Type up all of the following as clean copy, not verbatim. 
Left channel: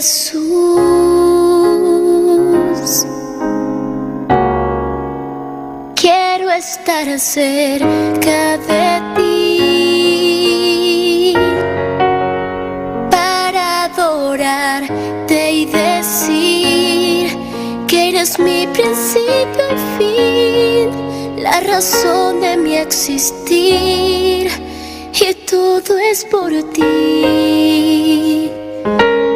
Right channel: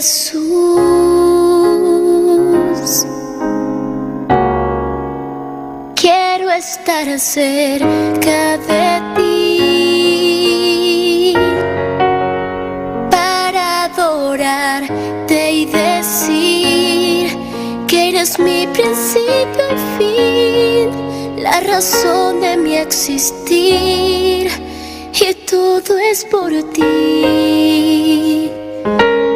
Jesús, quiero estar cerca de ti para adorarte y decir que eres mi principio y fin, la razón de mi existir, y todo es por ti,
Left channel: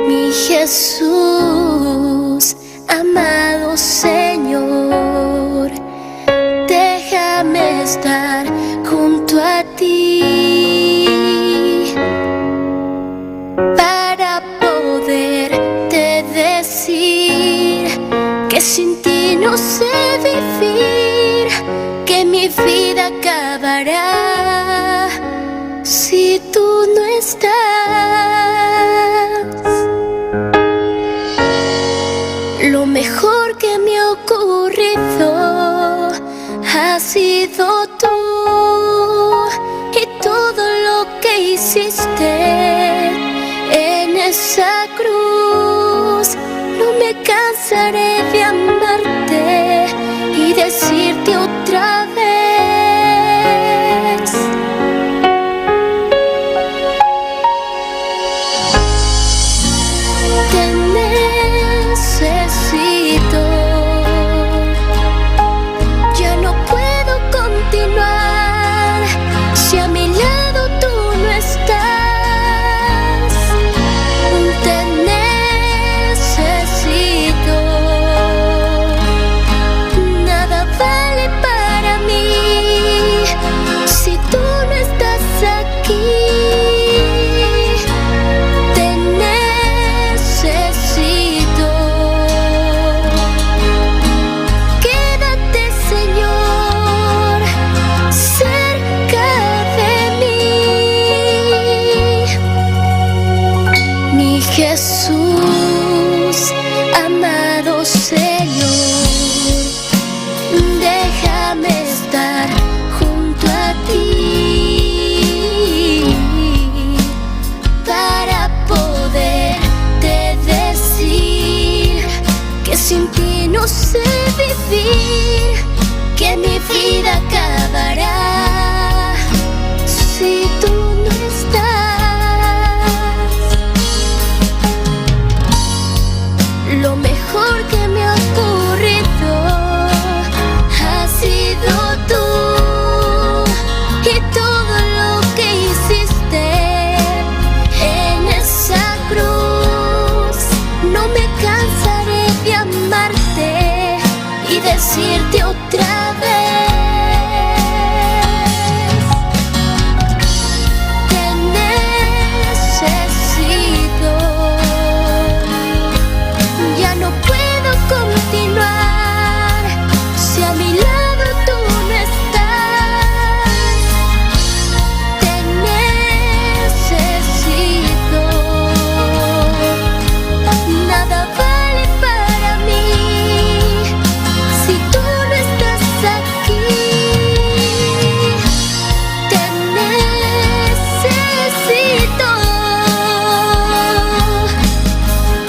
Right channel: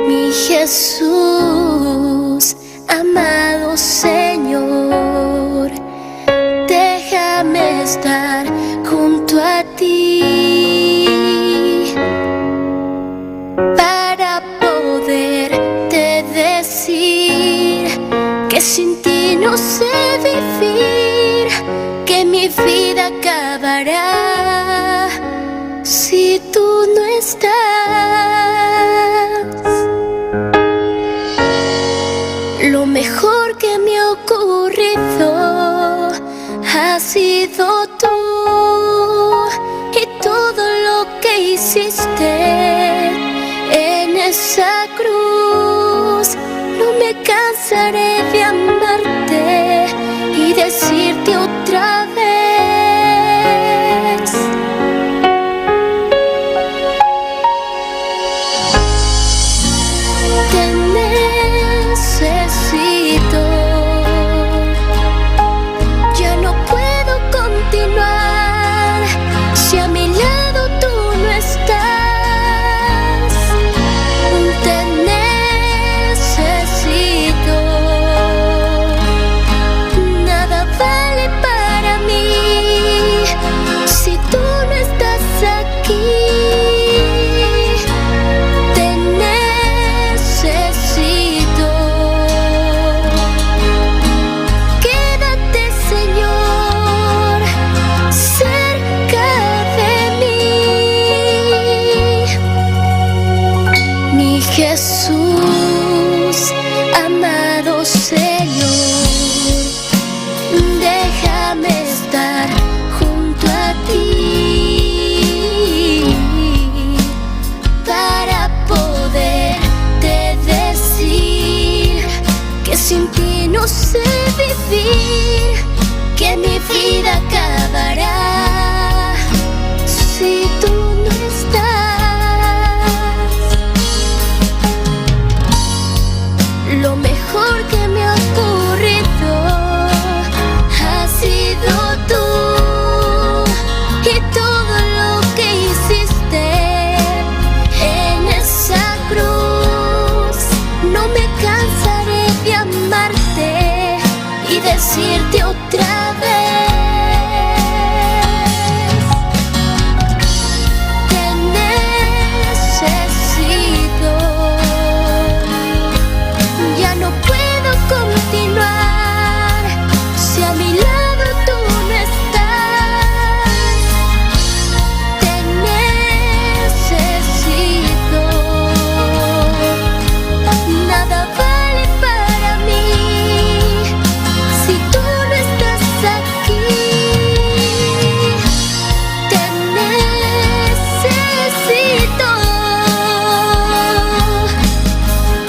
mi Jesús, amado Señor. Déjame estar junto a ti para poderte decir que sin ti no sé vivir, que mi vida acabará si tú no estás. Lo mejor que me ha ocurrido ha sido tú, y todo lo que hiciste en esa cruz. No me cansaré de amarte y decirte otra vez: te necesito. Ya no puedo continuar si a mi lado tú no estás. Te necesito. Nada vale para mí si tú no estás aquí. Te necesito. Quédate, Señor, cerca de mí, mi Jesús, amado Señor. Déjame estar junto a ti para poderte decir que sin ti no sé vivir, que mi vida acabará si tú no estás. Lo mejor que me ha ocurrido ha sido tú, y todo lo que hiciste en esa cruz. No me cansaré de amarte y decirte otra vez: te necesito. Ya no puedo continuar si a mi lado tú no estás. Te necesito. Nada vale para mí si tú no estás aquí. Te necesito.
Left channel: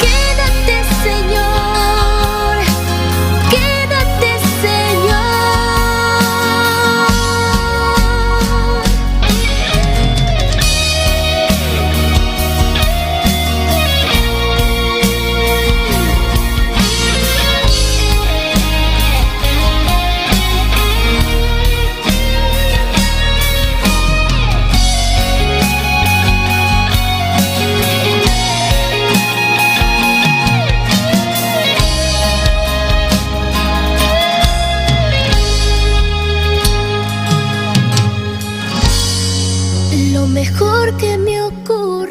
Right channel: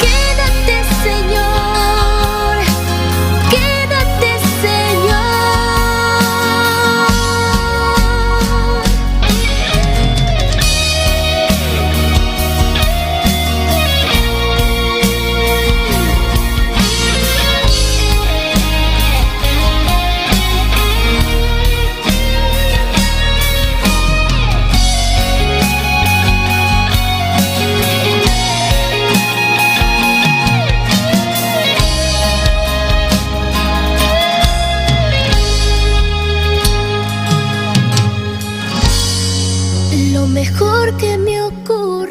Quédate, Señor, quédate, Señor. Lo mejor que me ha ocurrido.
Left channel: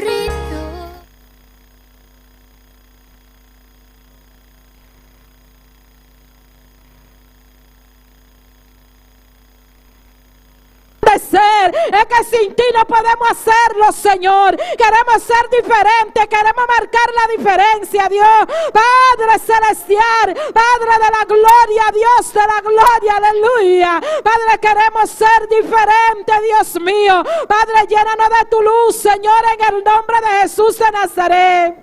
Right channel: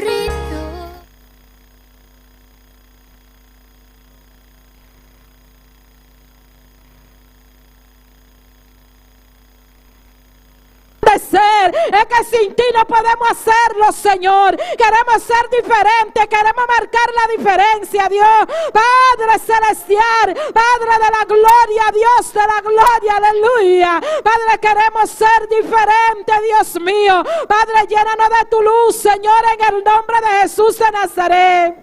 Es que sin ti no podemos hacerlo, Señor. Queremos ser diferentes, queremos marcar la diferencia, Dios. Padre celestial, Padre de la gloria, Dios de la gloria, aleluya. Padre, queremos ser diferentes, Dios mío. Padre, llénanos de tu luz, Señor, en el nombre de Jesús de Nazaret.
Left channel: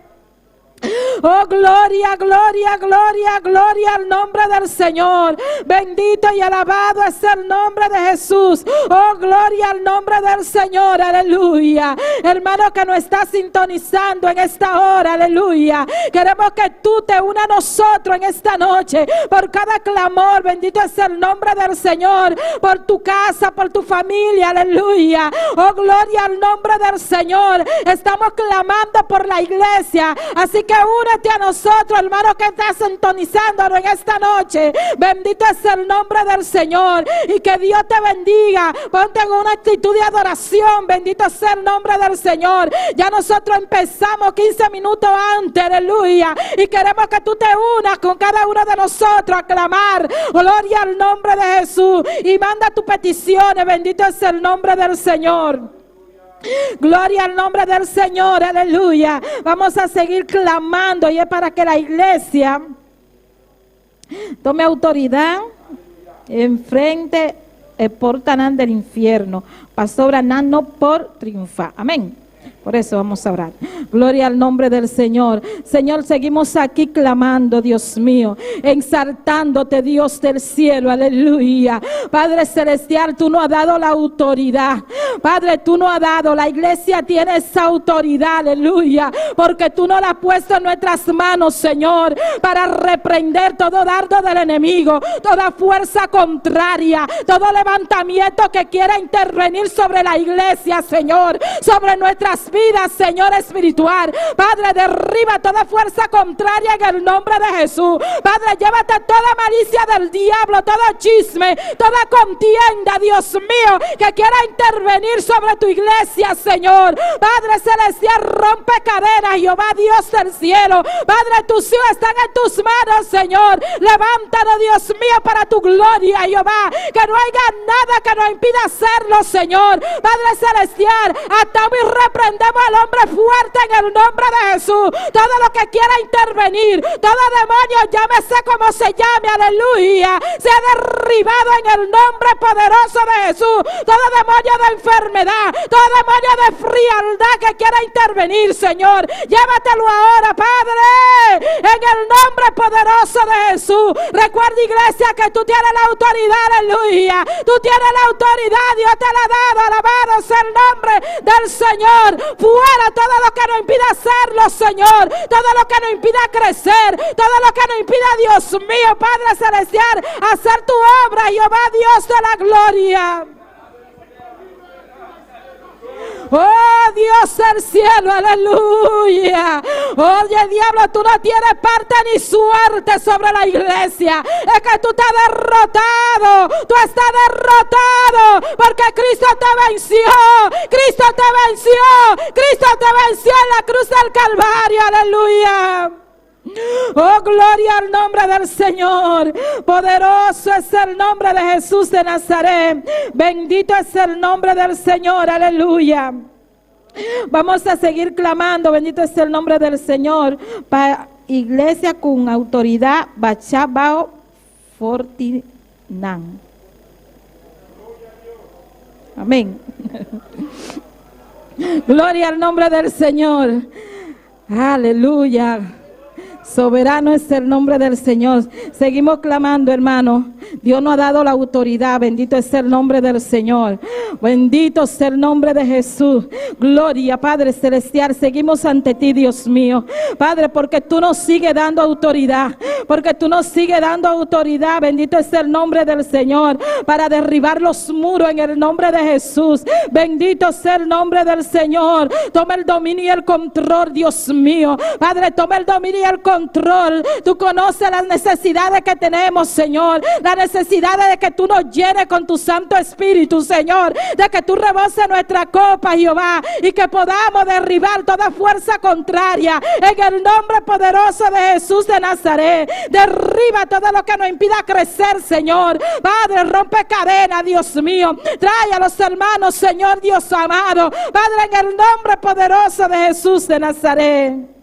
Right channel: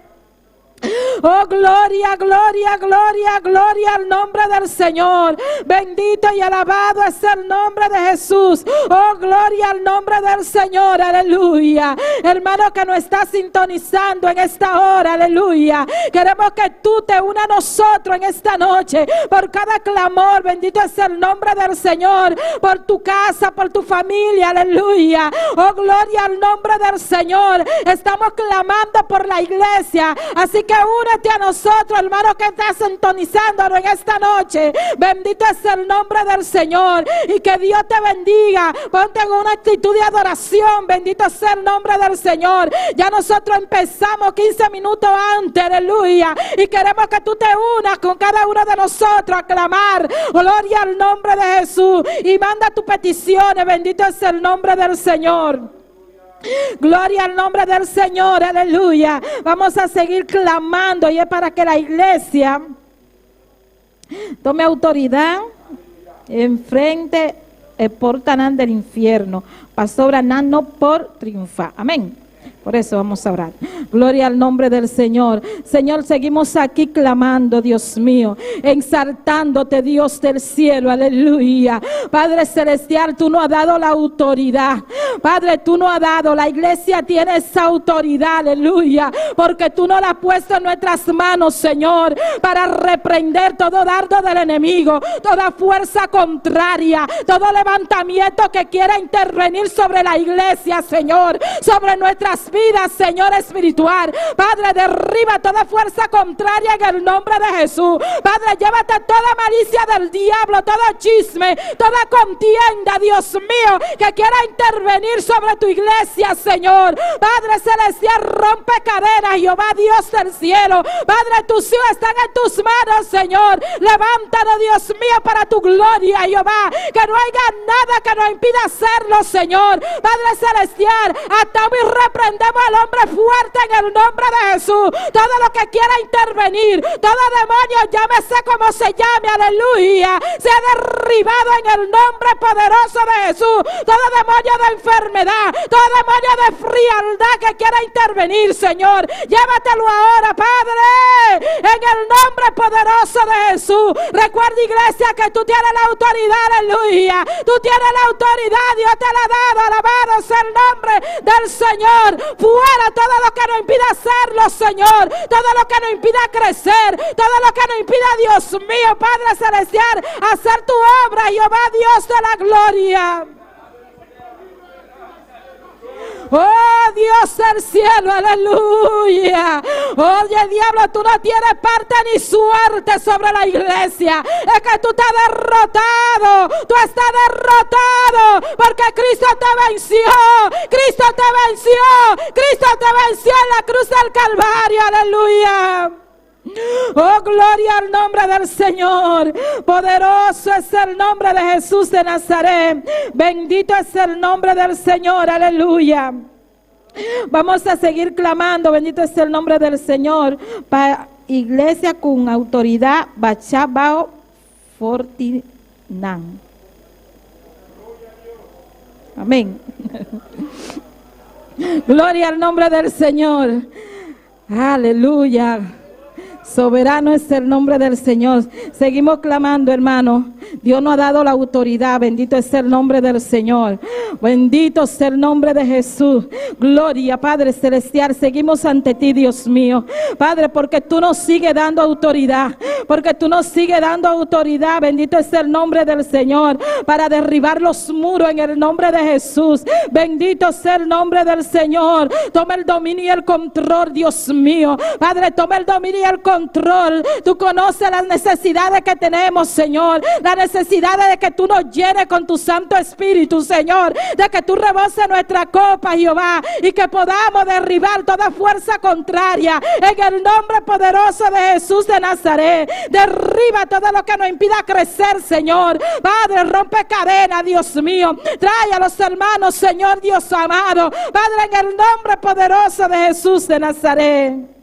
Oh, gloria, gloria, gloria, gloria al nombre del Señor. Bendito y alabado es el nombre de Jesús. Oh, gloria al nombre del Señor. Aleluya. Hermano que nos está sintonizando en esta hora. Aleluya. Queremos que tú te unas a nosotros en esta noche. Por cada clamor. Bendito es el nombre del Señor. Por tu casa, por tu familia. Aleluya. Oh, gloria al nombre del Señor. Estamos clamando por la iglesia. Así que únete a nosotros, hermano, que está sintonizándonos en esta noche. Bendito es el nombre del Señor. Y que Dios te bendiga. Ponte en una actitud de adoración. Bendito es el nombre del Señor. Ya nosotros empezamos 15 minutos antes. Aleluya. Y queremos que tú te unas con cada uno de nosotros a clamar. Gloria al nombre de Jesús. Y manda tus peticiones. Bendito es el nombre del Señor. Gloria al nombre del Señor, aleluya. Vamos a seguir clamando y es para que la iglesia tome autoridad enfrente el portanán del infierno. Pastor Anán no por triunfar. Amén. Por eso vamos a orar. Gloria al nombre del Señor. Señor, seguimos aquí clamando, Dios mío, exaltándote, Dios del cielo, aleluya. Padre celestial, tú nos has dado la autoridad. Padre, tú nos has dado, la iglesia tiene esa autoridad, aleluya, porque tú nos la has puesto en nuestras manos, Señor, para reprender todo dardo del enemigo, toda fuerza contraria, todo levantamiento que quiera intervenir sobre la iglesia, Señor, sobre nuestras vidas, Señor espiritual. Padre, derriba toda fuerza contraria en el nombre de Jesús. Padre, llévate toda malicia del diablo, todo chisme, toda contienda, Dios mío, que quiera intervenir sobre tu iglesia, Señor. Padre celestial, rompe cadenas, Jehová Dios del cielo. Padre, tus hijos están en tus manos, Señor. Levántanos, Dios mío, para tu gloria, Jehová. Que no haya nada que nos impida hacerlo, Señor. Padre celestial, atamos y reprendemos al hombre fuerte en el nombre de Jesús. Todo lo que quiera intervenir, todo demonio, llámese como se llame, aleluya, sea derribado en el nombre poderoso de Jesús. Todo demonio de enfermedad, todo demonio de frialdad que quiera intervenir, Señor, llévatelo ahora, Padre, en el nombre poderoso de Jesús. Recuerda, iglesia, que tú tienes la autoridad, aleluya. Tú tienes la autoridad, Dios te la ha dado. Alabado sea el nombre del Señor. Fuera todo lo que nos impida hacerlo, Señor. Todo lo que nos impida crecer. Todo lo que nos impida, Dios mío, Padre celestial, hacer tu obra, Jehová Dios de la gloria. Oh, Dios del cielo, aleluya. Oye, diablo, tú no tienes parte ni suerte sobre la iglesia. Es que tú estás derrotado. Tú estás derrotado porque Cristo te venció. Cristo te venció. Cristo te venció en la cruz del Calvario, aleluya. Oh, gloria al nombre del Señor. Poderoso es el nombre de Jesús de Nazaret. Bendito es el nombre del Señor, aleluya. Vamos a seguir clamando. Bendito es el nombre del Señor. Para iglesia con autoridad, Bachabao Fortinan. Amén. Gloria al nombre del Señor. Aleluya. Soberano es el nombre del Señor. Seguimos clamando, hermano. Dios nos ha dado la autoridad. Bendito es el nombre del Señor. Bendito es el nombre de Jesús. Gloria, Padre celestial. Seguimos ante ti, Dios mío. Padre, porque tú nos sigues dando autoridad. Porque tú nos sigues dando autoridad. Bendito es el nombre del Señor. Para derribar los muros en el nombre de Jesús. Bendito sea el nombre del Señor. Toma el dominio y el control, Dios mío. Padre, toma el dominio y el control. Tú conoces las necesidades que tenemos, Señor. Las necesidades de que tú nos llenes con tu Santo Espíritu, Señor. De que tú reboses nuestra copa, Jehová. Y que podamos derribar toda fuerza contraria. En el nombre poderoso de Jesús de Nazaret. Derriba todo lo que nos impida crecer, Señor. Padre, rompe cadena, Dios mío. Trae a los hermanos, Señor Dios amado. Padre, en el nombre poderoso de Jesús de Nazaret.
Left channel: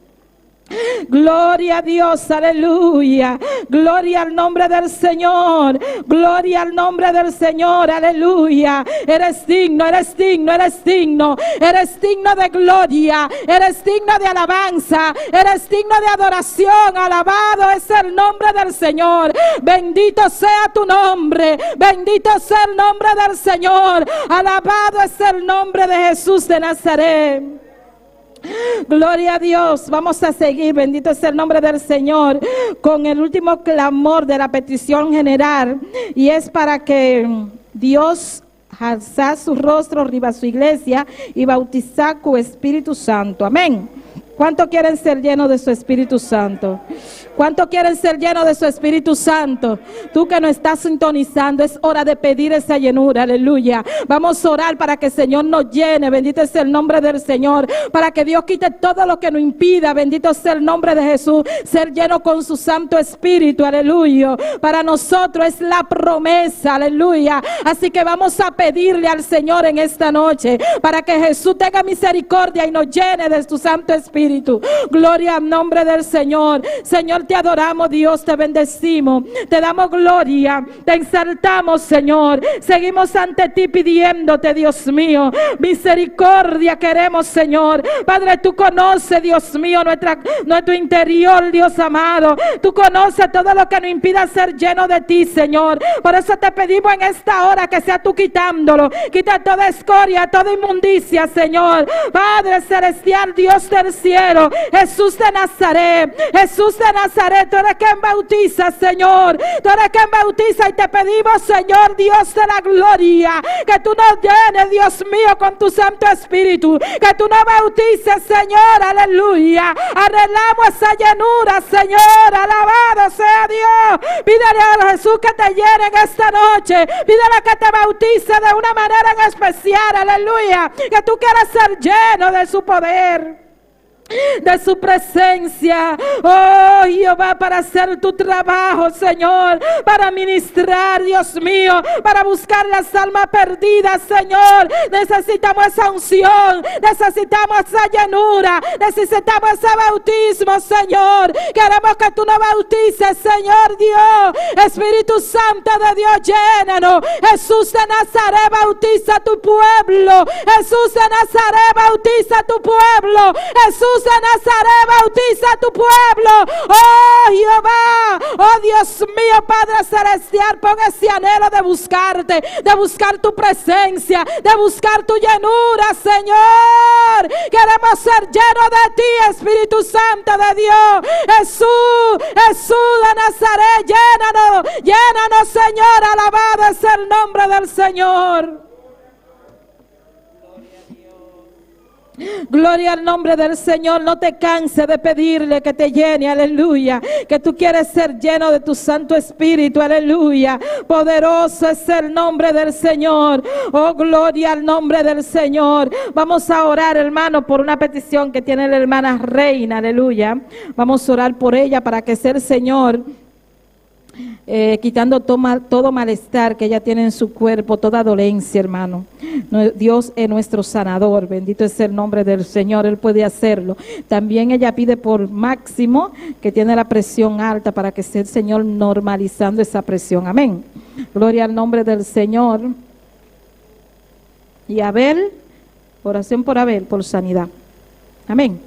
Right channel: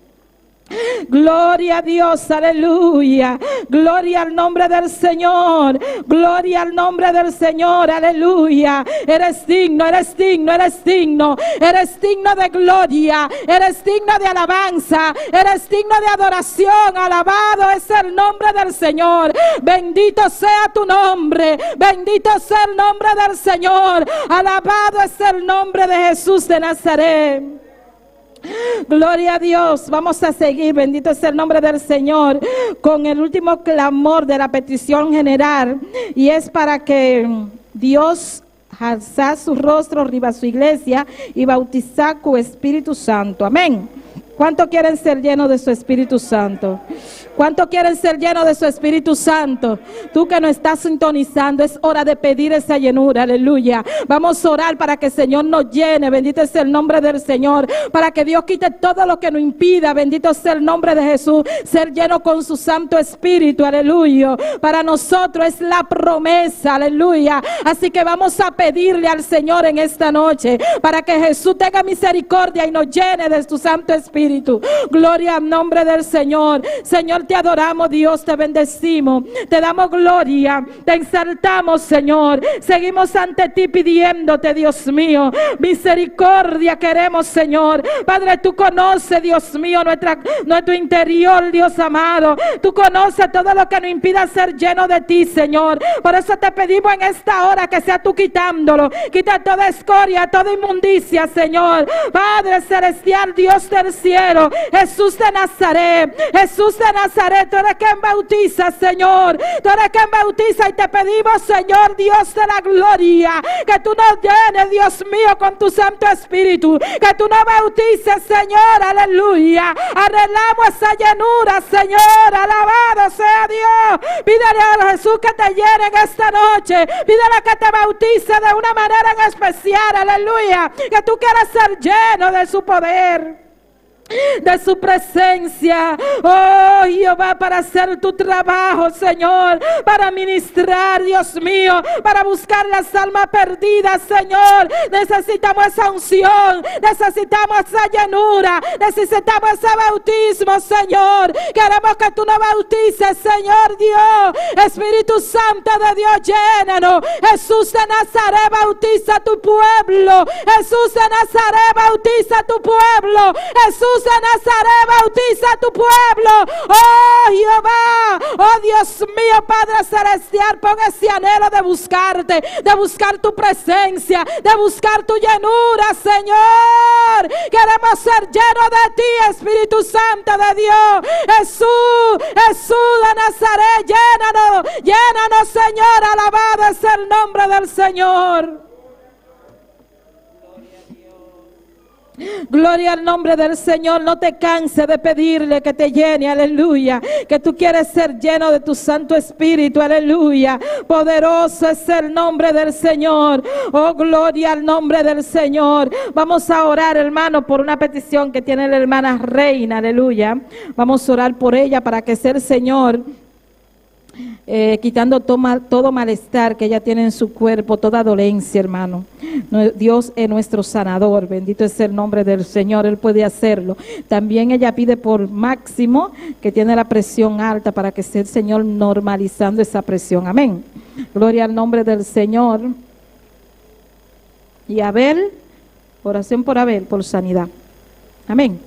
Gloria a Dios, aleluya. Gloria al nombre del Señor. Gloria al nombre del Señor, aleluya. Eres digno, eres digno, eres digno. Eres digno de gloria. Eres digno de alabanza. Eres digno de adoración. Alabado es el nombre del Señor. Bendito sea tu nombre. Bendito sea el nombre del Señor. Alabado es el nombre de Jesús de Nazaret. Gloria a Dios. Vamos a seguir, bendito es el nombre del Señor, con el último clamor de la petición general, y es para que Dios alza su rostro arriba a su iglesia y bautizar con Espíritu Santo. Amén. ¿Cuánto quieren ser llenos de su Espíritu Santo? ¿Cuánto quieren ser llenos de su Espíritu Santo? Tú que no estás sintonizando, es hora de pedir esa llenura, aleluya. Vamos a orar para que el Señor nos llene, bendito es el nombre del Señor, para que Dios quite todo lo que nos impida, bendito sea el nombre de Jesús, ser lleno con su Santo Espíritu, aleluya. Para nosotros es la promesa, aleluya. Así que vamos a pedirle al Señor en esta noche, para que Jesús tenga misericordia y nos llene de su Santo Espíritu. Gloria al nombre del Señor. Señor, te adoramos, Dios, te bendecimos, te damos gloria, te exaltamos, Señor. Seguimos ante ti pidiéndote, Dios mío, misericordia queremos, Señor. Padre, tú conoces, Dios mío, nuestro interior, Dios amado. Tú conoces todo lo que nos impida ser lleno de ti, Señor. Por eso te pedimos en esta hora que sea tú quitándolo. Quita toda escoria, toda inmundicia, Señor. Padre celestial, Dios del cielo, Jesús de Nazaret, Jesús de Nazaret, tú eres quien bautiza, Señor. Tú eres quien bautiza, y te pedimos, Señor, Dios de la gloria, que tú nos llenes, Dios mío, con tu Santo Espíritu, que tú nos bautices, Señor, aleluya. Arreglamos esa llenura, Señor, alabado sea Dios. Pídele a Jesús que te llene en esta noche, pídele que te bautice de una manera en especial, aleluya, que tú quieras ser lleno de su poder, de su presencia, oh Jehová, para hacer tu trabajo, Señor, para ministrar, Dios mío, para buscar las almas perdidas, Señor. Necesitamos esa unción, necesitamos esa llenura, necesitamos ese bautismo, Señor. Queremos que tú nos bautices, Señor Dios. Espíritu Santo de Dios, llénanos. Jesús de Nazaret, bautiza a tu pueblo. Jesús de Nazaret, bautiza a tu pueblo. Jesús de Nazaret, bautiza a tu pueblo. Oh Jehová, oh Dios mío, Padre celestial, pon ese anhelo de buscarte, de buscar tu presencia, de buscar tu llenura, Señor. Queremos ser llenos de ti, Espíritu Santo de Dios. Jesús, Jesús de Nazaret, llénanos, llénanos, Señor. Alabado es el nombre del Señor. Gloria al nombre del Señor. No te canses de pedirle que te llene, aleluya. Que tú quieres ser lleno de tu Santo Espíritu, aleluya. Poderoso es el nombre del Señor. Oh, gloria al nombre del Señor. Vamos a orar, hermano, por una petición que tiene la hermana Reina, aleluya. Vamos a orar por ella para que sea el Señor quitando todo malestar que ella tiene en su cuerpo, toda dolencia, hermano. Dios es nuestro sanador, bendito es el nombre del Señor, Él puede hacerlo. También ella pide por Máximo, que tiene la presión alta, para que sea el Señor normalizando esa presión, amén. Gloria al nombre del Señor. Y Abel, oración por Abel, por sanidad, amén.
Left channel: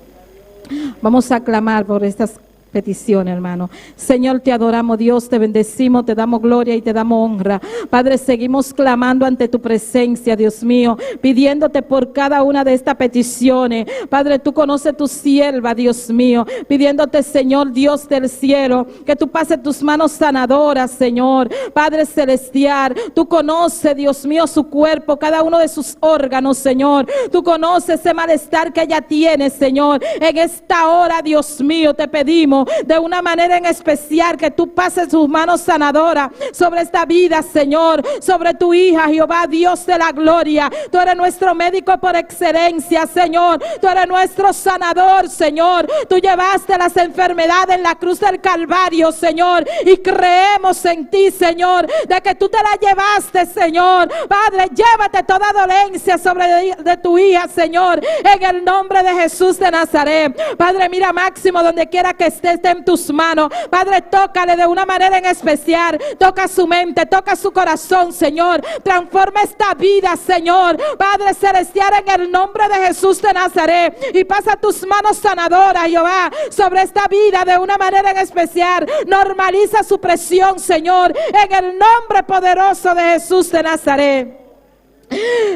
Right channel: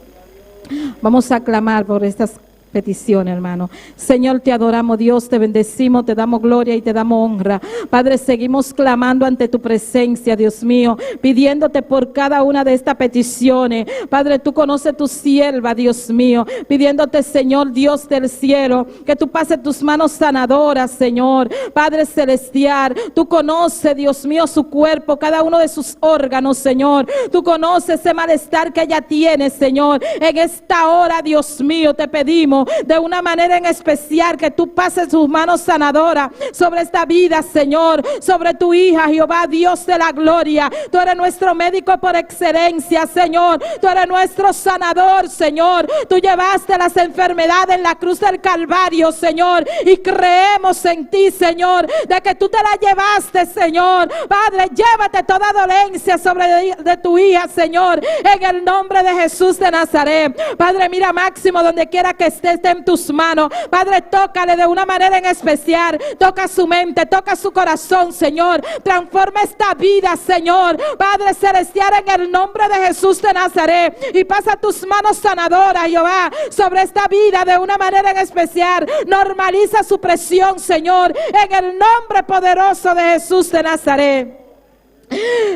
Vamos a clamar por estas petición, hermano. Señor, te adoramos, Dios, te bendecimos, te damos gloria y te damos honra. Padre, seguimos clamando ante tu presencia, Dios mío, pidiéndote por cada una de estas peticiones. Padre, tú conoces tu sierva, Dios mío, pidiéndote, Señor, Dios del cielo, que tú pases tus manos sanadoras, Señor. Padre celestial, tú conoces, Dios mío, su cuerpo, cada uno de sus órganos, Señor. Tú conoces ese malestar que ella tiene, Señor. En esta hora, Dios mío, te pedimos clamo de una manera en especial que tú pases tus manos sanadoras sobre esta vida, Señor, sobre tu hija, Jehová, Dios de la gloria. Tú eres nuestro médico por excelencia, Señor. Tú eres nuestro sanador, Señor. Tú llevaste las enfermedades en la cruz del Calvario, Señor, y creemos en ti, Señor, de que tú te la llevaste, Señor. Padre, llévate toda dolencia sobre de tu hija, Señor, en el nombre de Jesús de Nazaret. Padre, mira Máximo, donde quiera que esté en tus manos. Padre, tócale de una manera en especial. Toca su mente, toca su corazón, Señor. Transforma esta vida, Señor. Padre celestial, en el nombre de Jesús de Nazaret. Y pasa tus manos sanadoras, Jehová, sobre esta vida de una manera en especial. Normaliza su presión, Señor, en el nombre poderoso de Jesús de Nazaret.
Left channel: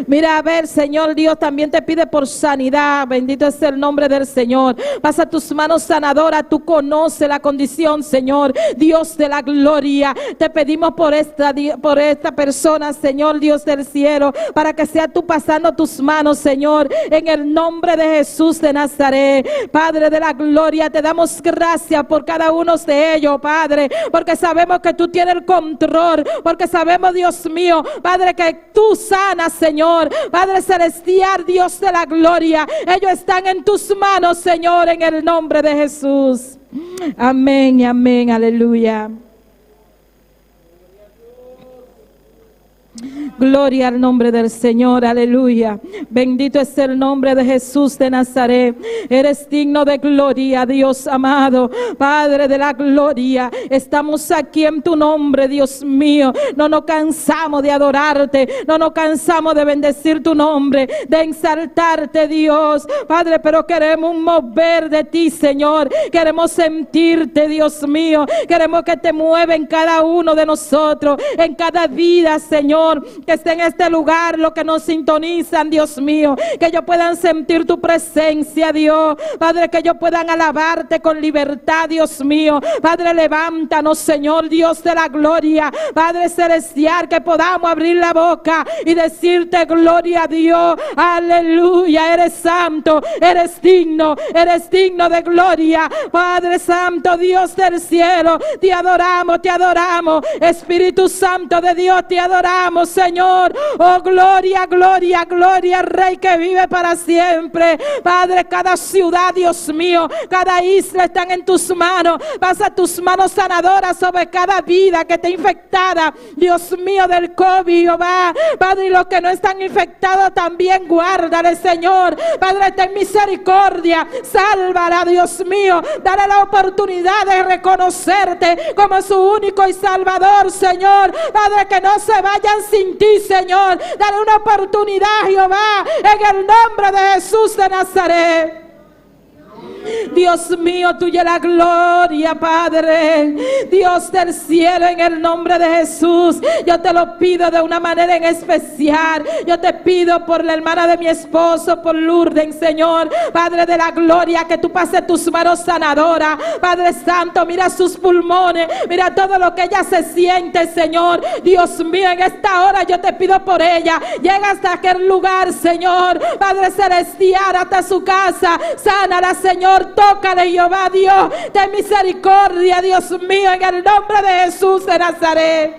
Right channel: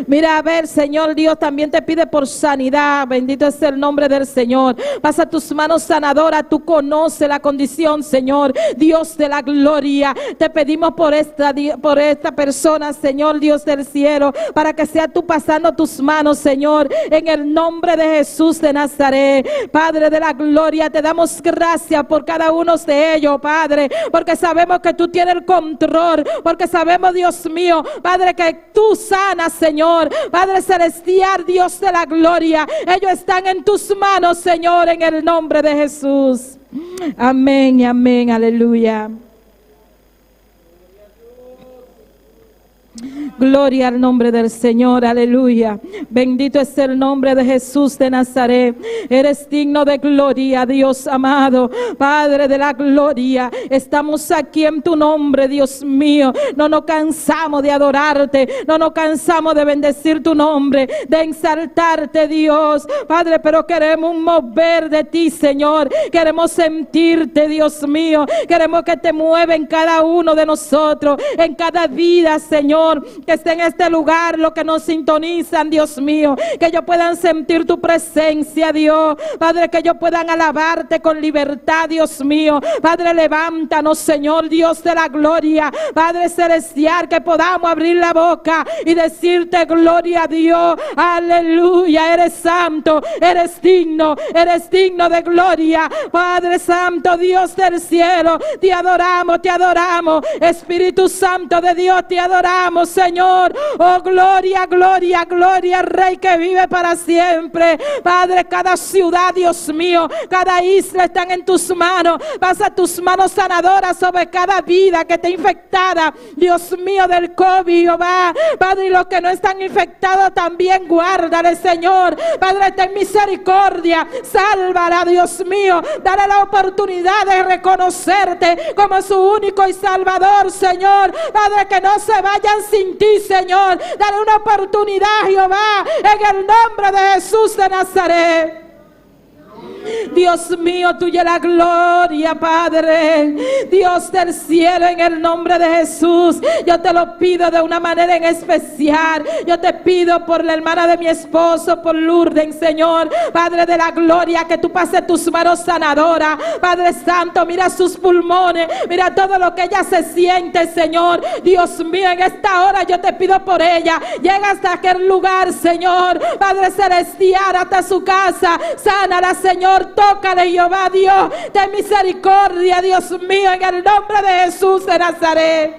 Mira, a ver, Señor Dios, también te pide por sanidad. Bendito es el nombre del Señor. Pasa tus manos sanadoras. Tú conoces la condición, Señor, Dios de la gloria. Te pedimos por esta persona, Señor Dios del cielo, para que sea tú pasando tus manos, Señor, en el nombre de Jesús de Nazaret. Padre de la gloria, te damos gracias por cada uno de ellos, Padre, porque sabemos que tú tienes el control, porque sabemos, Dios mío, Padre, que tú sanas, Señor. Padre celestial, Dios de la gloria, ellos están en tus manos, Señor, en el nombre de Jesús. Amén y amén, aleluya. Gloria al nombre del Señor, aleluya. Bendito es el nombre de Jesús de Nazaret. Eres digno de gloria, Dios amado, Padre de la gloria. Estamos aquí en tu nombre, Dios mío. No nos cansamos de adorarte, no nos cansamos de bendecir tu nombre, de exaltarte, Dios, Padre, pero queremos un mover de ti, Señor. Queremos sentirte, Dios mío. Queremos que te mueva en cada uno de nosotros, en cada vida, Señor, que esté en este lugar, los que nos sintonizan, Dios mío, que ellos puedan sentir tu presencia, Dios, Padre, que ellos puedan alabarte con libertad, Dios mío. Padre, levántanos, Señor, Dios de la gloria, Padre celestial, que podamos abrir la boca y decirte gloria a Dios, aleluya. Eres santo, eres digno de gloria, Padre santo, Dios del cielo. Te adoramos, Espíritu Santo de Dios, te adoramos, Señor. Oh, gloria, gloria, gloria, Rey que vive para siempre. Padre, cada ciudad, Dios mío, cada isla están en tus manos. Pasa tus manos sanadoras sobre cada vida que esté infectada, Dios mío, del COVID, Jehová. Padre, y los que no están infectados también guárdale, Señor. Padre, ten misericordia, sálvala, Dios mío. Dale la oportunidad de reconocerte como su único y salvador, Señor. Padre, que no se vayan sin ti, Señor. Dale una oportunidad, Jehová, en el nombre de Jesús de Nazaret. Dios mío, tuya la gloria, Padre, Dios del cielo, en el nombre de Jesús. Yo te lo pido de una manera en especial. Yo te pido por la hermana de mi esposo, por Lourdes, Señor, Padre de la gloria, que tú pases tus manos sanadoras, Padre santo. Mira sus pulmones, mira todo lo que ella se siente, Señor. Dios mío, en esta hora yo te pido por ella. Llega hasta aquel lugar, Señor, Padre celestial, hasta su casa. Sánala, Señor. Tócale, Jehová, Dios, ten misericordia, Dios mío, en el nombre de Jesús de Nazaret.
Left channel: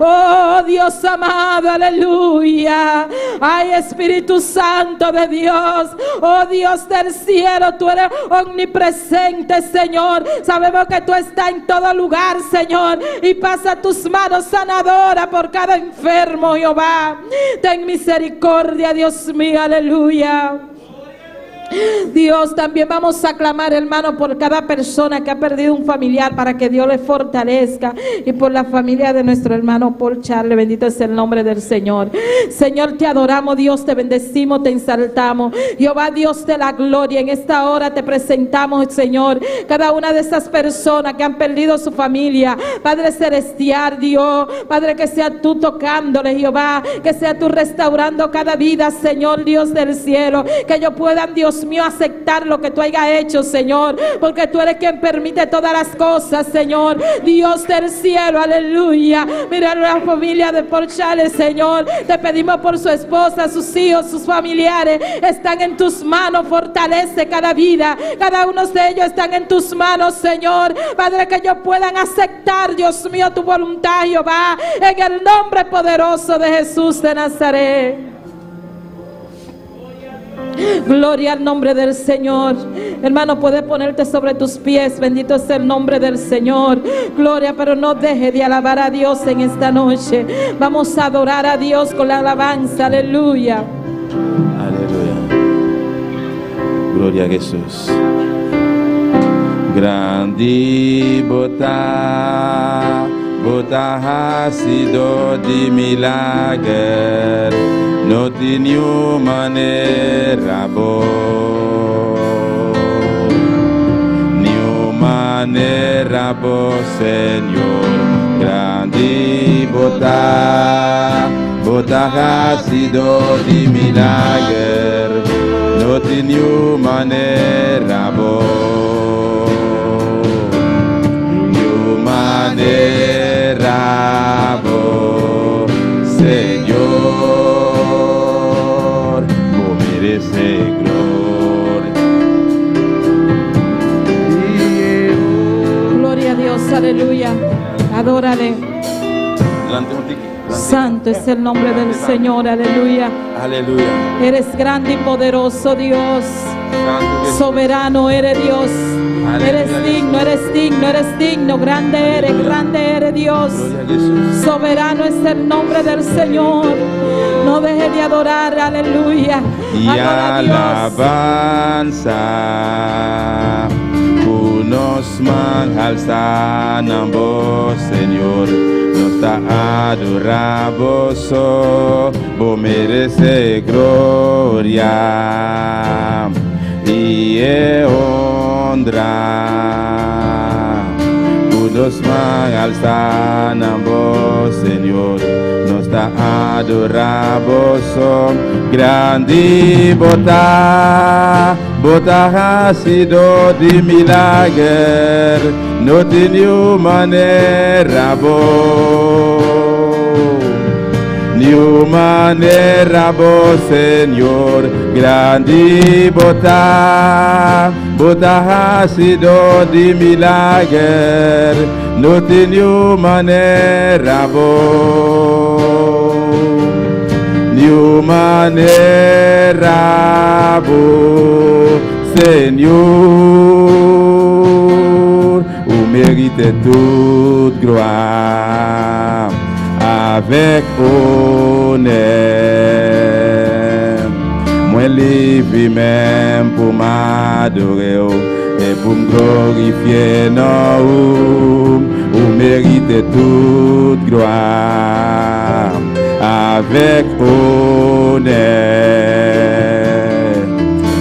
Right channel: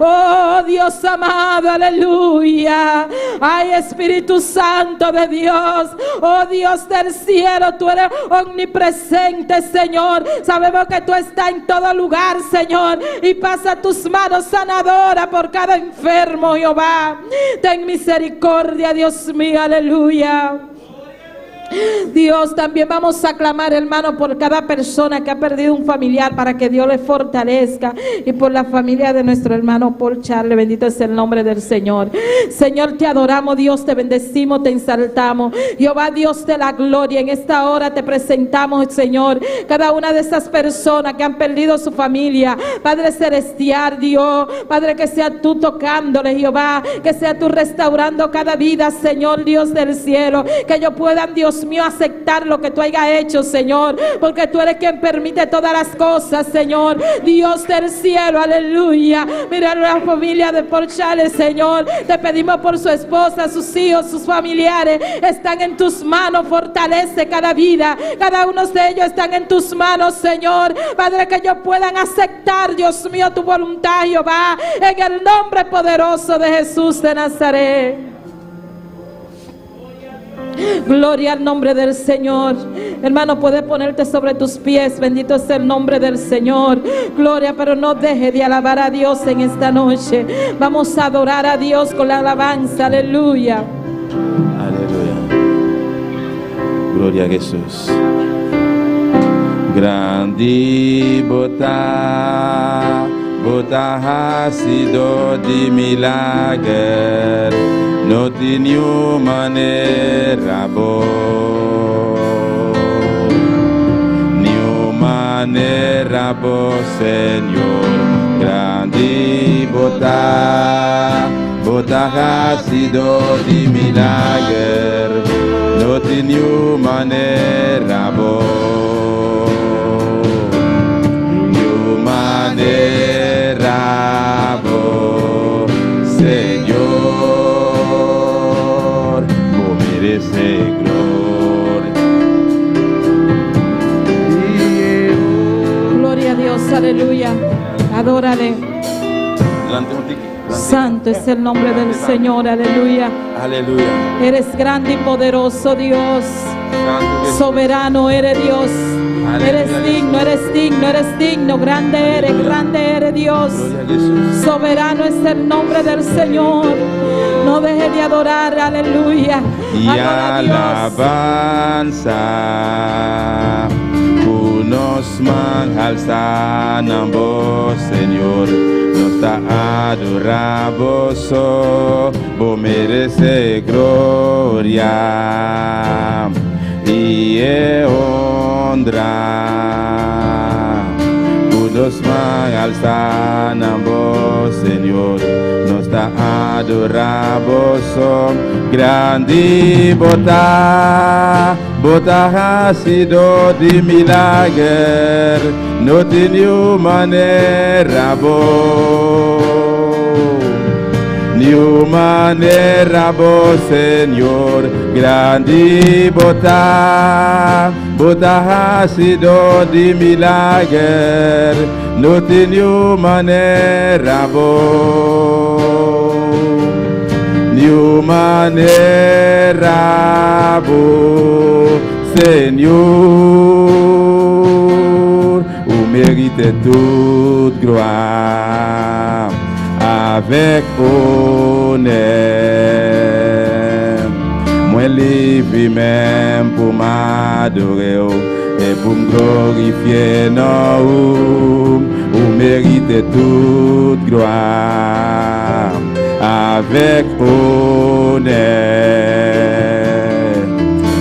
Oh, Dios amado, aleluya. Ay, Espíritu Santo de Dios, oh Dios del cielo, tú eres omnipresente, Señor. Sabemos que tú estás en todo lugar, Señor, y pasa tus manos sanadoras por cada enfermo, Jehová. Ten misericordia, Dios mío, aleluya. Dios, también vamos a clamar, hermano, por cada persona que ha perdido un familiar, para que Dios le fortalezca, y por la familia de nuestro hermano Paul Charles. Bendito es el nombre del Señor. Señor, te adoramos, Dios, te bendecimos, te exaltamos, Jehová, Dios de la gloria. En esta hora te presentamos, Señor, cada una de esas personas que han perdido su familia, Padre celestial, Dios, Padre, que sea tú tocándole, Jehová, que sea tú restaurando cada vida, Señor, Dios del cielo, que ellos puedan, Dios Dios mío, aceptar lo que tú hayas hecho, Señor, porque tú eres quien permite todas las cosas, Señor. Dios del cielo, aleluya. Mira la familia de Porchales, Señor. Te pedimos por su esposa, sus hijos, sus familiares. Están en tus manos. Fortalece cada vida. Cada uno de ellos están en tus manos, Señor. Padre, que ellos puedan aceptar, Dios mío, tu voluntad, Jehová, en el nombre poderoso de Jesús de Nazaret. Gloria al nombre del Señor. Hermano, puedes ponerte sobre tus pies. Bendito sea el nombre del Señor. Gloria, pero no deje de alabar a Dios en esta noche. Vamos a adorar a Dios con la alabanza. Aleluya. Aleluya. Gloria a Jesús. Grandi bota ha sido di milagre, no tinha manera boa, Señor. Grandi bota ha sido di milagre, no tinha manera boa. Rabo, Señor, vos mereces gloria. Gloria a Dios, aleluya. Adórale. Santo es el nombre del Señor, aleluya. Aleluya. Eres grande y poderoso, Dios. Soberano eres Dios. Eres digno, eres digno, eres digno. Grande eres Dios. Soberano es el nombre del Señor. No deje de adorar, aleluya. Y alabanza unos alzan ambos, Señor. Nos está adoramos, vos mereces gloria y honra. Unos alzan ambos, Señor. Nos está adoramos, grande bota ha sido de milagre, no tenía manera ni manera Señor. Grande bota ha sido de milagre, no tenía manera ni manera Señor. Ou mérite toute gloire avec honneur. Moi levé même pour m'adorer et pour me glorifier. Non, ou mérite toute gloire avec honneur.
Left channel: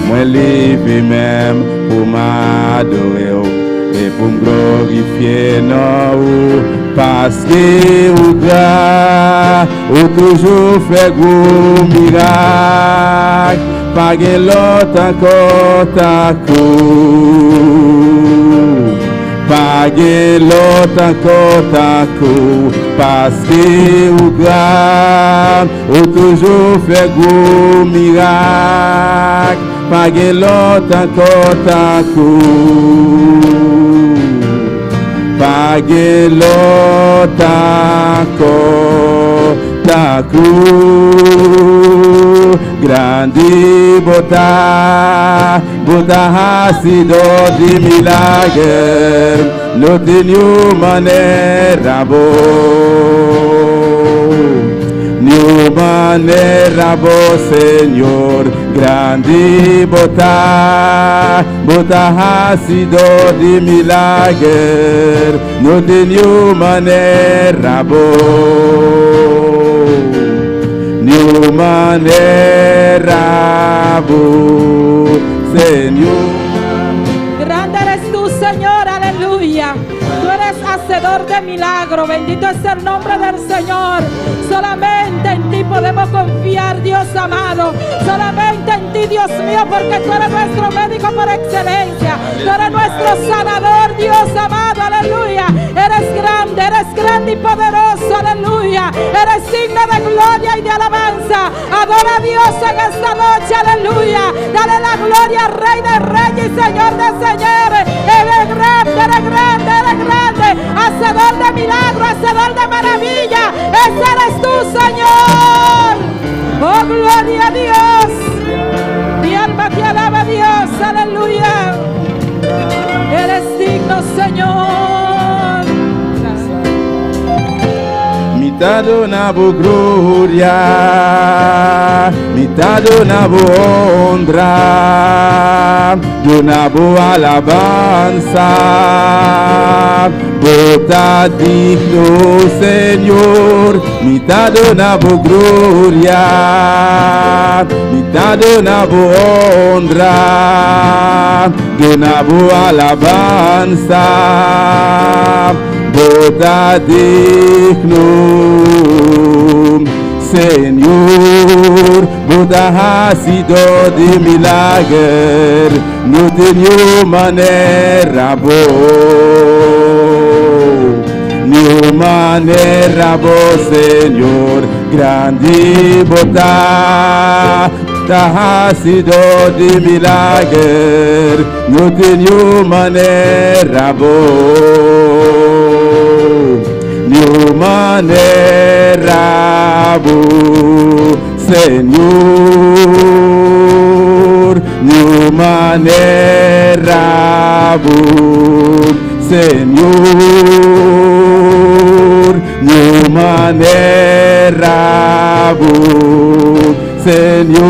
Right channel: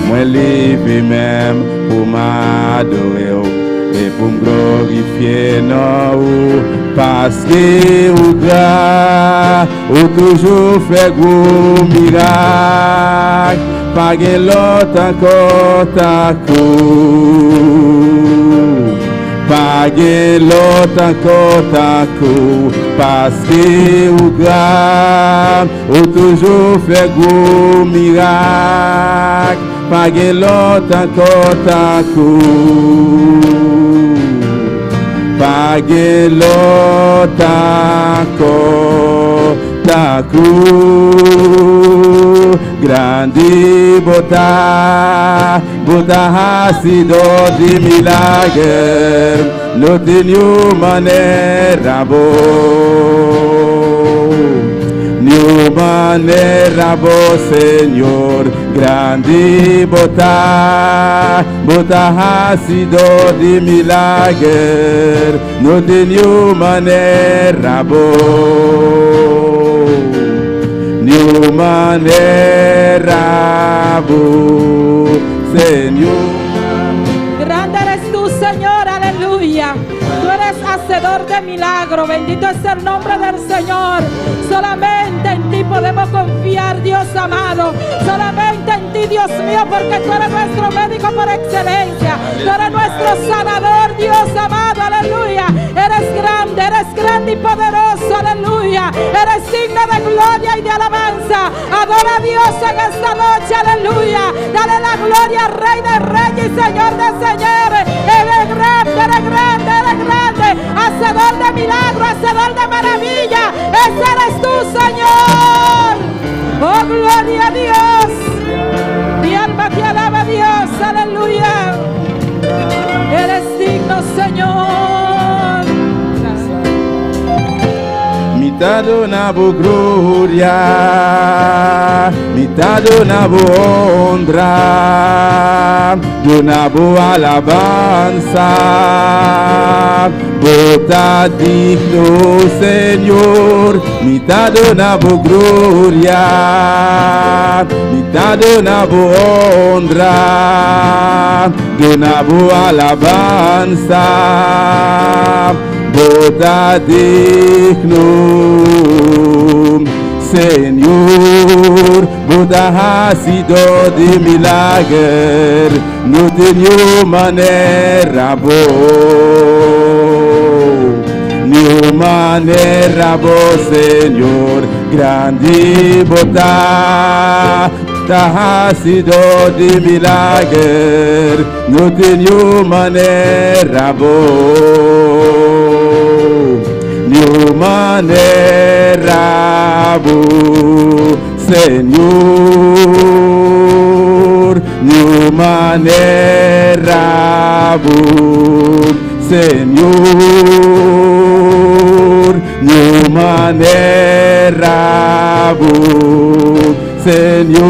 Moi levé même pour m'adorer et pour me glorifier. Non, parce que ou grand, ou toujours fait gros miracle, pas de l'autre encore ta cour. Pas de l'autre encore ta cour, parce que ou grand, ou toujours fait gros miracle, pas de l'autre encore ta cour. Pas de l'autre encore ta cour. Grande bota ha sido de milagre, no tenía manera ni manera Señor. Grande bota ha sido de milagre, no tenía manera ni manera Señor. Grande eres tú, Señor, aleluya. Tú eres hacedor de milagro. Bendito es el nombre del Señor. Solamente en ti podemos Podemos confiar, Dios amado, solamente en ti, Dios mío, porque tú eres nuestro médico por excelencia. Tú eres nuestro sanador, Dios amado, aleluya. Eres grande y poderoso, aleluya. Eres signo de gloria y de alabanza. Adora a Dios en esta noche, aleluya. Dale la gloria al Rey de Reyes y Señor de Señores. Eres grande, eres grande, eres grande. Hacedor de milagros, hacedor de maravilla. Ese eres tú, Señor. Oh, gloria a Dios. Mi alma te alaba, Dios, aleluya. Eres digno, Señor. Mitad una bu gloria, mitad una bu honra, y una bu alabanza. Vota digno, Señor, mitad una bu gloria, mitad una bu honra, y una bu alabanza. Vota digno, Señor, vota ha sido de milagre, no tenía manera vos, Señor, grande vota ha sido de milagre, no tenía manera manera vos, Señor, no manera vos, Señor, no manera vos, Señor,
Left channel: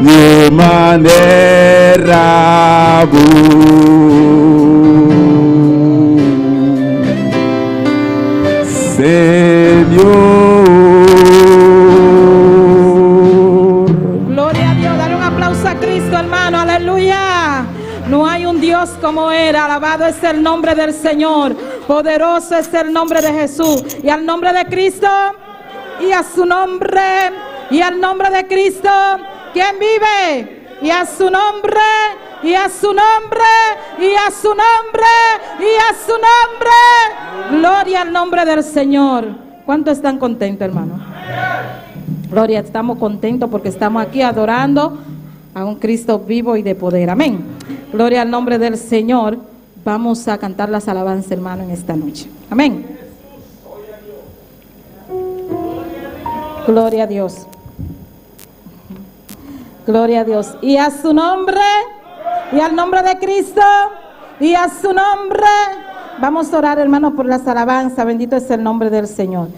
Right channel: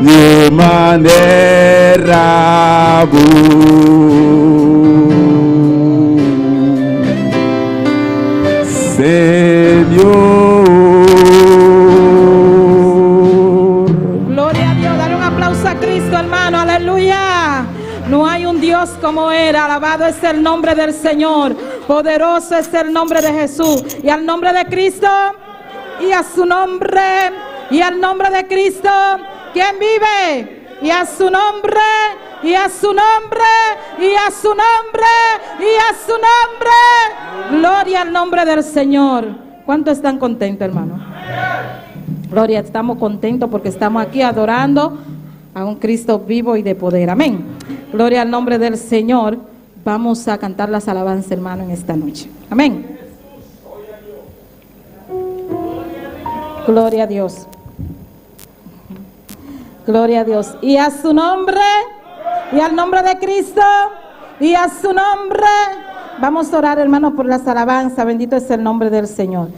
no manera Señor. Gloria a Dios, dale un aplauso a Cristo, hermano, aleluya. No hay un Dios como Él, alabado es el nombre del Señor, poderoso es el nombre de Jesús. Y al nombre de Cristo, y a su nombre, y al nombre de Cristo, ¿quién vive? Y a su nombre, y a su nombre, y a su nombre, y a su nombre. Gloria al nombre del Señor. ¿Cuántos están contentos, hermano? Gloria, estamos contentos porque estamos aquí adorando a un Cristo vivo y de poder. Amén. Gloria al nombre del Señor. Vamos a cantar las alabanzas, hermano, en esta noche. Amén. Gloria a Dios. Gloria a Dios. Y a su nombre, y al nombre de Cristo, y a su nombre. Vamos a orar, hermano, por las alabanzas. Bendito es el nombre del Señor.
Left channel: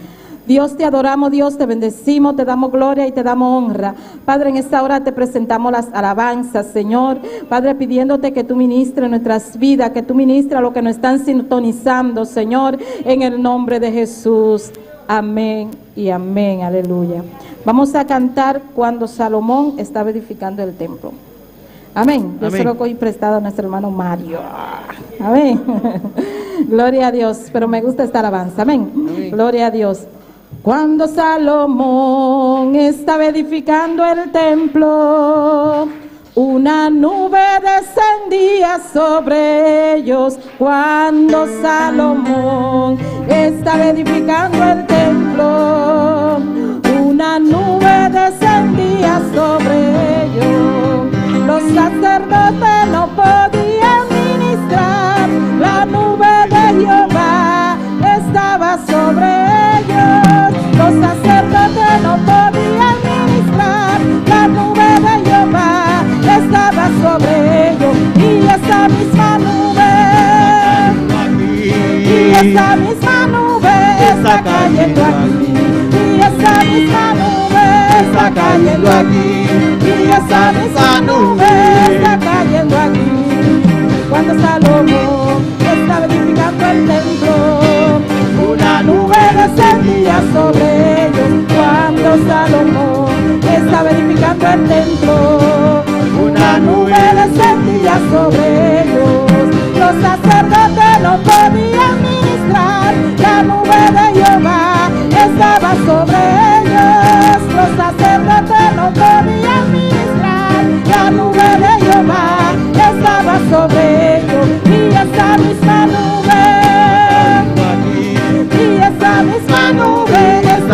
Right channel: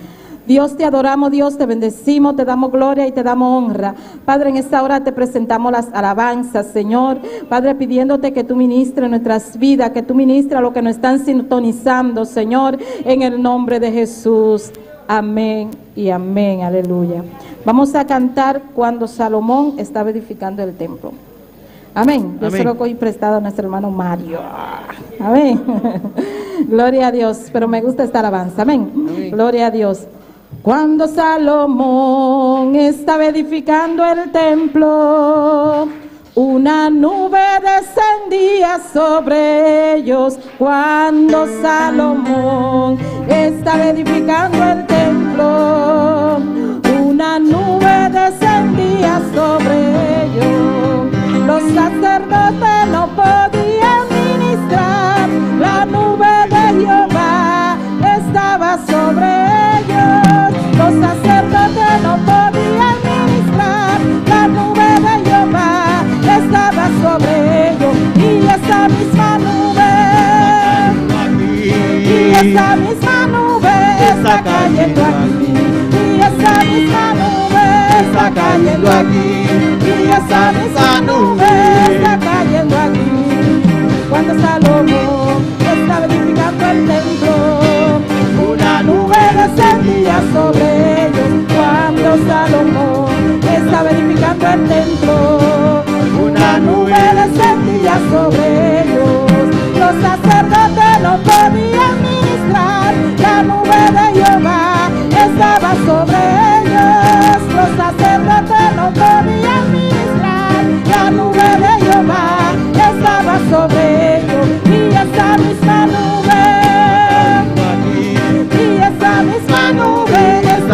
Dios, te adoramos, Dios, te bendecimos, te damos gloria y te damos honra. Padre, en esta hora te presentamos las alabanzas, Señor. Padre, pidiéndote que tú ministres nuestras vidas, que tú ministres a los que nos están sintonizando, Señor, en el nombre de Jesús. Amén y amén, aleluya. Vamos a cantar cuando Salomón estaba edificando el templo. Amén. Yo se lo cogí prestado a nuestro hermano Mario. Amén. Gloria a Dios. Pero me gusta esta alabanza. Amén. Gloria a Dios. Cuando Salomón estaba edificando el templo, una nube descendía sobre ellos. Cuando Salomón estaba edificando el templo, una nube descendía sobre ellos. Los sacerdotes no podían ministrar, la nube de Jehová estaba sobre ellos. Los sacerdotes no podían ministrar, la nube de Jehová estaba sobre ellos. Y esa misma nube está cayendo aquí. Y esa misma nube está cayendo aquí. Y esa misma nube está cayendo aquí. Cuando Salomón estaba edificando el templo, una nube descendía sobre ellos. Cuando Salomón estaba edificando el templo, una nube descendía sobre ellos. Los sacerdotes no podían ministrar, la nube de Jehová estaba sobre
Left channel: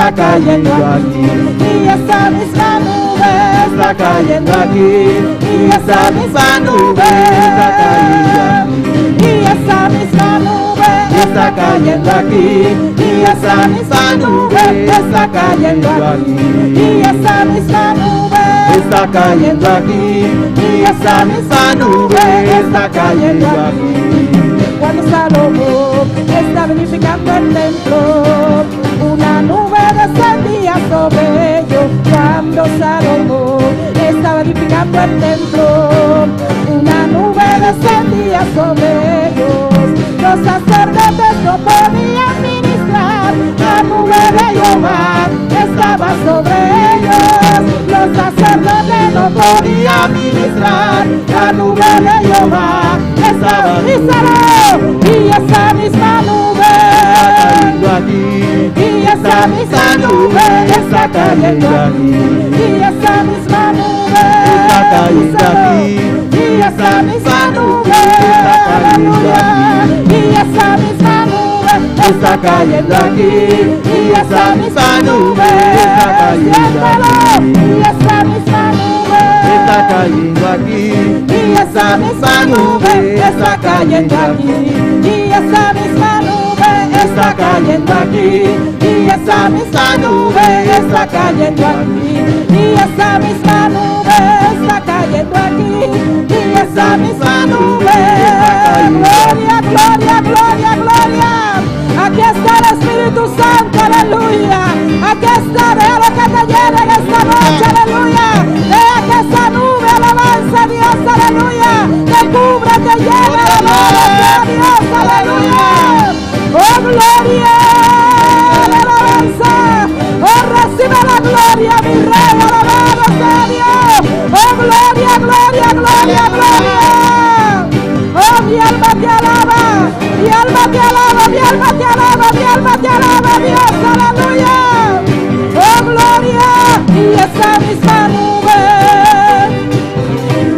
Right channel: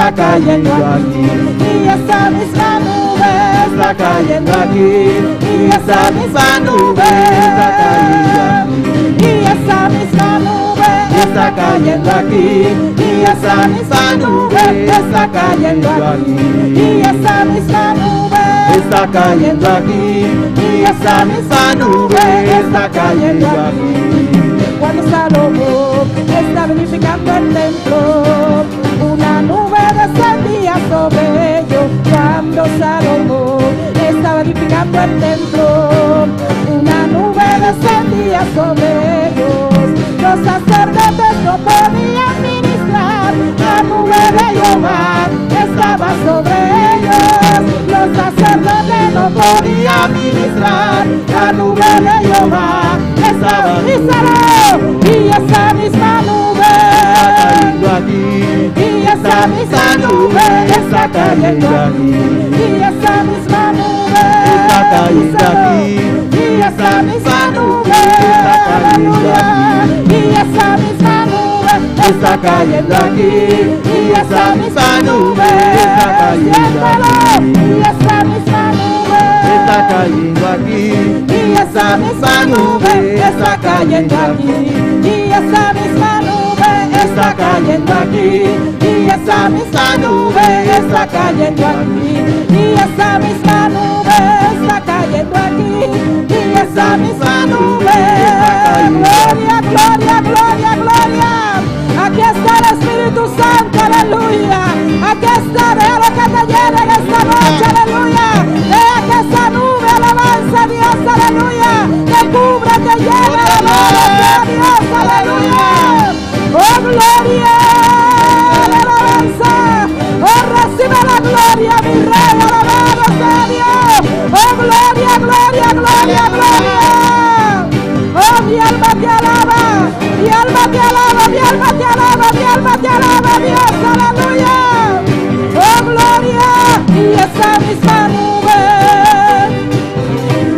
está cayendo aquí. Y esa misma nube Está cayendo aquí. y esa misma nube y esa misma nube Está cayendo aquí. y esa misma nube está cayendo aquí y esa misma nube Está cayendo aquí. y esa misma nube está cayendo aquí. Cuando Salomón estaba edificando el templo, una nube descendía sobre ellos. Cuando Salomón estaba edificando el templo, una nube descendía sobre ellos. Los sacerdotes no podían ministrar, la nube de Jehová estaba sobre ellos. Los sacerdotes no podían ministrar, la nube de Jehová estaba. Y esa misma nube y esa misma nube está cayendo aquí. Y esa misma nube Está cayendo aquí. y esa misma nube, aleluya, y esa misma nube está cayendo aquí. Y esa misma nube, siéntelo, y esa misma nube Está cayendo aquí. y esa misma nube está cayendo aquí. Y esa misma nube está cayendo aquí. Y esa misma nube está cayendo aquí. Y esa misma nube está cayendo aquí. Y esa misma nube. Gloria, gloria, gloria, gloria. Aquí está el Espíritu Santo, aleluya. Aquí está, deja lo que te llene en esta noche, aleluya. Deja que esa nube alabanza a Dios, aleluya. Te cubre, te llena, alabanza a Dios, aleluya. Oh, gloria, la alabanza. Oh, recibe la gloria, mi rey, alabado sea Dios. Oh, gloria, gloria, gloria, gloria. Oh, mi alma te alaba, mi alma te alaba, mi alma te alaba, mi alma te alaba, Dios, aleluya. Oh, gloria, y esa misma nube,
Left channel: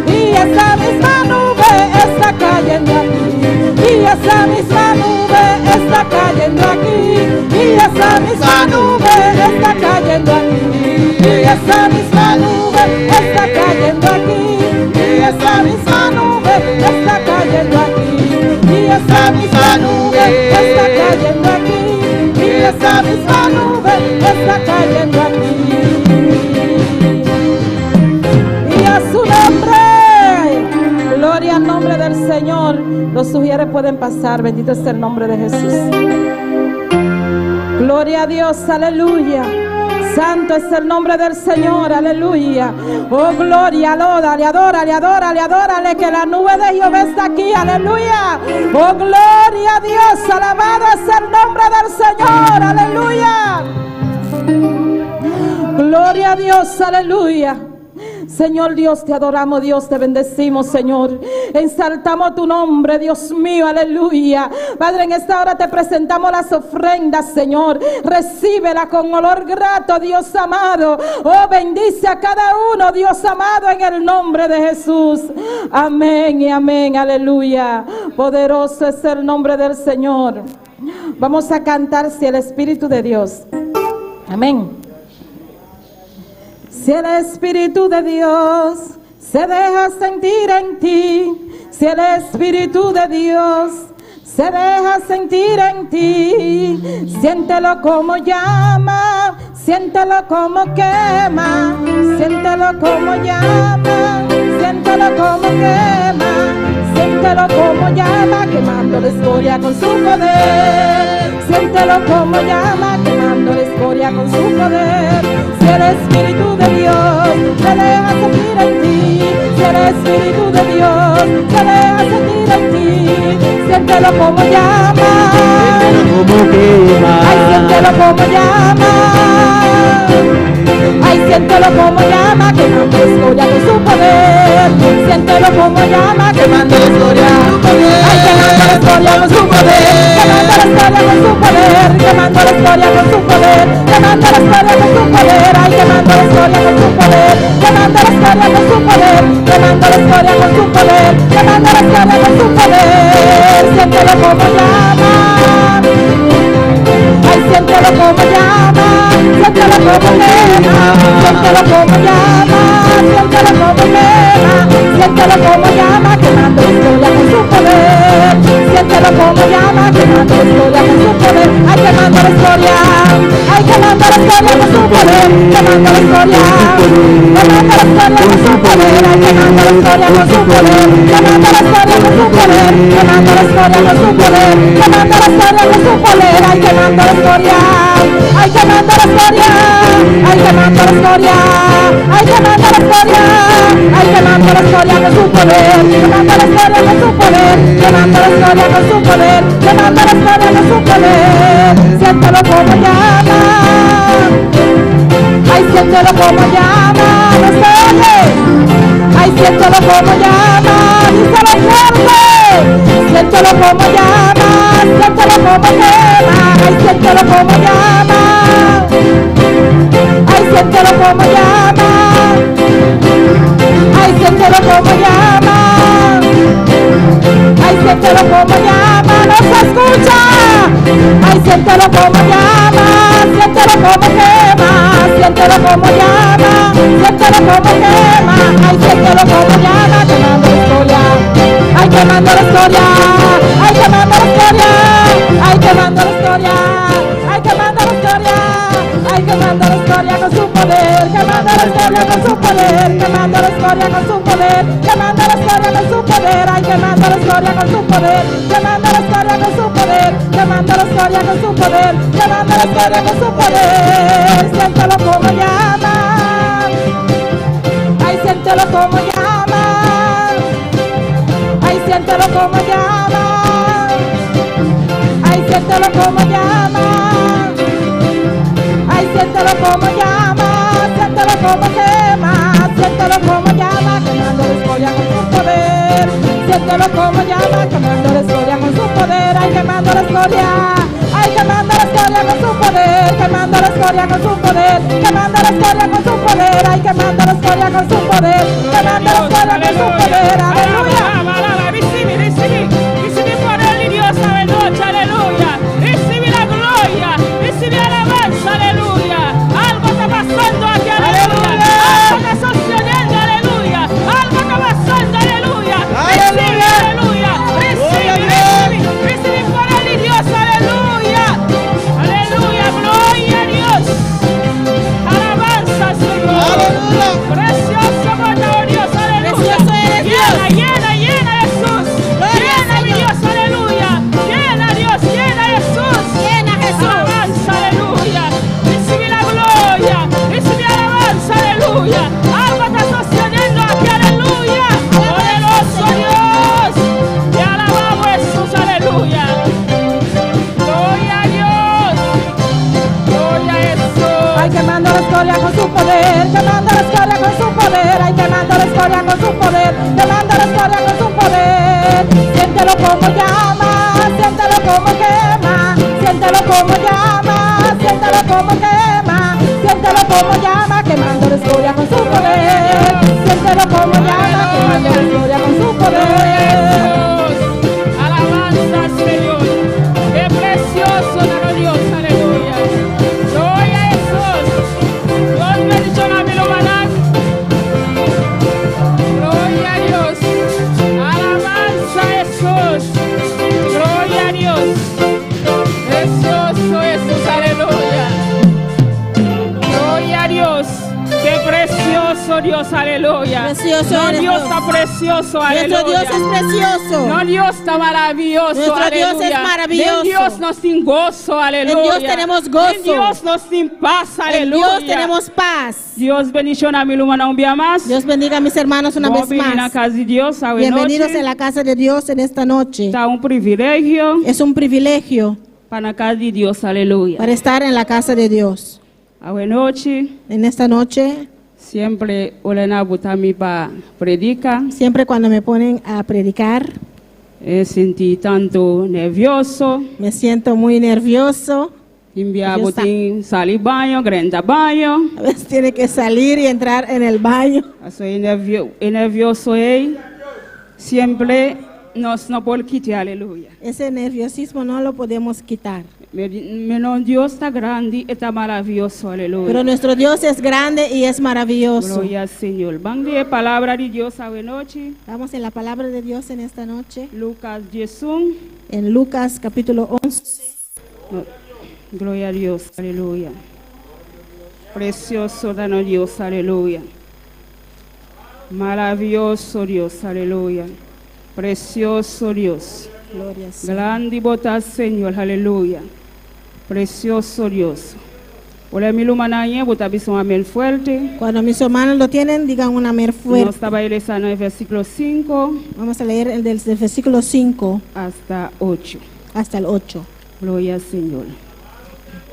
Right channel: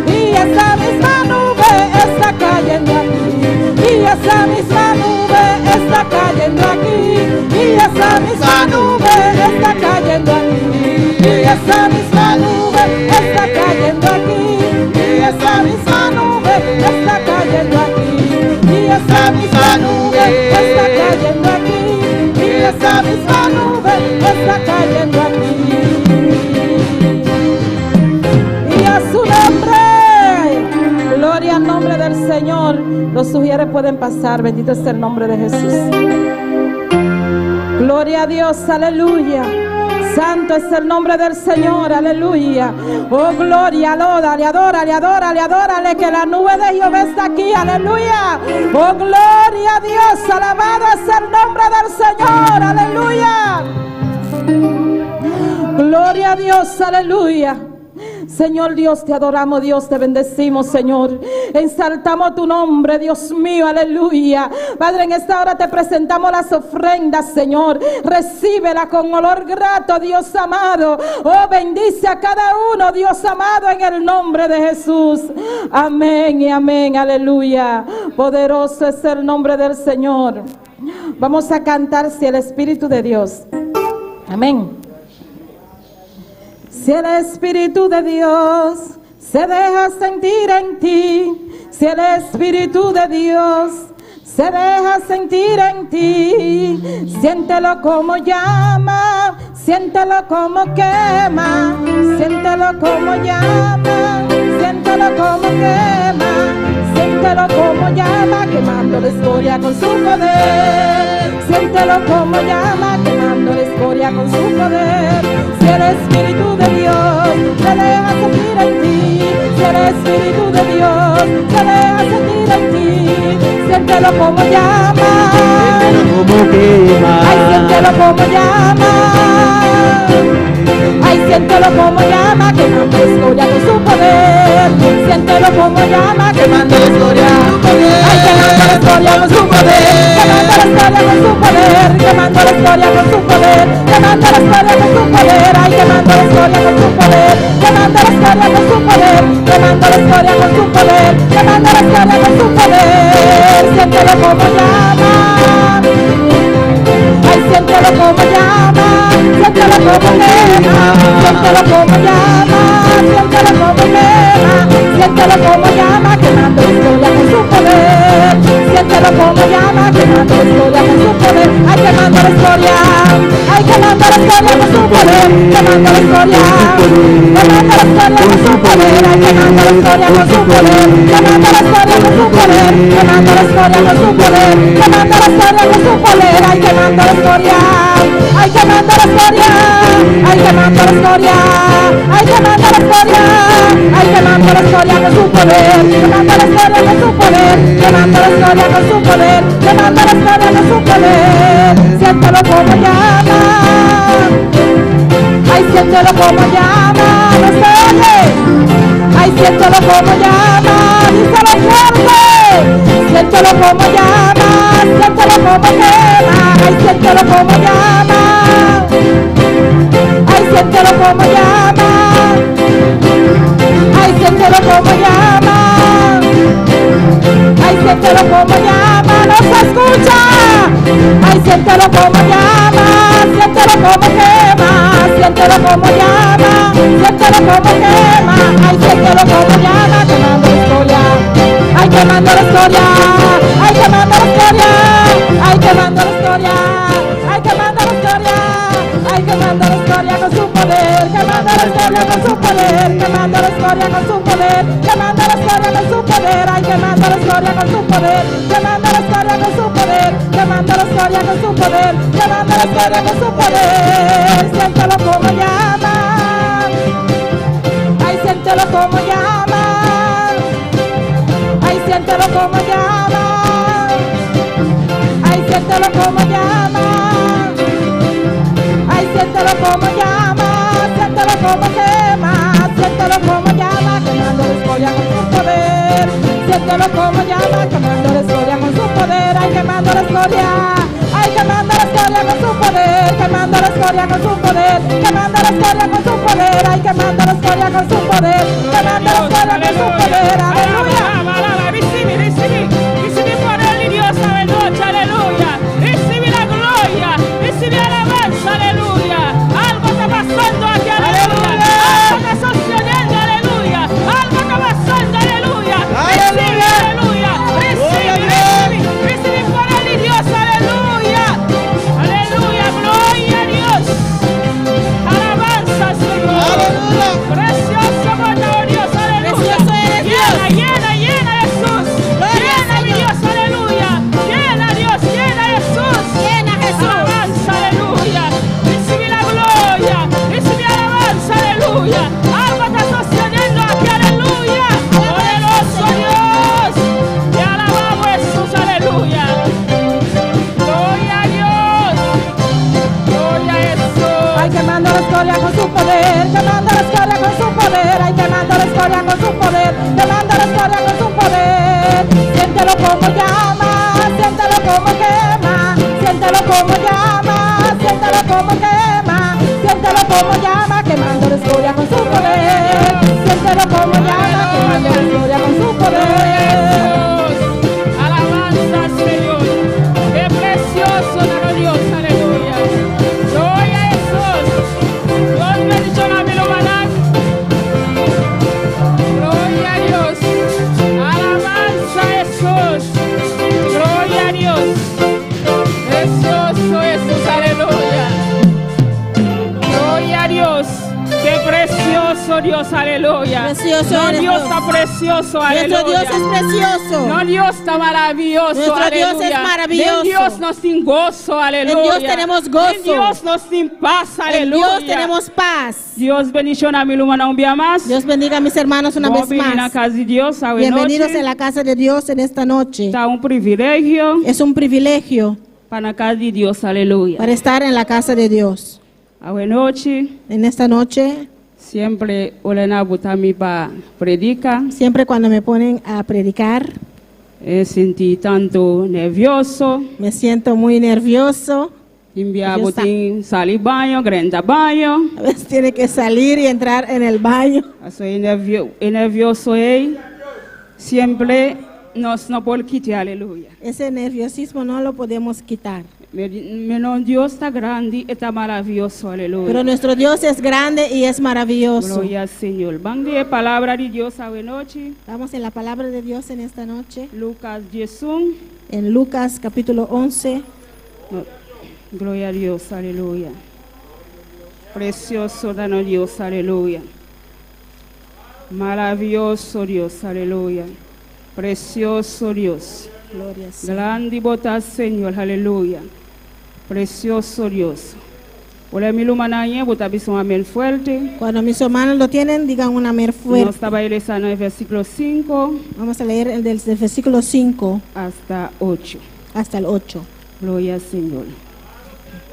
y esa misma nube está cayendo aquí, y esa misma nube está cayendo aquí, y esa misma nube está cayendo aquí, y esa misma nube está cayendo aquí, y esa misma nube está cayendo aquí, y esa misma nube está cayendo aquí, y esa misma nube está cayendo aquí. Y a su nombre, gloria al nombre del Señor. Los sugieres pueden pasar, bendito es el nombre de Jesús. Gloria a Dios, aleluya. Santo es el nombre del Señor, aleluya. Oh, gloria, alódale, adórale, adórale, adórale, que la nube de Jehová está aquí, aleluya. Oh, gloria a Dios, alabado es el nombre del Señor, aleluya. Gloria a Dios, aleluya. Señor Dios, te adoramos, Dios, te bendecimos, Señor. Exaltamos tu nombre, Dios mío, aleluya. Padre, en esta hora te presentamos las ofrendas, Señor. Recíbela con olor grato, Dios amado. Oh, bendice a cada uno, Dios amado, en el nombre de Jesús. Amén y amén, aleluya. Poderoso es el nombre del Señor. Vamos a cantar si el Espíritu de Dios. Amén. Si el Espíritu de Dios se deja sentir en ti, si el Espíritu de Dios se deja sentir en ti, siéntelo como llama, siéntelo como quema, siéntelo como llama, siéntelo como quema, siéntelo como llama, quemando la escoria con su poder, siéntelo como llama, quemando la escoria con su poder. Si el Espíritu de Dios se deja sentir en ti, si el Espíritu de Dios se deja sentir en ti, siéntelo como llama, Como quema. ay, siéntelo como llama, ay, siéntelo como llama, quemando la escoria con su poder, siéntelo como llama, quemando la escoria, ay, quemando la escoria con su poder, quemando la escoria con su poder, quemando la escoria con su poder, quemando la escoria con su poder, ay, quemando la escoria con su poder, quemando la escoria con su poder, quemando la escoria con su poder, quemando la escoria con su poder, siéntelo como llama, ay, siéntelo como llama, siéntelo como quema, siéntelo como llama, siéntelo como quema, siéntelo como llama, quemando la historia con su poder, siéntelo como llama, quemando la historia con su poder, ay quemando la historia, ay quemando la historia con su poder, quemando la historia, quemando la historia con su poder, ay quemando la historia con su poder, quemando la historia con su poder, quemando la historia con su poder, quemando la historia con su poder, ay quemando la historia, ay quemando la historia, ay quemando la historia, ay quemando la historia, ay quemando la historia con su poder, quemando la historia con su poder, quemando la historia con su poder, quemando la historia con su poder, siéntelo como llama, ay siéntelo como llama, no se oye, ay siéntelo como llama, díselo fuerte, siéntelo como llama, siéntelo como quema, ay siéntelo como llama, ay siéntelo como llama, ay siéntelo como llama, ay siéntelo como llama, no se escucha, ay siéntelo como llama, siéntelo como quema, siéntelo como llama, siéntelo como quema, ay siéntelo como llama, quemando la historia, ay quemando la historia, ay quemando la historia, ay quemando la historia, ay quemando la historia, ay quemando la historia con su poder, quemando la historia con su poder, quemando la historia con su poder, quemando la historia con su poder, ay quemando la historia con su poder, quemando la historia con su poder, quemando la historia con su poder, quemando la historia con su poder, siéntelo como llama, ay siéntelo como llama, ay siéntelo como llama, ay siéntelo como llama, ay siéntelo como llama, siéntelo como quema, siéntelo como llama, quemando la historia con su poder, siéntelo como llama, quemando la historia con su poder, ay quemando la historia, ay quemando la historia con su poder, quemando la historia con su poder, quemando la historia con su poder, ay quemando la historia con su poder, quemando la historia con su poder, aleluya. Recibi poder de Dios esta noche, aleluya. Recibi la gloria, recibi alabanza, aleluya. Algo está pasando aquí, aleluya. Algo está sucediendo, aleluya. Algo está pasando, aleluya. Recibi, aleluya. Recibi poder de Dios, aleluya. Aleluya, gloria a Dios. Alabanza, Señor. Precioso, por Dios, aleluya. Llena, llena, Jesús. Llena, mi Dios, aleluya. Llena, Dios, llena, Jesús. Llena, Jesús. Alabanza, aleluya. Recibe la gloria. Recibe alabanza, aleluya. Algo está sucediendo aquí, aleluya. Poderoso Dios. Te alabamos, Jesús, aleluya. Gloria a Dios. Gloria a Jesús. Ay quemando la historia con su poder, quemando la historia con su poder, ay quemando la historia con su poder, quemando la historia con su poder, siéntelo como llama, siéntelo como quema, siéntelo como llama, siéntelo como quema, siéntelo como llama, quemando la historia con su poder, siéntelo como llama, quemando la historia con su poder. Alabanza, Señor. Qué precioso nuestro Dios, aleluya. Gloria a Jesús. Dios bendiga mi lugar. Gloria a Dios. Alabanza a Jesús. Gloria a Dios. Precioso Jesús, aleluya. Gloria a Dios. Qué precioso Dios, aleluya. Precioso No, eres Dios Dios. está precioso, aleluya. Nuestro Dios es precioso. No, Dios está maravilloso, Nuestro aleluya. Dios es maravilloso. En Dios nos sin gozo, aleluya. En Dios tenemos gozo. En Dios nos sin paz, En aleluya. Dios tenemos paz. Dios bendición a mi lumana un día más. Dios bendiga a mis hermanos una vez Bienvenidos a más. casa de Dios, a Bienvenidos noche. en la casa de Dios en esta noche. Está un privilegio Es un privilegio para la casa de Dios, aleluya. para estar en la casa de Dios. A noche, En esta noche, siempre Olena Butami para predicar. siempre cuando me ponen a predicar, Sentí tanto nervioso. me siento muy nervioso. Enviar Yo botín, salir baño, grande baño. A veces tiene que salir y entrar en el baño. Soy nervioso, siempre nós não podemos quitar, aleluia. Ese nerviosismo no lo podemos quitar. Meu Deus está grande e está maravilhoso, Pero aleluia. nuestro Dios es grande y es maravilloso. Glória ao Senhor. Vamos ler a palavra de Deus esta noite. Vamos en la palabra de Dios en esta noche. Lucas 11. En Lucas capítulo 11. Glória a Deus, aleluia. Precioso dano Deus, aleluia. Maravilhoso Deus, aleluia. Precioso Deus. Gloria al Señor. Grande botar Senhor, aleluia. Precioso Deus. Olha mi lumanaye, botar bisão amém fuerte. Cuando mis hermanos lo tienen, digan un amén Nós fuerte. estava lendo no versículo 5 Vamos a leer el del versículo 5 hasta 8. hasta el 8. Glória ao Senhor.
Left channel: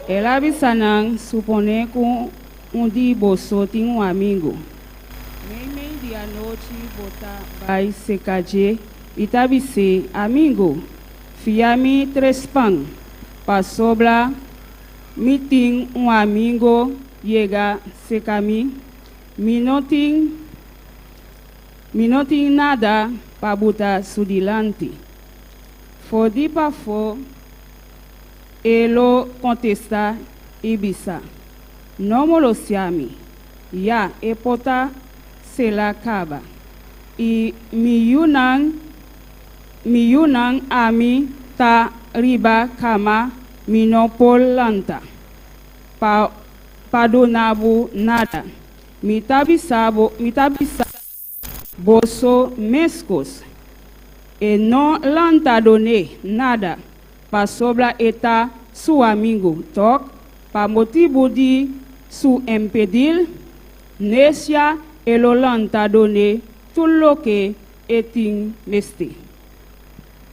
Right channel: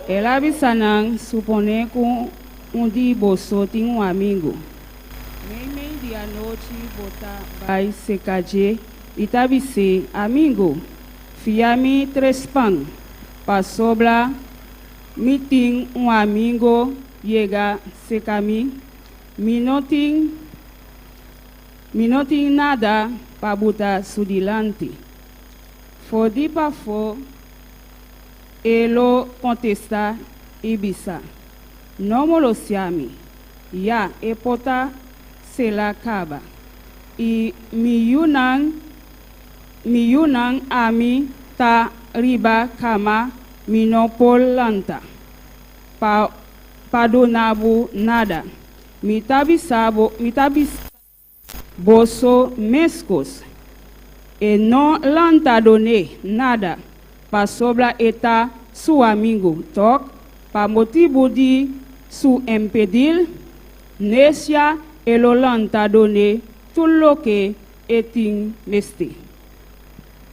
Ela avisanang supone que dia você tem amigo. Meio dia à noite botar vai se caje e tabise amigo. Fiame 3 pão. Passou lá, me tem amigo chega se caminho. Me não tem nada para botar sudilante. Fodi para fora. Ele contesta Ibisa. Não me lo siami. Ya e pota se la acaba. E mi yunang ami ta riba kama minopolanta. Padonabu nada. Mitabisa boso mescos. E não lanta done nada. Pa sobra eta su amigo toc, pa motivo de su impedir, necia el olanta done todo lo que etin leste.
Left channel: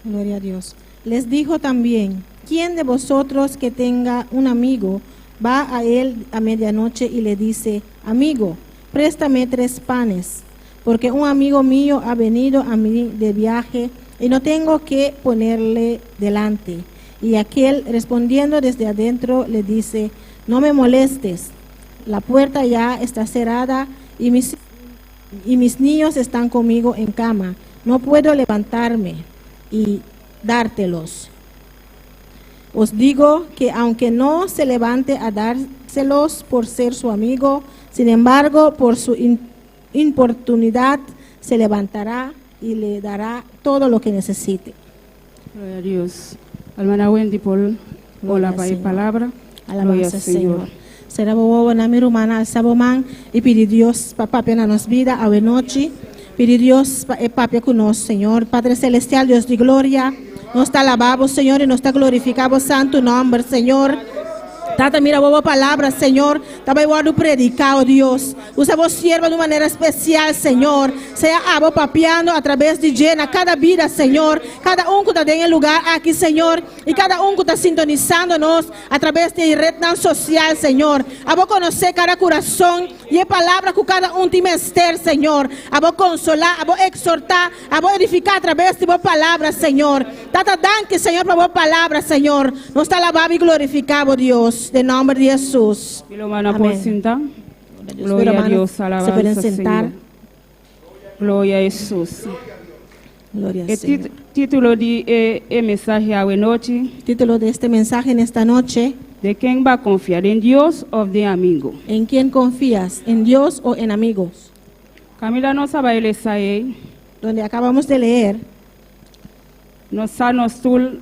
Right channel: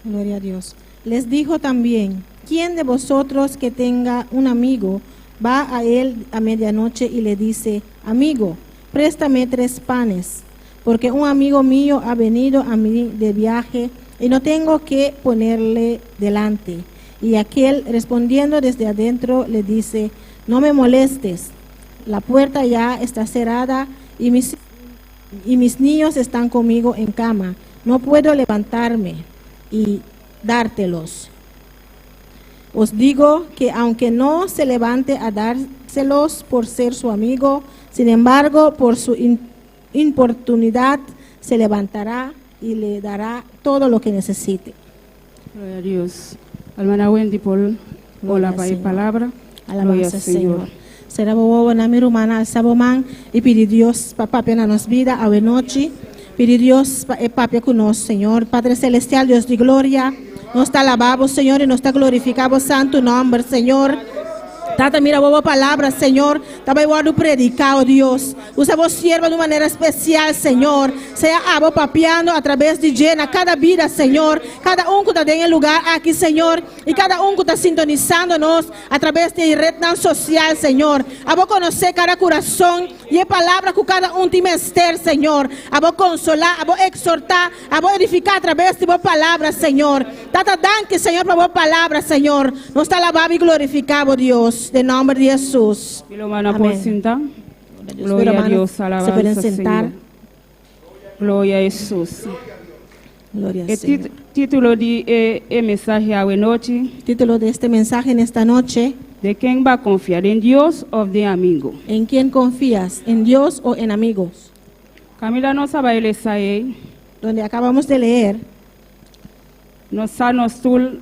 Gloria a Dios. Les dijo también, ¿quién de vosotros que tenga un amigo va a él a medianoche y le dice, amigo, préstame 3 panes, porque un amigo mío ha venido a mí de viaje y no tengo que ponerle delante? Y aquel respondiendo desde adentro le dice, no me molestes, la puerta ya está cerrada y mis niños están conmigo en cama, no puedo levantarme y dártelos. Os digo que aunque no se levante a dárselos por ser su amigo, sin embargo, por su importunidad se levantará y le dará todo lo que necesite. Gloria a Dios. Hermana Wendy Paul, hola Gloria al Señor. palabra. Alabanza Gloria al al Señor. Será bobo na mi rumana al saboman y pedir Dios papá pena nos vida a noche. Pedir Dios papá con nos, Señor. Padre celestial, Dios de gloria. Nos está alabado, Señor, y nos está glorificado santo nombre, Señor. Tata, mira, boa palavra, Senhor. Estava igual predicado, Deus. Usa vos sierva de maneira especial, Senhor. Seja abo papiando através de Jena, cada vida, Senhor. Cada que está em lugar aqui, Senhor. E cada que está sintonizando-nos através de rede social, Senhor. Abo conhecer cada coração e a palavra que cada tem menester, Senhor. Abo consolar, abo exortar, abo edificar através de boa palavra, Senhor. Tata, danke, Senhor, para boa palavra, Senhor. Nos está alabado e glorificado, Deus. De nombre de Jesús. Hermana, Amén. por sentar. Dios, Gloria a hermanos, Dios, se pueden alabanza, sentar. Señor. Gloria a Jesús. Gloria al El Señor. título de mensaje a noche, Título de este mensaje en esta noche: ¿de quién va a confiar? ¿En Dios o de amigo? ¿en quién confías? ¿En Dios o en amigos? Camila no sabe el ahí, Donde acabamos de leer, no sabe tú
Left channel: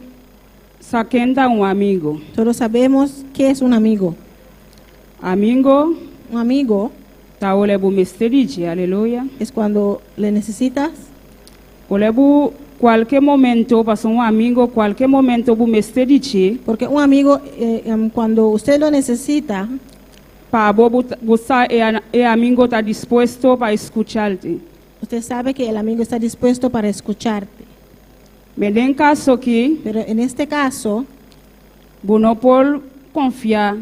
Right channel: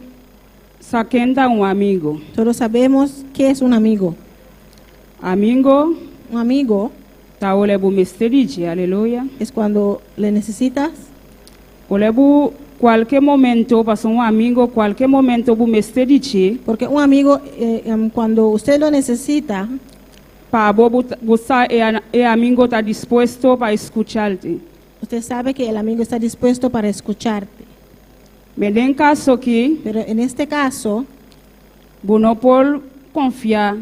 saquenda un amigo. todos sabemos qué es un amigo. Amigo, Un amigo ta ole bu misteriji, aleluya. es cuando le necesitas, Ole bu cualquier momento, pasó un amigo, cualquier momento bu misteriji, porque un amigo, cuando usted lo necesita, pa bo buscar el amigo está dispuesto para escucharte. usted sabe que el amigo está dispuesto para escucharte. Me den caso que Pero en este caso, bu no por confiar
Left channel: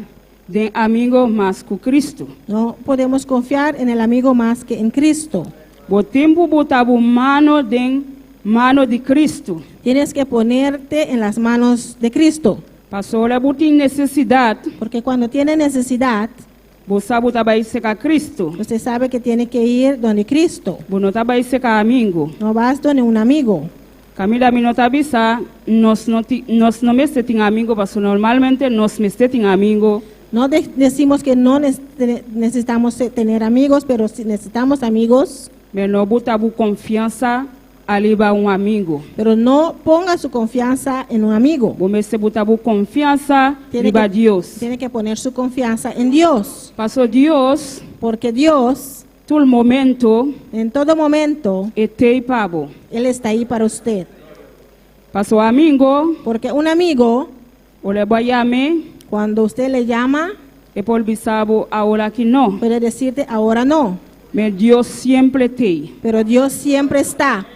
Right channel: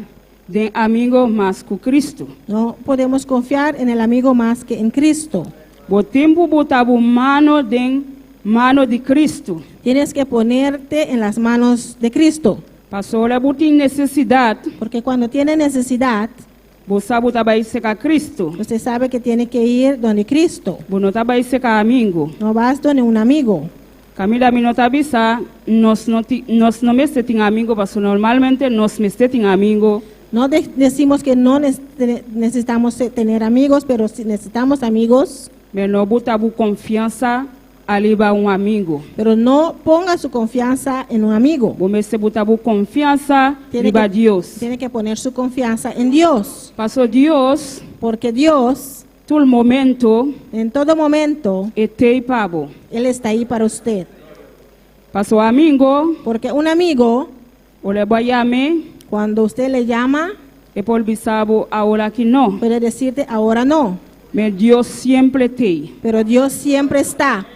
de amigo más que Cristo. no podemos confiar en el amigo más que en Cristo. Bo tempo botar bu mano de Cristo. Tienes que ponerte en las manos de Cristo, Pasó la butin necesidad, porque cuando tiene necesidad, bo sabu tabai seca Cristo. usted sabe que tiene que ir donde Cristo. Bo no tabai seca amigo. No vas donde un amigo. Camila Minotabisa, nos no me esté amigo, porque normalmente nos me esté amigo. No decimos que no necesitamos tener amigos, pero si necesitamos amigos. Pero no buta bu confianza aliba un amigo. Pero no ponga su confianza en un amigo. Bu me se buta bu confianza aliba Dios. Tiene que poner su confianza en Dios. Pasó Dios. Porque Dios, Todo el momento, en todo momento, pabo. Él está ahí para usted. Pasó amigo, Porque un amigo, o le voy a llamar, cuando usted le llama, por bisabo ahora que no. puede decirte ahora no. Pero Dios siempre te. Pero Dios siempre está.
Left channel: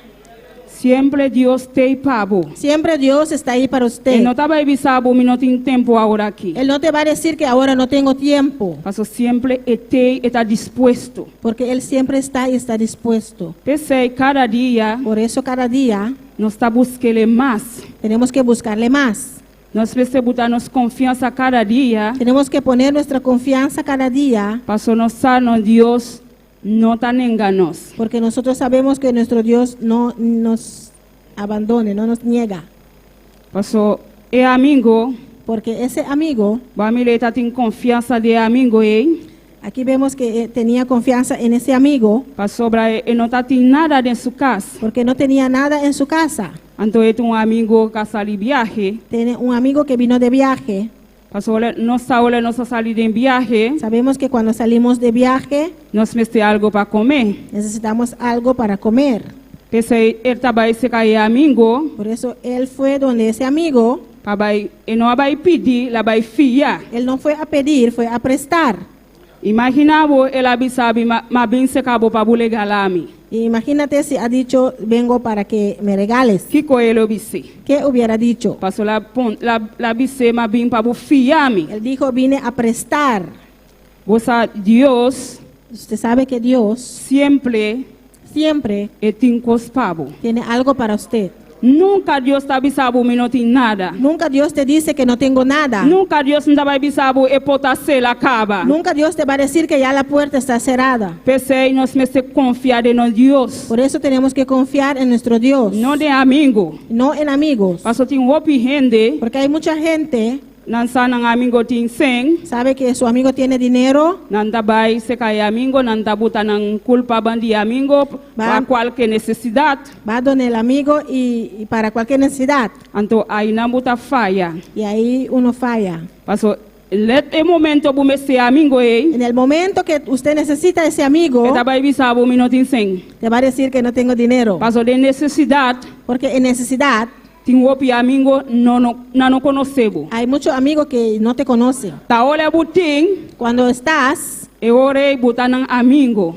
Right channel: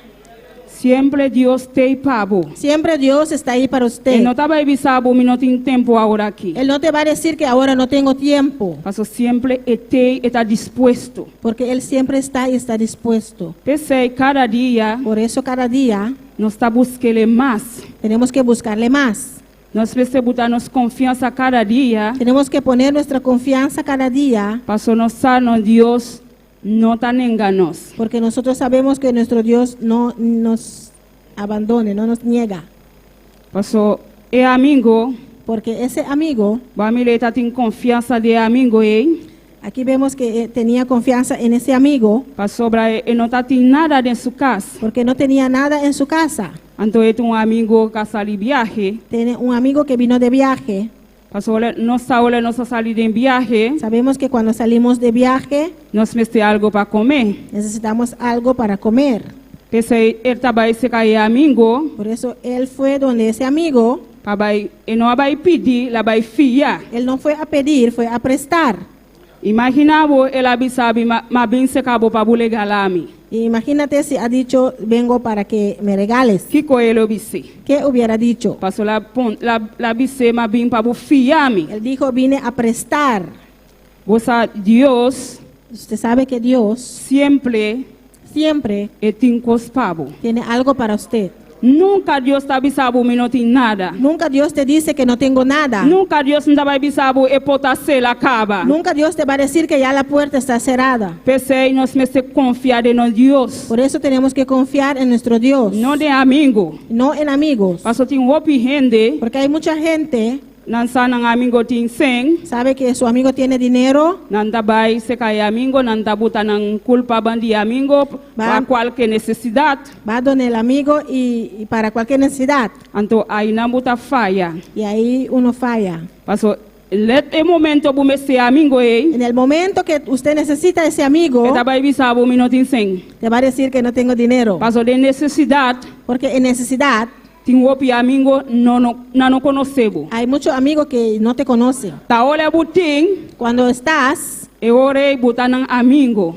Siempre Dios te pabo. Siempre Dios está ahí para usted. Él no estaba bisabo, mi no tiene tiempo ahora aquí. Él no te va a decir que ahora no tengo tiempo. Pasó siempre está dispuesto. Porque Él siempre está y está dispuesto. Pese cada día Por eso cada día nos está buscando más. tenemos que buscarle más. Nos pese botarnos confianza cada día. Tenemos que poner nuestra confianza cada día. Pasó nos sano Dios no tan engañoso. Porque nosotros sabemos que nuestro Dios no nos abandone, no nos niega. Pasó amigo, Porque ese amigo, Bamileta tiene confianza de amigo, aquí vemos que tenía confianza en ese amigo. Pasó no tiene nada en su casa. Porque no tenía nada en su casa. Entonces un amigo que salió de viaje. Tiene un amigo que vino de viaje. Pasó no salió de viaje. Sabemos que cuando salimos de viaje, Nos mete algo para comer. necesitamos algo para comer. Pese él estaba ese amigo. Por eso él fue donde ese amigo, No va a pedir, la va a fiar. él no fue a pedir, fue a prestar. Imaginaba el avisabi, más bien se acabó para bulegalami. Y imagínate si ha dicho, vengo para que me regales. Kiko el obise. ¿Qué hubiera dicho? Pasó la bise más bien para fiarme. Él dijo, vine a prestar. Dios Usted sabe que Dios siempre siempre es incospavo. tiene algo para usted. Nunca Dios está avisado que no tiene nada. Nunca Dios te dice que no tengo nada. Nunca Dios no está avisado que potase la cava. Nunca Dios te va a decir que ya la puerta está cerrada. Pese nos me se confiar en Dios. Por eso tenemos que confiar en nuestro Dios. No de amigo. No en amigos. Pasó tiene opi gente. Porque hay mucha gente, Nansa nang amigo tin seng. sabe que su amigo tiene dinero, Nanda bay se kay amigo, nanda buta ng culpa bandi amigo para cualquier necesidad. va donde el amigo y para cualquier necesidad. Anto ay nambuta falla. Y ahí uno falla. Paso let e momento bu mese amigo En el momento que usted necesita ese amigo, eta bay bisabo minotin seng. te va a decir que no tengo dinero. Paso de necesidad, Porque en necesidad tin wopi amigo no conocebo. hay muchos amigos que no te conocen. Ta ole buting Cuando estás, e ore buta ng amigo.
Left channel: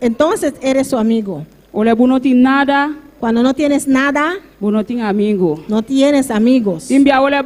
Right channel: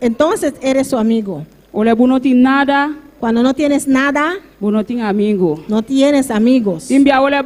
entonces eres su amigo. Ole bu no tin nada, Cuando no tienes nada, bu no tin amigo. no tienes amigos. Timbia ole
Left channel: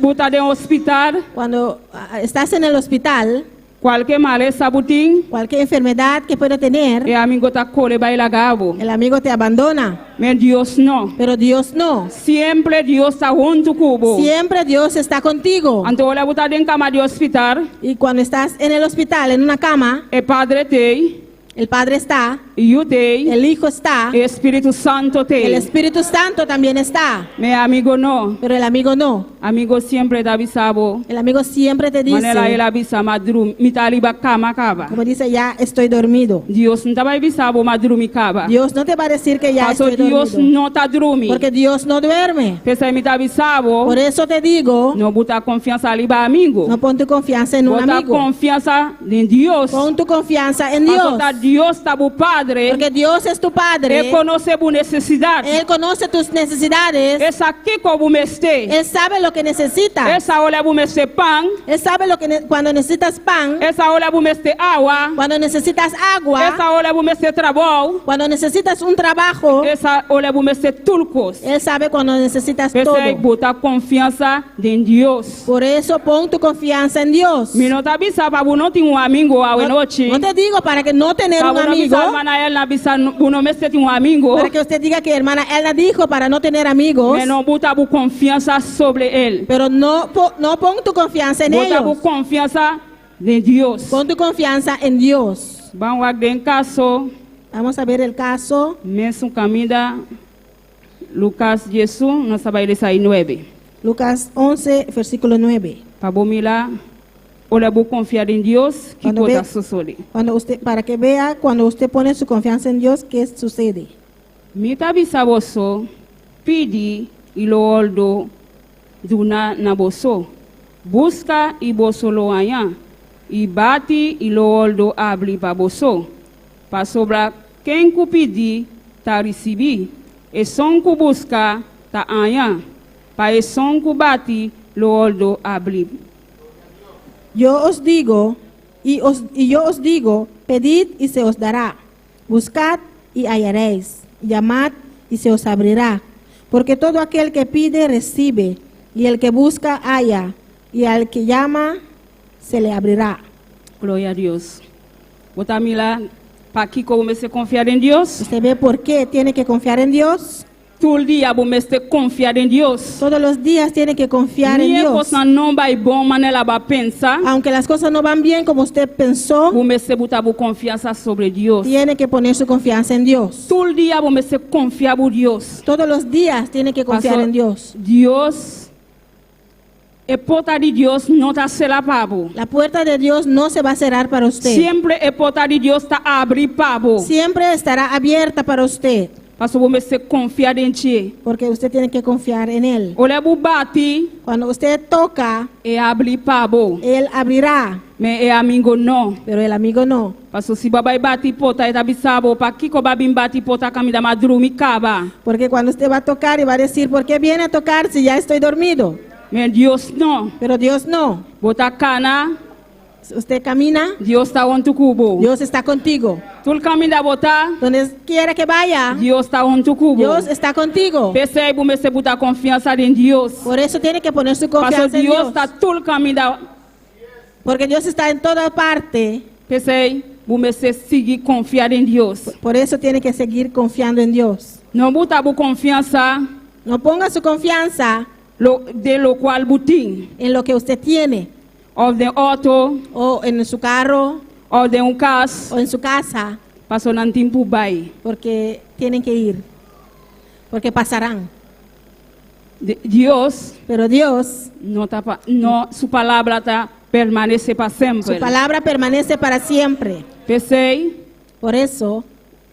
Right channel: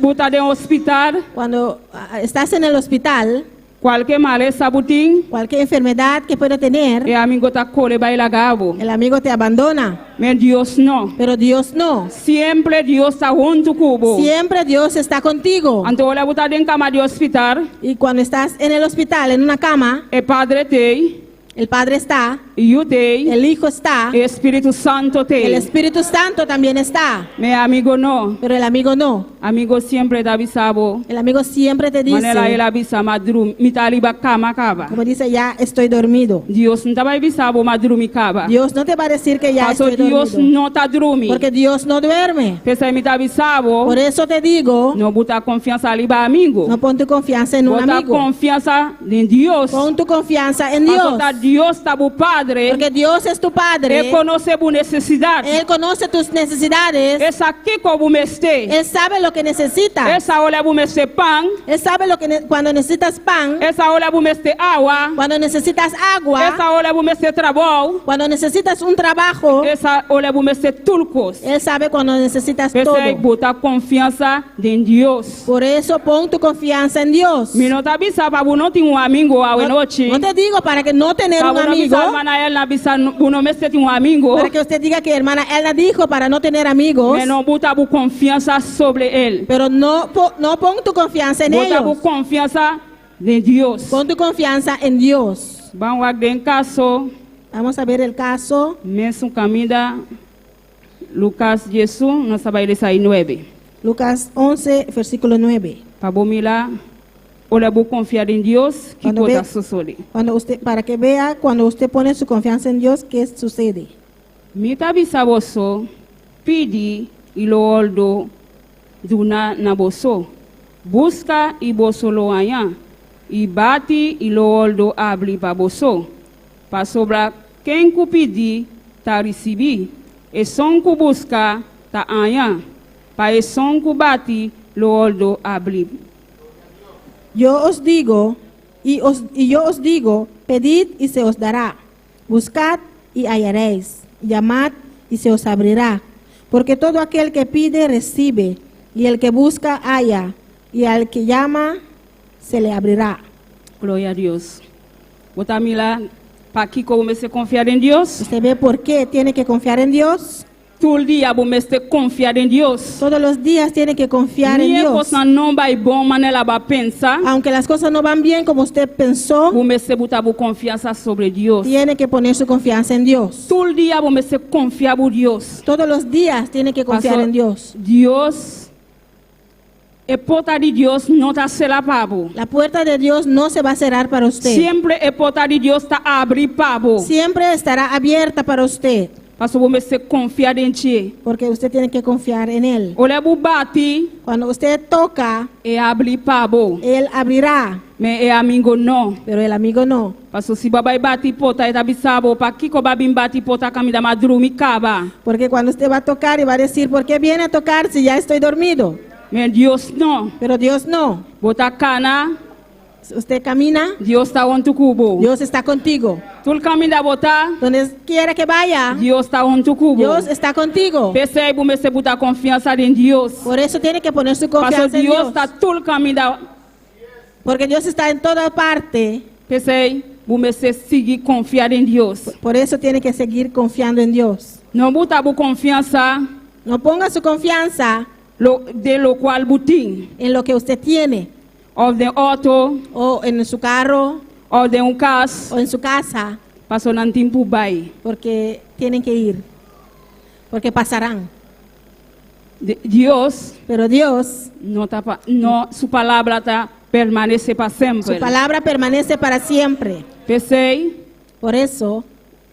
buta de hospital, Cuando estás en el hospital, cualquier maleza buting. cualquier enfermedad que pueda tener, E amigo ta cole baila gabo. el amigo te abandona. Men Dios no. Pero Dios no. Siempre Dios está junto cubo. Siempre Dios está contigo. Ante la buta en cama de hospital, Y cuando estás en el hospital, en una cama, el Padre te, el Padre está, y yo te, el Hijo está, el Espíritu Santo el te. Espíritu Santo también está. Mi amigo no. Pero el amigo no. Amigo siempre te avisabo. El amigo siempre te Manera él dice, avisa madrum, mi taliba cama cava. como dice, ya estoy dormido. Dios no te va a avisabo madrum mi cava. Dios no te va a decir que ya Paso estoy Dios dormido. no te drumi. Porque Dios no duerme. Pese mi te avisabo, Por eso te digo, no buta confianza aliba amigo. no pon tu confianza en un Bota amigo. confianza en Dios. Pon tu confianza en Paso Dios. ta Dios está bu Padre. Porque Dios es tu Padre. Él conoce tu necesidad. Él conoce tus necesidades. Es aquí como me esté. Él sabe lo que necesitas. Esa hora bu me esté pan. Él sabe lo que cuando necesitas pan, Esa hora bu me esté agua. cuando necesitas agua, Esa hora bu me esté trabajo. cuando necesitas un trabajo. Esa hora bu me esté turcos. Él sabe cuando necesitas Esa todo. bota confianza en Dios. Por eso pon tu confianza en Dios. Mi no te avisa para no tener un amigo a noche. No te digo para que no tener un Para no amigo, avisa hermana él avisa uno me esté un amigo. para que usted diga que hermana Elna dijo para no tener amigos, Me no bota bu confianza sobre él. pero no pon tu confianza en Bota bu ellos. confianza en Dios. Pon tu confianza en Dios. Vamos a ver en caso. Vamos a ver el caso. Mesu camida Lucas Jesús, nos sabe 9. Lucas 11, versículo 9. Para bomila, ole bu confiar en Dios, que Cuando cosa ve- sucede. Para que vea cuando usted pone su confianza en Dios, ¿qué sucede? Mita bisa boso, pidi ilo oldo duna na boso. Busca y boso lo haya. Y bati ilo oldo abri pa boso. Pa sobra quem ku pidi ta recebi. E son ku busca ta haya. Pa e son ku bati lo oldo abri. Yo os digo, yo os digo, pedid y se os dará, buscad y hallaréis, llamad y se os abrirá, porque todo aquel que pide recibe, y el que busca halla, y al que llama se le abrirá. Gloria a Dios. Botamila, pa que como se confiar en Dios. ¿Usted ve por qué tiene que confiar en Dios? Todo el día vos me confiar en Dios. Todos los días tiene que confiar en Ni Dios. cosa não vai bom, manela va pensar. Aunque las cosas no van bien como usted pensó, Vos me botar confiança sobre Deus. tiene que poner su confianza en Dios. Todo el día vos me confiar en Deus. Todos los días tiene que confiar Pastor, en Dios. Deus, a porta de Deus não está cerrada para vos. La puerta de Dios no se va a cerrar para usted. Sempre a porta de Deus está aberta para vos. Siempre estará abierta para usted, Pastor, vos me confiar en ti. porque usted tiene que confiar en Él. Olha bu bate Cuando usted toca, e abre para vos. Él abrirá, Mas é amigo não. pero el amigo no. Pastor, se babai bate porta e tá bisabo, para que ko babim bate porta camida madrumi caba. Porque cuando usted va a tocar y va a decir, ¿por qué viene a tocar si ya estoy dormido? Mas Deus não. Pero Dios no. Bota cana, Usted camina, Deus está on tu cubo. Dios está contigo. Tu caminha botar, Donde quiera que vaya, Deus está on tu cubo. Dios está contigo. Percebe, me se botar confiança em Deus. Por eso tiene que poner su Pastor, confianza en Deus Dios. está tu caminha. Porque Dios está en toda parte. Percebe, me se seguir confiar em Deus. Por eso tiene que seguir confiando en Dios. Não botar confiança No ponga su confianza de lo qual butim. en lo que usted tiene, Ou de auto, o en su carro, ou de casa. o en su casa, Pastor, não tem por bai. porque tienen que ir, porque pasarán. Deus, Pero Dios, não, sua palavra tá permanece para sempre. su palabra permanece para siempre. Percebe, Por eso,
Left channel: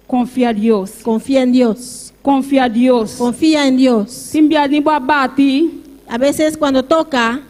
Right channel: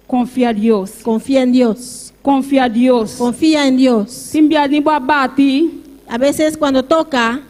confia em Deus. confía en Dios. Confia em Deus. Confía en Dios. Se enviar de bate, A veces cuando toca,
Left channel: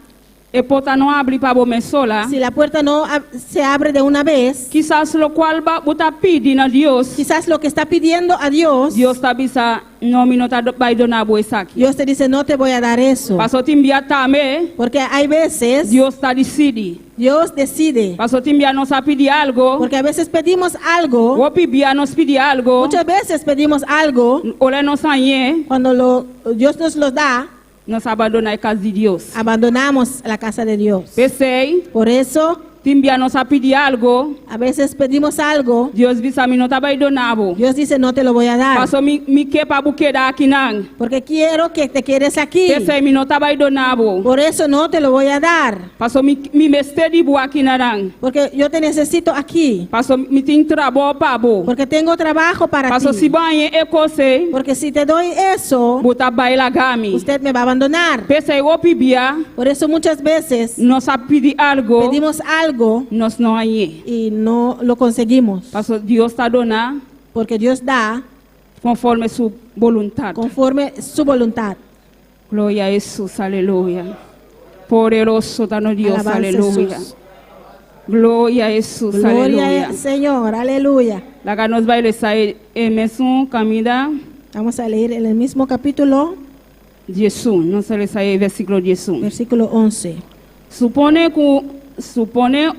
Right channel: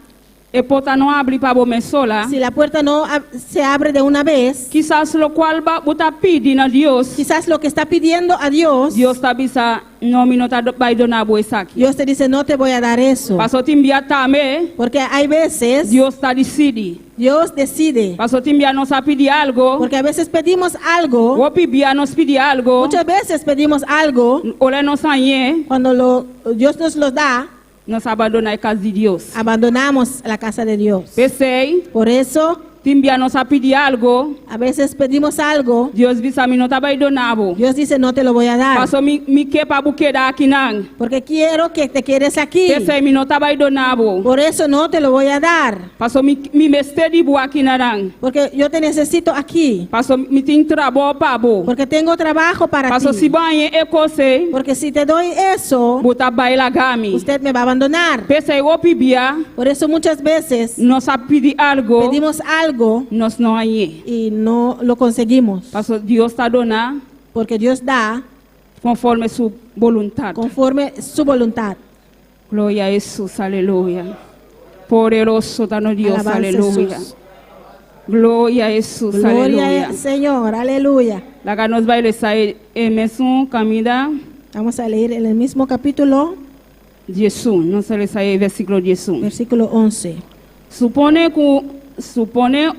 e porta não abre para você sola. si la puerta no se abre de una vez, Quizás lo qual você pedindo a Deus, quizás lo que está pidiendo a Dios, Deus está bisa não me nota vai donar você aqui. Dios te dice, no te voy a dar eso. Pastor te enviar também, Porque hay veces, Deus está decide. Dios decide. Pastor te enviar nos a pedir algo, Porque a veces pedimos algo, ou pedir nos pedir algo, muchas veces pedimos algo, olha nos aí, cuando Dios nos lo da, nos abandonar a casa de Deus. abandonamos la casa de Dios. Pensei, Por eso, te enviar nos a pedir algo, a veces pedimos algo, Deus bisa me nota vai donar. Dios dice, no te lo voy a dar, Pastor me quer para buquear aqui não. porque quiero que te quedes aquí. Pensei me nota vai donar. Por eso no te lo voy a dar, Pastor me mester de boa aqui não. porque yo te necesito aquí, Pastor me tem trabalho para bo. porque tengo trabajo para Pastor se ti. banhe é coisa, Porque si te doy eso, botar baila gami. usted me va a abandonar. Pensei o pibia, Por eso muchas veces nos a pedir algo, pedimos algo nos não aí. y no lo conseguimos, Pastor Deus está dona porque Dios da conforme sua vontade. conforme su voluntad. Glória a Jesus, aleluia. Poderoso está no Deus, Alabanza a aleluia. Jesús. Glória a Jesus, Gloria aleluia. al Señor, aleluya. Lá nos vai sair mesmo camida Vamos a leer en el mismo capítulo, Jesus, não se lhe sai versículo 10. versículo 11. Supone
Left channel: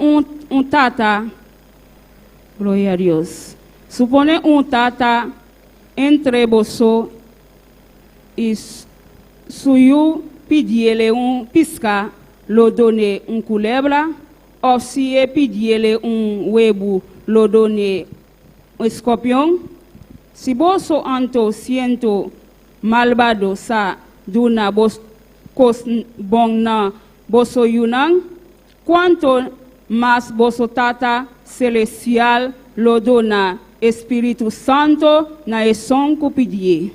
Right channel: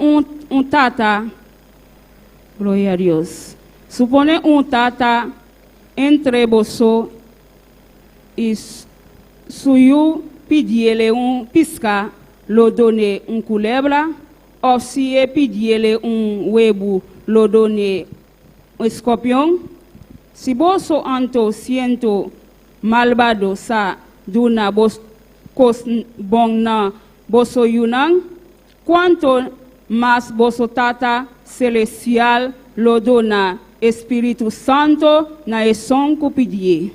tata, glória a Deus. Supone tata entre você e suyo pedir-lhe pisca, lo done culebra, ou se pedir-lhe huevo, lo done escorpião. Si você anto siento malvado sa duna bos kos bong na boso yunang, quanto mas boso tata celestial lo dona Espírito Santo na esson que pedir.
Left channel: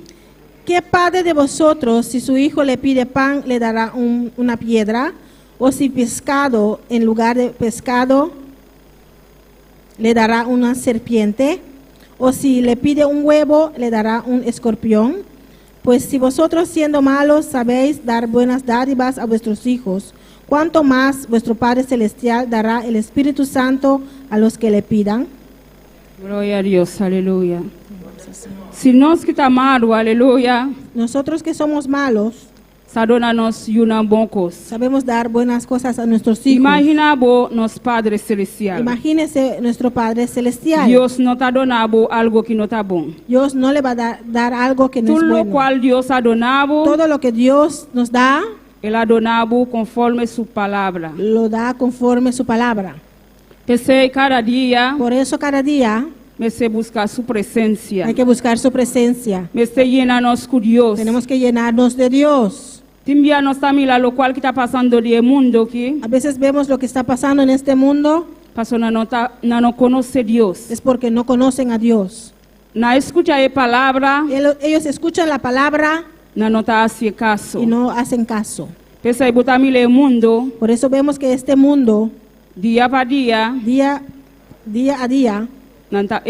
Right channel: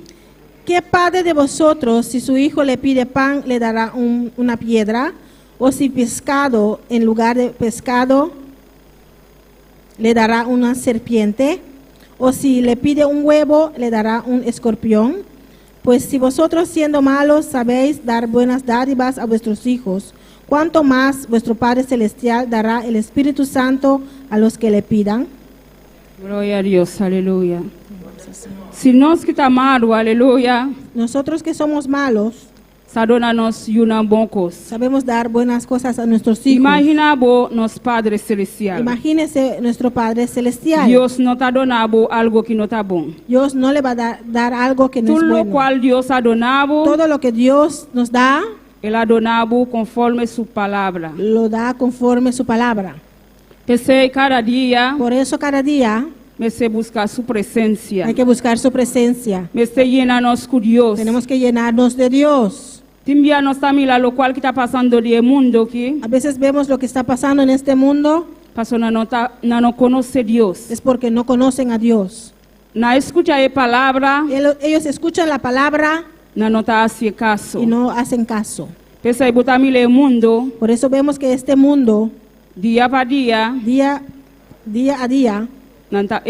¿Qué padre de vosotros, si su hijo le pide pan, le dará una piedra? ¿O si pescado, en lugar de pescado, le dará una serpiente? ¿O si le pide un huevo, le dará un escorpión? Pues si vosotros, siendo malos, sabéis dar buenas dádivas a vuestros hijos, ¿cuánto más vuestro Padre Celestial dará el Espíritu Santo a los que le pidan? Gloria a Dios, aleluya. Si nós que está malo, aleluya, Nosotros que somos malos, sadona-nos uma boa coisa. sabemos dar buenas cosas a nuestros hijos. Imagina bo nos Padre Celestial. Imagínese nuestro Padre Celestial. Deus não está donando algo que não está bom. Dios no le va a dar algo que no es Tudo o bueno. qual Deus ha donado, Todo lo que Dios nos da, Ele ha donado conforme sua palavra. lo da conforme su palabra. Pensei cada dia, Por eso cada día me se buscar sua presença. hay que buscar su presencia. Me se llena-nos com Deus. Tenemos que llenarnos de Dios. Timbia nós está mira lo qual que está passando no mundo aqui. A veces vemos lo que está pasando en este mundo, Passou não conhece Deus. es porque no conocen a Dios. Na escuta a palavra, Ellos escuchan la palabra não está haciendo caso. y no hacen caso. Pensei botar mira o mundo Por eso vemos que este mundo, dia para dia, día a día, não está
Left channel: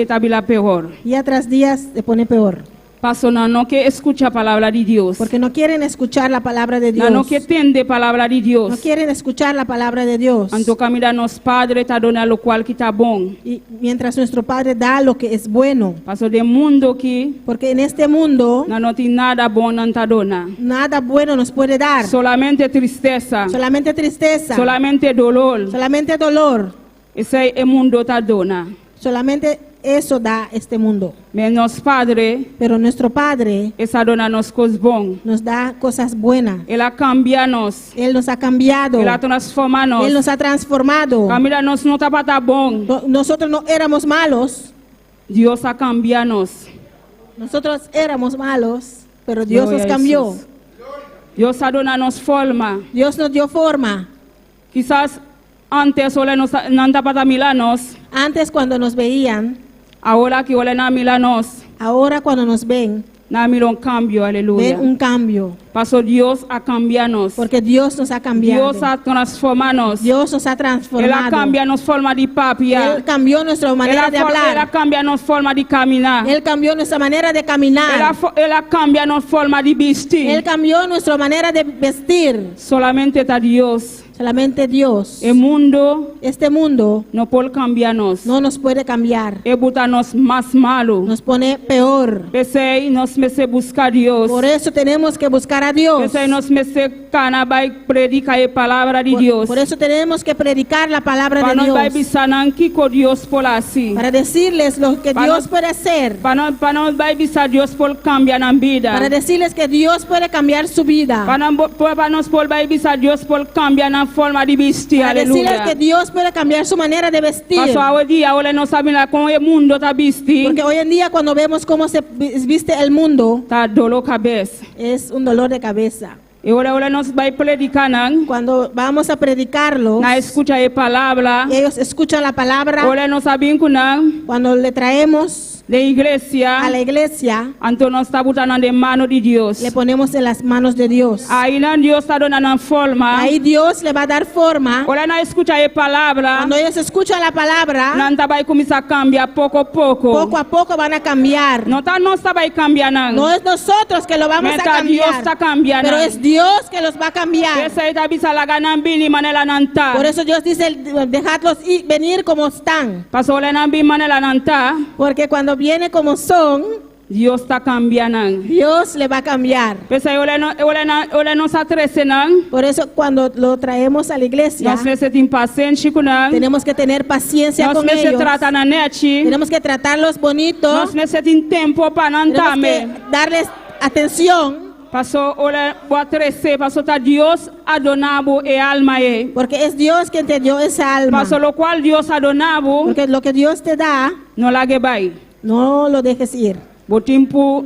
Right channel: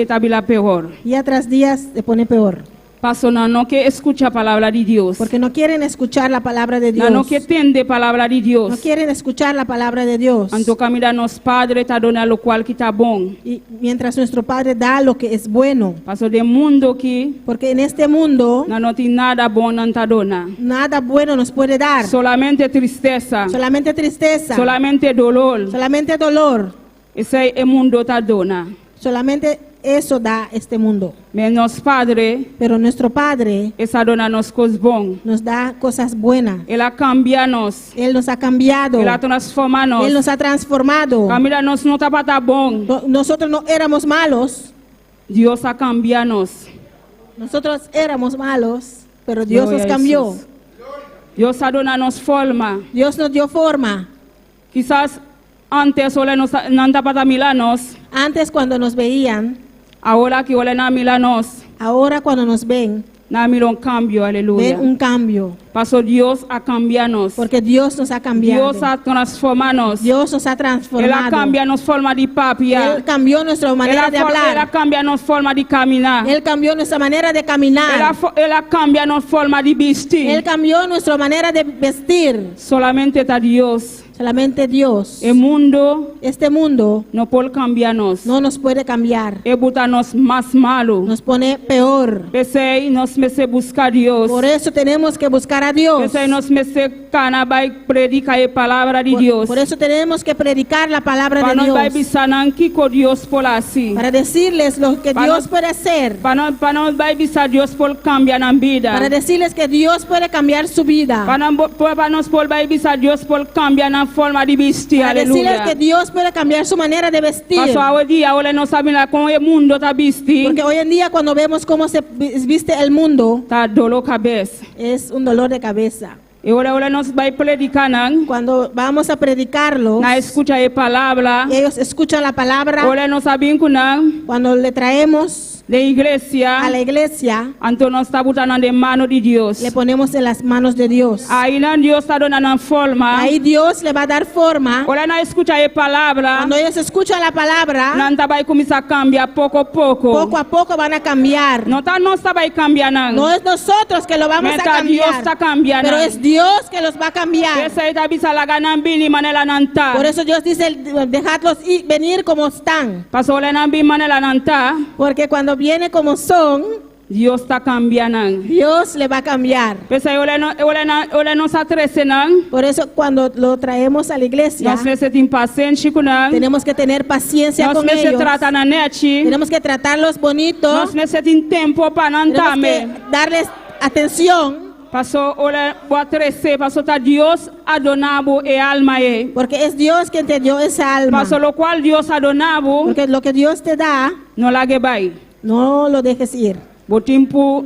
pior. día tras día, se pone peor. Passou não que escuta a palavra de Deus. Porque no quieren escuchar la palabra de Dios. Não que entende a palavra de Deus. No quieren escuchar la palabra de Dios. Então camina nos Padre está dando lo qual que está bom. Y mientras nuestro Padre da lo que es bueno. Passou de mundo aqui, Porque en este mundo não tem nada bom não está dando. nada bueno nos puede dar. Solamente tristeza, Solamente tristeza. solamente dolor. Solamente dolor. Esse é o mundo está dando. Solamente eso da este mundo. Mas nosso Padre Pero nuestro Padre está dando nos coisas bom. nos da cosas buenas. Ele cambia nos. Él nos ha cambiado. Ele transforma nos. Él nos ha transformado. Camila nos não está para estar bom. Nosotros no éramos malos. Deus a cambiar nos. Nosotros éramos malos. Pero Dios Gloria nos a cambió. Jesus. Deus a dando nos forma. Dios nos dio forma. Quizás antes ole nos não está para milanos. Antes cuando nos veían, Agora que ole na milanos, ahora cuando nos ven, na mira cambio, aleluia. ven un cambio. Pasó Deus a cambiar-nos. Porque Dios nos ha cambiado. Deus a transformar-nos. Dios nos ha Ele transformado. cambia nos forma de papia. Él cambió nuestra manera de Ele hablar. cambia nos forma de caminhar. Él cambió nuestra manera de caminar. Ele cambia nos forma de vestir. Él cambió nuestra manera de vestir. Solamente está Deus. Solamente Dios. O mundo Este mundo não pode cambiar-nos. no nos puede cambiar. E botar-nos mais malo. Nos pone peor. Pensei, nós me se buscar Deus. Por eso tenemos que buscar a Dios. Pensei, nós me se cana vai predicar a palavra de Deus. Por eso tenemos que predicar la palabra Para de não vai Dios. bisar que Deus por assim. Para decirles lo que Para Dios no- puede hacer. Para não vai bisar Deus por cambiar na vida. Para decirles que Dios puede cambiar su vida. Para nós por vai bisar Deus por cambiar na forma de vestir. Para decirles Aleluia. que Dios puede cambiar su manera de vestir. Passou o dia, olha não sabe lá como o mundo está vestir. Porque hoy en día cuando vemos cómo se viste el mundo, Tá dolor cabeça. es un dolor de cabeza. E olha nós vai predicar Cuando vamos a predicarlo, na escuta a palavra. ellos escuchan la palabra. Olha nós sabem que Cuando le traemos de igreja, a la iglesia, então nós está botando na mão de Deus. le ponemos en las manos de Dios. Aí não Deus está dando forma. Ahí Dios le va a dar forma. Olha na escuta a palavra. Cuando ellos escuchan la palabra, Não vai começar a cambiar pouco a pouco. poco a poco van a cambiar. Não tá nós vai cambiar não. No es nosotros que lo vamos a Meta Deus cambiar, está cambiando. pero es Dios que los va a cambiar. Essa aí tá bisa la ganan bini manela nanta. Por eso Dios dice, dejadlos venir como están. Pasó la nan bin manela nanta. Porque cuando viene como son, Dios está cambiando. Dios le va a cambiar. Pesa ole nos atrese nan. Por eso cuando lo traemos a la iglesia, Nós meses impaciente com nan. tenemos que tener paciencia Nós con meses ellos. trata na net. Tenemos que tratarlos bonitos. Nós meses tem tempo para Tenemos nantame. que darles atención. Pasó ole boa trece, pasó ta Dios adonabo e alma e. Porque es Dios quien te dio esa alma. Pasó lo cual Dios adonabo Porque lo que Dios te da, no la que vai. no lo dejes ir. Bo tempo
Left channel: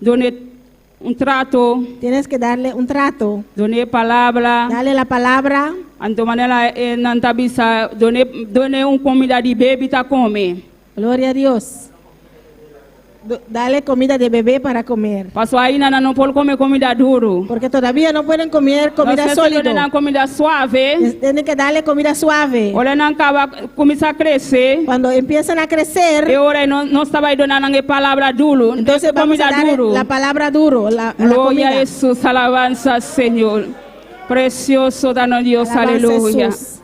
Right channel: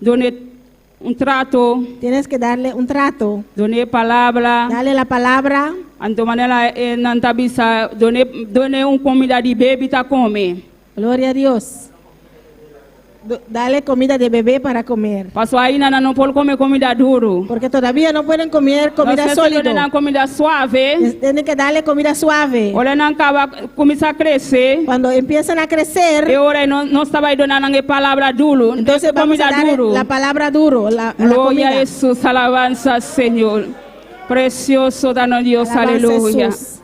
done trato, Tienes que darle un trato. done palavra. Dale la palabra. Anto manela nanta bisa done comida de bebê tá come. Gloria a Dios. Dale comida de bebé para comer. Paso ahí nana no puedo comer comida duro. Porque todavía no pueden comer comida No sólida. sé comida suave. Tienen que darle comida suave. Olha não acaba começar a crescer. Cuando empiezan a crecer, E ora não estava aí dando a palavra duro. entonces vamos a comida dar duro. la palabra duro, la Glória a comida. Jesus, alabanza Senhor. Precioso dano Dios, Alabanza aleluya. Jesús.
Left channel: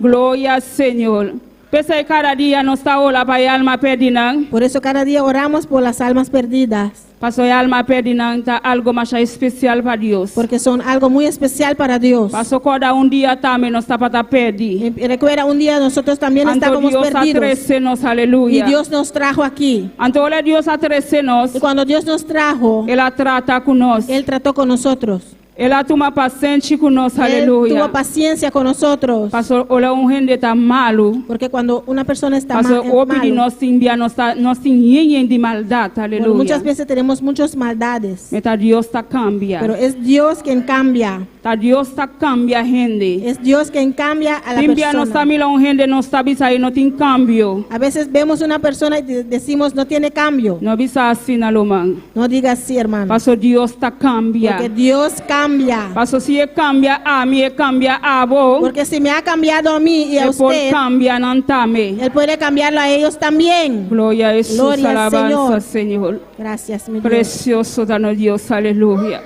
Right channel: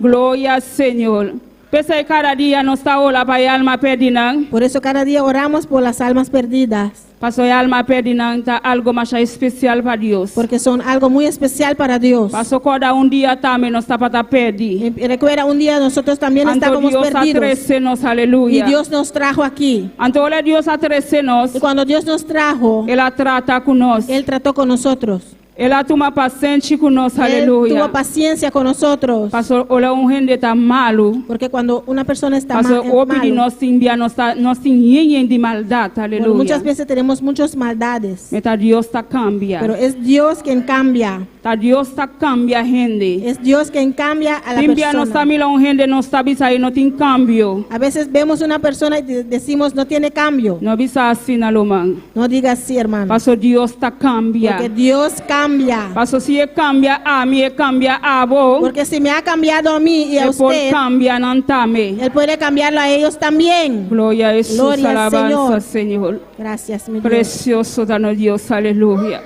Glória ao Senhor. Pensa que cada dia nós está olhando para a alma perdida. Por eso cada día oramos por las almas perdidas, Pastor, a alma perdida está algo mais especial para Deus. porque son algo muy especial para Dios. Pastor, cada dia também nós está para perder. Y recuerda, un día nosotros también Anto estábamos Deus perdidos atrece-nos, y aleluia. Dios nos trajo aquí. Anto olha Deus atrece-nos, Y cuando Dios nos trajo, Ele trata conosco. Él trató con nosotros. Ele toma paciente conosco, Él aleluia. tuvo paciencia con nosotros. Pastor, olha gente está malo. Porque cuando una persona está Pastor, obi de mal, nós envia nós tem de maldade, bueno, aleluia. muchas veces tenemos muchas maldades, Meta Deus está cambia. pero es Dios quien cambia. Tá Deus está cambia gente. Es Dios quien cambia a la Envia nós persona. tamila gente nós está bisa aí não tem cambio. A veces vemos una persona y decimos no tiene cambio. Não bisa assim alomang. No digas así, hermano. Pastor, Deus está cambia. Porque Dios cambia. Pastor, se ele cambia a mim, ele cambia a vos. Porque si me ha cambiado a mí y a Ele pode usted, cambiar não também. Él puede cambiarlo a ellos también. Glória a Jesus, Glória ao alabanza, Senhor. Gracias, mi Dios. Precioso dano Deus, aleluia.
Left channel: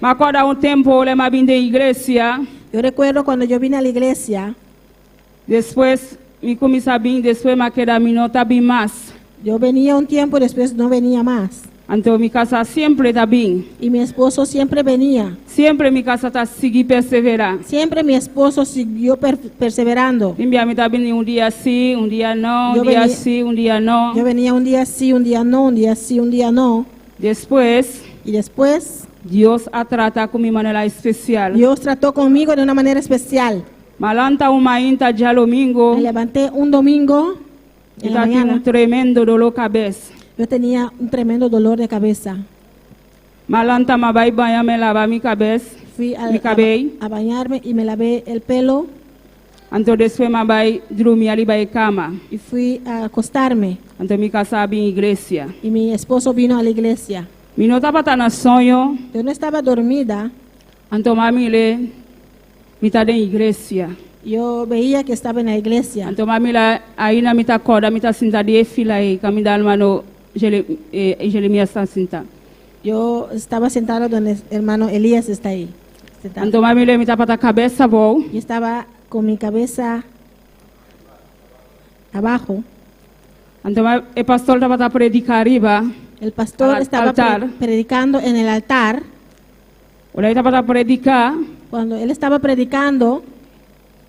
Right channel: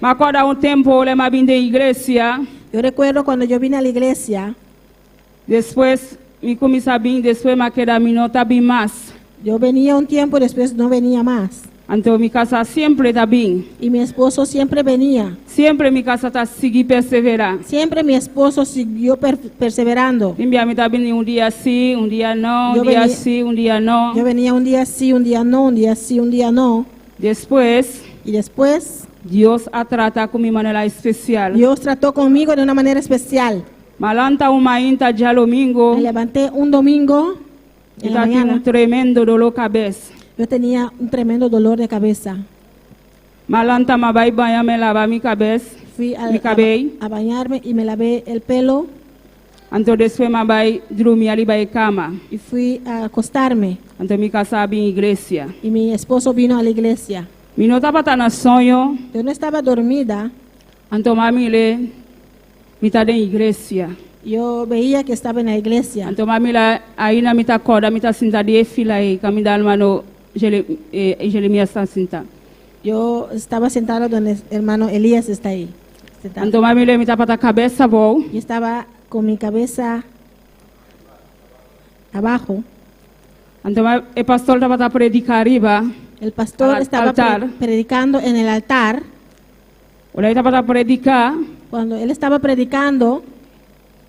Mas quando tempo eu me vim da igreja, Yo recuerdo cuando yo vine a la iglesia, depois me comecei a vir, depois me queda minuta bem mais. yo venía un tiempo, después no venía más. Então minha casa sempre está bem. Y mi esposo siempre venía. Sempre minha casa está seguir perseverar. Siempre mi esposo siguió perseverando. Envia me está bem dia sim, dia não, Eu dia venia- sim, dia não. Yo venía un día sí, un día no, un día sí, un día no. Depois Y después Deus a trata com minha maneira especial. Dios trató conmigo de una manera especial. Malanta uma inta dia domingo, Me levanté un domingo en la está tinha mañana. tremendo dolor cabeça. Yo tenía un tremendo dolor de cabeza. Malanta ma vai banhar me lavar minha cabeça, Fui me cabelo. a bañarme y me lavé el pelo Então depois ma vai dormir ali vai cama. y fui a acostarme. Então minha casa bem igreja. Y mi esposo vino a la iglesia. Me não estava tá na sonho, Yo no estaba dormida. então mami le me tá dentro igreja. Yo veía que estaba en la iglesia. Então mami lá aí na mita corda, mita sinta de fila aí, camida almano Jeremias está sinta. Yo estaba sentada donde el hermano Elías está ahí. Sentado. Então mami le mita para cabeça bom. Yo estaba con mi cabeza abajo. Então o pastor estava tá predicar arriba. El pastor Al estaba altar. predicando en el altar. Olha estava tá predicar. Cuando él estaba predicando,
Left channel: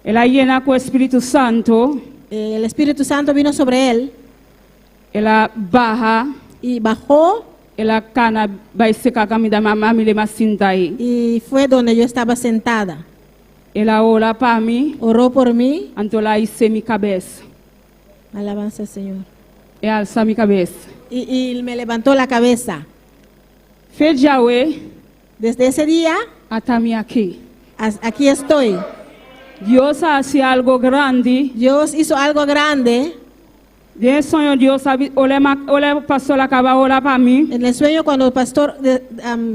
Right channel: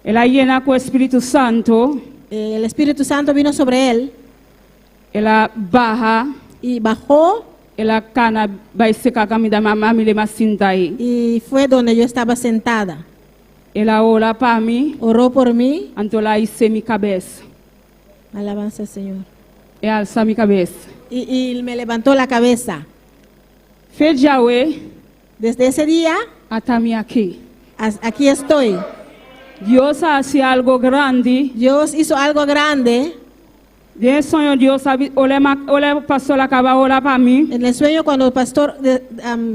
Ela llena com o Espírito Santo. el Espíritu Santo vino sobre él Ela barra. y bajó, Ela cana vai secar camida mami le masinta aí. y fue donde yo estaba sentada. Ela ora para mim. Oró por mí. Então lá hice minha cabeça. Alabanza al Señor. E alça minha cabeça. Y me levantó la cabeza. Fez Yahweh Desde ese día, até mim aqui. aquí estoy. Deus hace algo grande. Dios hizo algo grande. De sonho Deus sabe, olha o pastor acaba orar para mim. En el sueño, cuando el pastor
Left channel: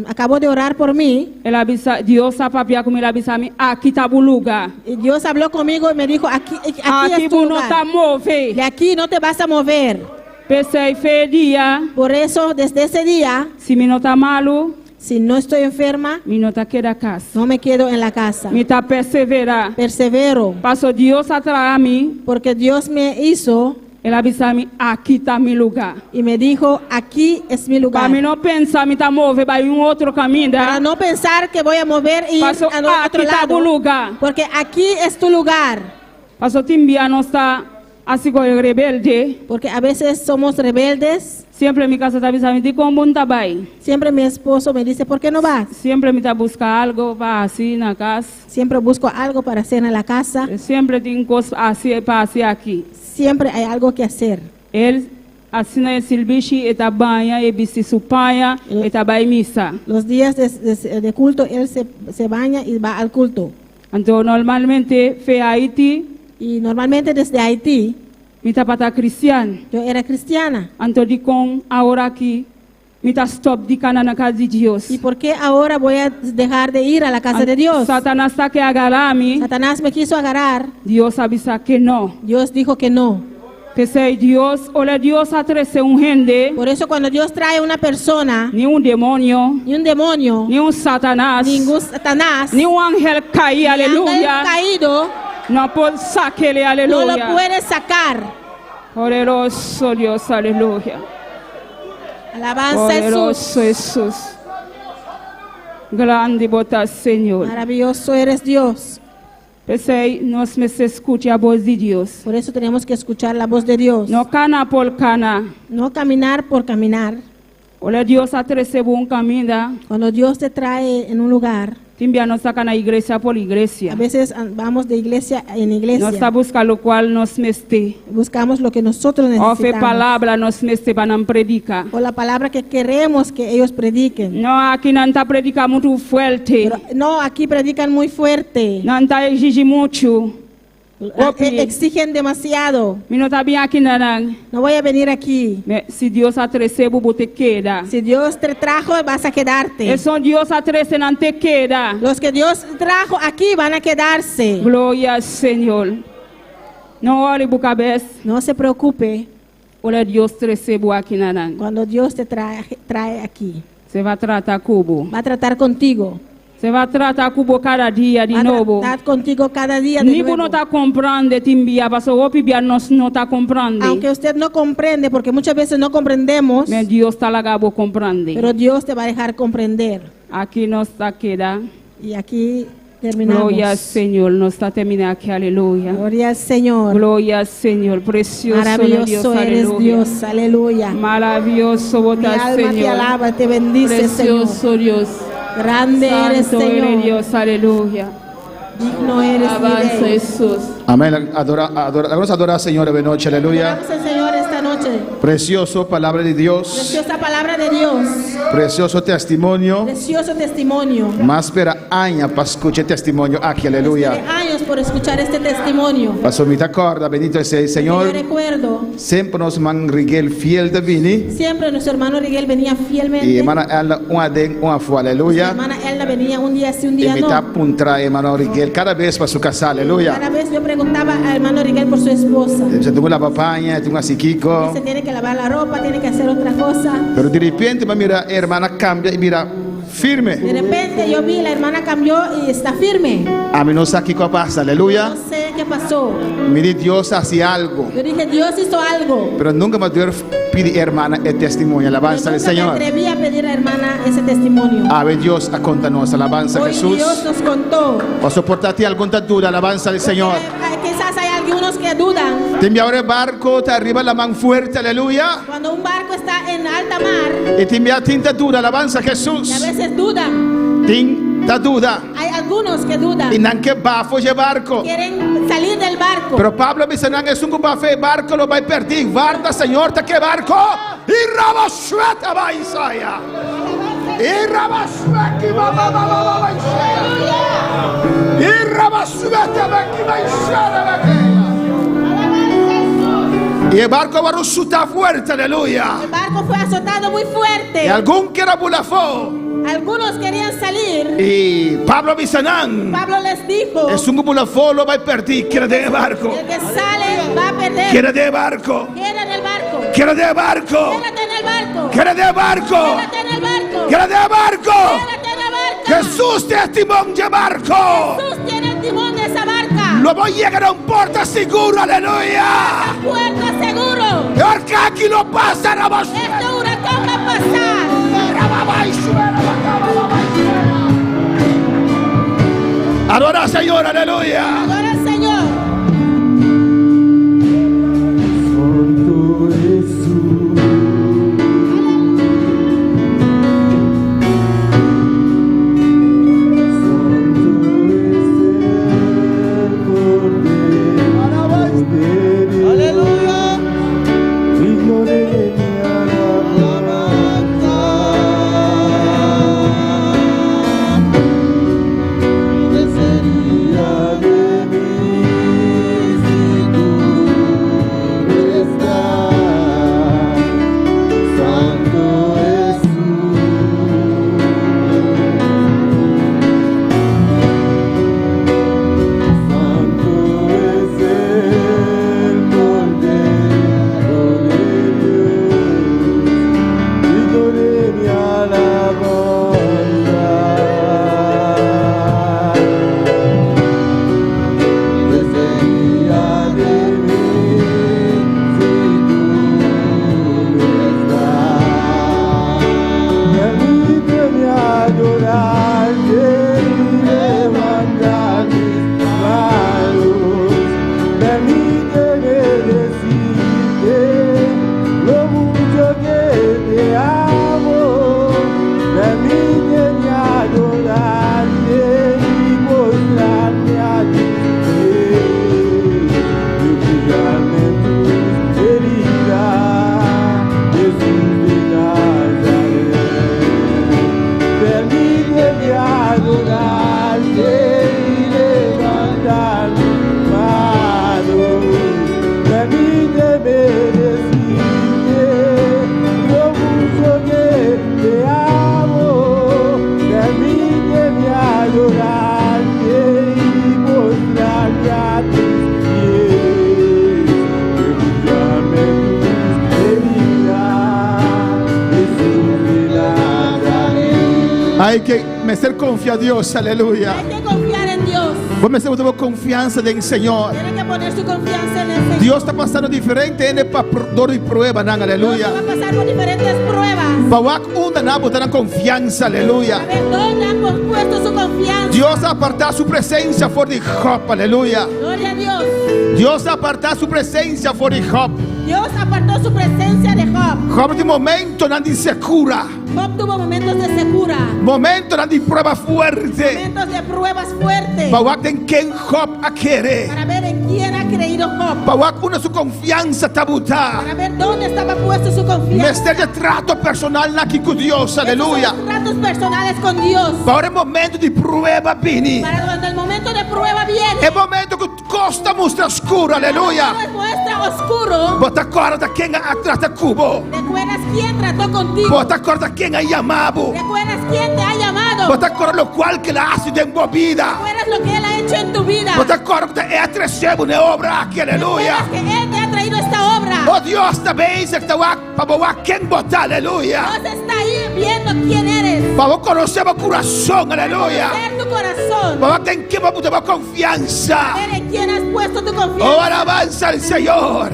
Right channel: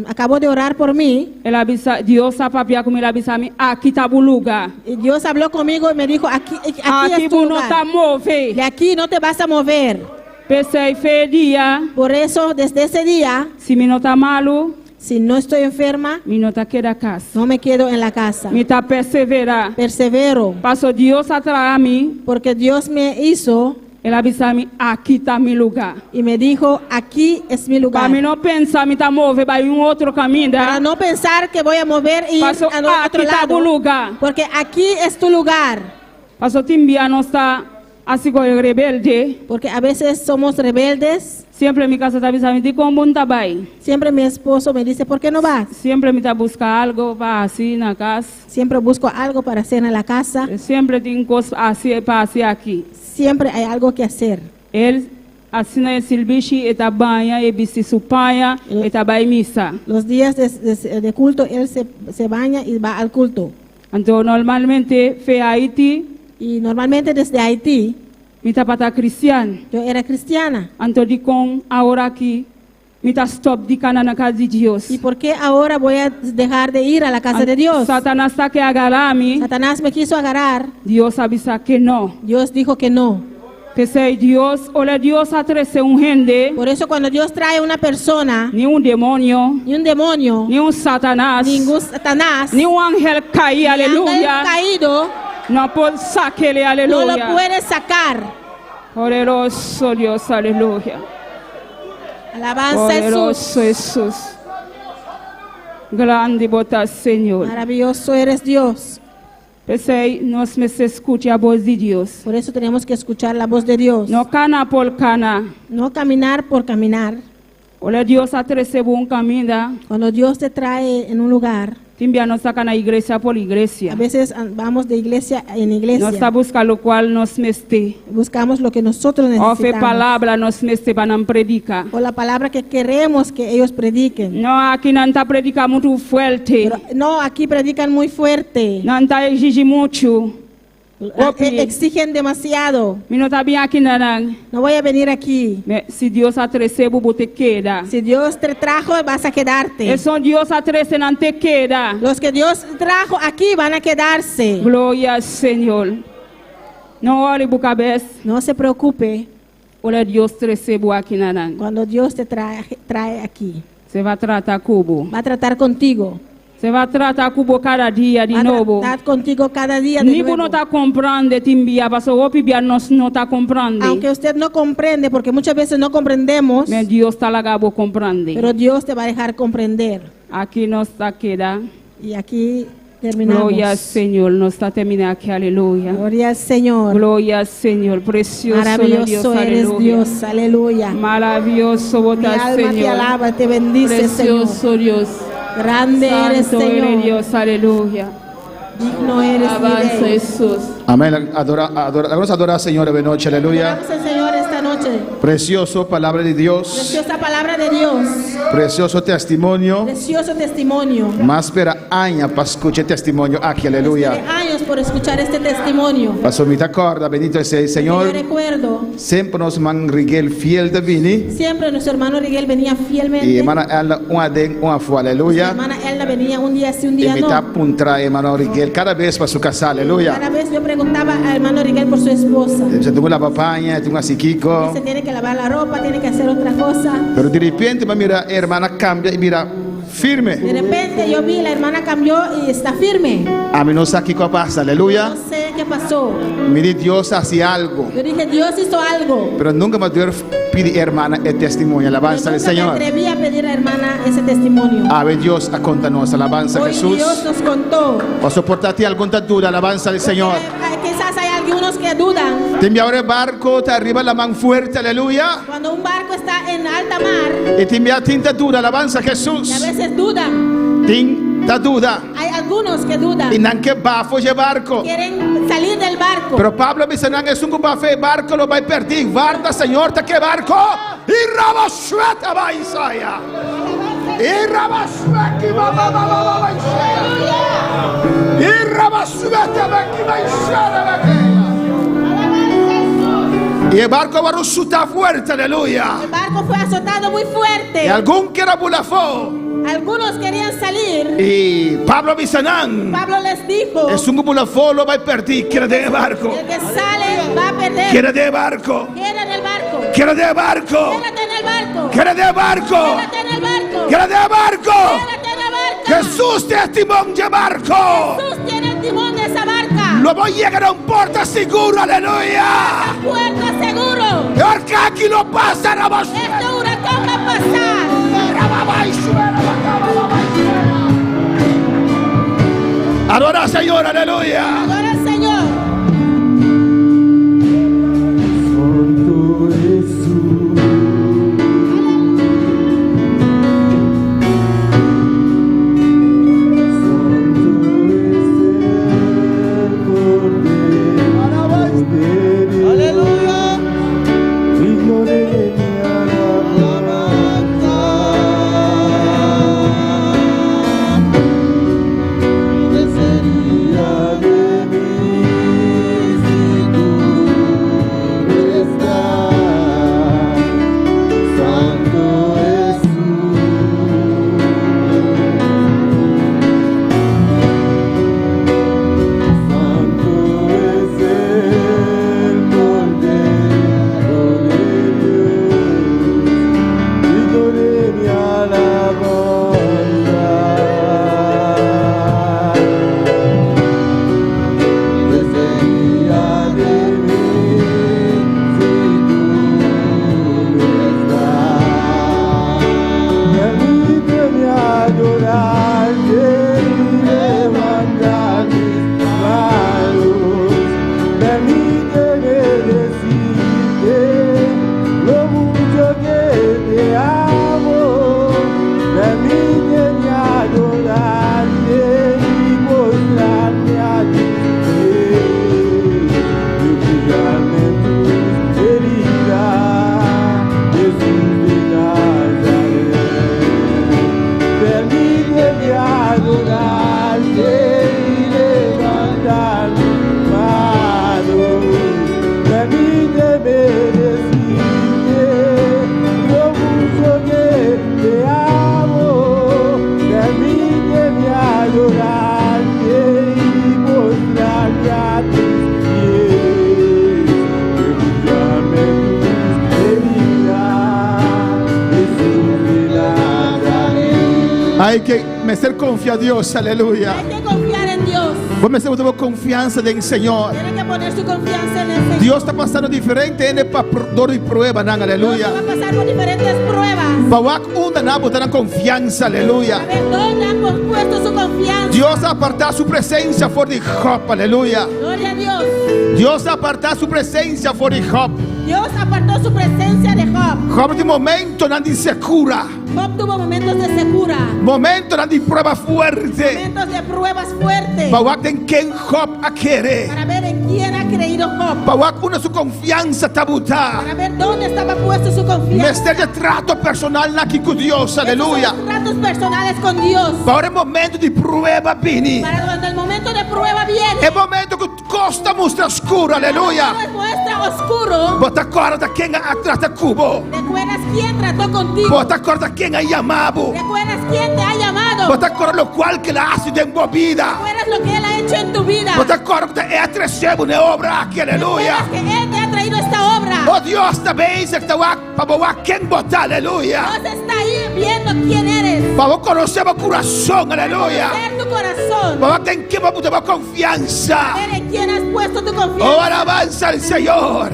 acabó de orar por mí, Ela avisa, Deus a papia comigo, ela avisa mim, aqui está o lugar. y Dios habló conmigo y me dijo, aquí Aqui es tu não está lugar. mover. De aquí no te vas a mover. Pensei, fez dia, Por eso, desde ese día, se me não está malo, si no estoy enferma, me não está queda casa. no me quedo en la casa. Me está perseverar. Persevero, Pastor Deus atrás a mim, porque Dios me hizo ela avisa mim, aqui está meu lugar. y me dijo, aquí es mi lugar. Para mim não pensar, me está mover para outro caminho. Para no pensar que voy a mover y ir Pastor, a aqui otro está o lado. lugar. Porque aquí es tu lugar. Pastor Timbia não está assim como rebelde. Porque a veces somos rebeldes. Sempre me casa está avisando de como está bem. Siempre mi esposo me dice, ¿por qué no vas? Sempre me está buscar algo para assim na casa. Siempre busco algo para hacer en la casa. Sempre tem coisa assim para assim aqui. Siempre hay algo que hacer. Ele assina esse bicho e tá banha e bicho supanha e tá vai missa. Los días de culto, él se baña y va al culto. Então normalmente fe Haiti Y normalmente desde Haití, Mita pata cristiano. Yo era cristiana. Anto di con ahora aquí. Mita stop di cana na casa de Dios. ¿Y por qué ahora voy a dejar de ir a la casa de Dios? Satanás está que agarrarme. Satanás me quiso agarrar. Dios avisa que no. Dios dijo que no. Pensei, Dios, olha Dios atrece gente, Por eso cuando Dios trae una persona, ni un demonio, ni un demonio, ni un Satanás, ningún Satanás, ni un ángel caído, ni ángel aleluya. caído, No puede sacarle, no aleluya. lo puede sacar. Poderoso Dios, aleluya. Alabanza a Jesús. Poderoso Jesús. Grande botas, Señor. Maravilloso eres Dios. Pensei, nós me se escute a voz de Deus. Por eso tenemos que escuchar la voz de Dios. No cana por cana. No caminar por caminar. Olha Deus atrece um caminho. Cuando Dios te trae en un lugar, Timbia nos saca na igreja por a igreja. veces vamos de iglesia en Nós está iglesia. buscando o qual nos meste. Buscamos lo que nosotros Ofe necesitamos. palavra nos meste para não predicar. O la palabra que queremos que ellos prediquen. Não aqui não está predicar muito forte. Pero no, aquí predican muy fuerte. Não está exigir muito. Exigen demasiado. Me não está bem aqui não. No voy a venir aquí. Se Deus atrece, bubu te queda. Si Dios te trajo, vas a quedarte. É só Deus atrece, não te queda. Los que Dios trajo aquí van a quedarse. Glória ao Senhor. Não olhe para a cabeça. No se preocupe Olha Deus recebo aqui não. cuando Dios te trae aquí. Você vai tratar cubo. Va a tratar contigo. Você vai tratar cubo cada dia de Va a novo. tratar contigo cada día de Nibo não nuevo. está comprando, timbia, porque o pibia nós não está comprando. Aunque usted no comprende, porque muchas veces no comprendemos, Mas Deus está lá comprando. pero Dios te va a dejar comprender. Aqui nós está queda. Y aquí terminamos. Glória ao Senhor. Nós está terminando aqui, aleluia. Gloria al Señor. Glória ao Senhor. Precioso Deus, Maravilloso eres aleluia. Dios, aleluya. Maravilhoso Mi botar alma te Senhor. alaba, te bendice, Señor. Precioso Deus. Grande eres, Santo eres Señor. Deus, aleluia. Digno eres, mi Avanza Rey. Jesus. Amén. Vamos a adorar al Señor de noche, aleluya. Adoramos al Señor esta noche. Precioso palabra de Dios, Preciosa palabra de Dios. precioso testimonio. Precioso testimonio. Más espera años para escuchar testimonio aquí, Esperé aleluya. años por escuchar este testimonio. Pasó mi acorda, bendito sea el Yo Señor. recuerdo, Siempre nos man Rigel fiel de vini. siempre nuestro hermano Miguel venía fielmente. Y hermana Ella, una den, una fue, Nuestra aleluya. hermana Elda venía un día sí, un Y día mi no. puntra, hermano Rigel, cada vez para su casa, aleluya. Cada vez yo preguntaba al hermano Miguel por su esposa. Se tuvo la papaña, tuvo así Kiko. Se tiene que lavar la ropa, tiene que hacer otra cosa. Pero de repente, mira, hermana cambia y mira, firme. De repente yo vi la hermana cambió y está firme. A mí no sé qué pasa, aleluya. No sé qué pasó. Mire, Dios hacía algo. Yo dije, Dios hizo algo. Pero nunca me dio pedir hermana el testimonio, alabanza Pero al nunca me Señor. atreví a pedir a hermana ese testimonio. A ver, Dios a contarnos, alabanza a Hoy Jesús. Dios nos contó. O soportarte alguna duda, alabanza al Señor. Quizás hay algunos que dudan. Te envía ahora el barco, te arriba la mano fuerte, aleluya. Cuando un barco está en alta mar Y te envía tinta duda, alabanza a y a Jesús. veces dudan. Tinta duda. Hay algunos que dudan. Y nan que bafo ese barco. Quieren salir del barco. Pero Pablo dice, nan es un bafo el barco, lo va a perder. Guarda, Señor, te que barco. Y rabasueta va Isaia. Y rabasueta va Isaia. Y rabasueta va Isaia. Y el barco va a resultar fuerte, aleluya. El barco fue azotado muy fuerte. Y algún que era bulafó. Algunos querían salir. Y Pablo Bisanán. Pablo les dijo, Es un bulafó, lo va a perder. Quiere de barco. el que sale va a perder. Quiere de barco. Queda en el barco. Quiere de barco. Quédate en el barco. Quiere de barco. Quédate en el barco. Quiere de barco. Quédate en el barco. Jesús testimonio de barco. Jesús tiene el timón de esa barca. Lo voy a llegar a un puerto seguro, aleluya. Puerto seguro. Porque aquí lo pasa, la voz. Este huracán va a pasar. Adora, Señor, aleluya. Adora al Señor. Hay que meter confianza a Dios, aleluya. Hay que confiar en Dios. Vos me tengo confianza en el Señor. Tiene que poner su confianza en el Señor. Dios está pasando diferente en el dolor y prueba, aleluya. Dios va a pasar por diferentes pruebas. Bawak una na botar confianza, A aleluya. ver dónde han puesto su confianza. Dios aparta su presencia por de Job, aleluya. Gloria a Dios. Dios aparta su presencia por de Job. Dios apartó su presencia de Job. Job de momento no se cura. Job tuvo momentos de secura, Momento no de prueba fuerte. momentos de pruebas fuertes. Bawak en quien Job a quiere. Para ver en quién ha creído Job. Bawak una su confianza tabuta. Para ver dónde estaba puesto su confianza. Mestre de trato personal aquí con Dios, aleluya. Esos son tratos personales con Dios. Para el momento de prueba vini. Para cuando el momento de prueba viene. El momento que costa muestra oscura, aleluya. Cuando muestra oscuro. Bota corda quien trata cubo. ¿Recuerdas quién trató contigo? Bota corda quien ha llamado. ¿Recuerdas quién te ha llamado? Bota corda lo cual que la hace de embobida. ¿Recuerdas lo que Él ha hecho en tu vida? Bota corda que es recebo una obra aquí, aleluya. ¿Recuerdas que Él te ha traído esta obra? Oh Dios, también se está para quien bota, aleluya. Dios está ahí viendo quién eres. Para conocer mi corazón, aleluya. Ver tu corazón. Para que quien va a poner confianza. Ver en quién has puesto tu confianza. Oh, alabanza al Señor.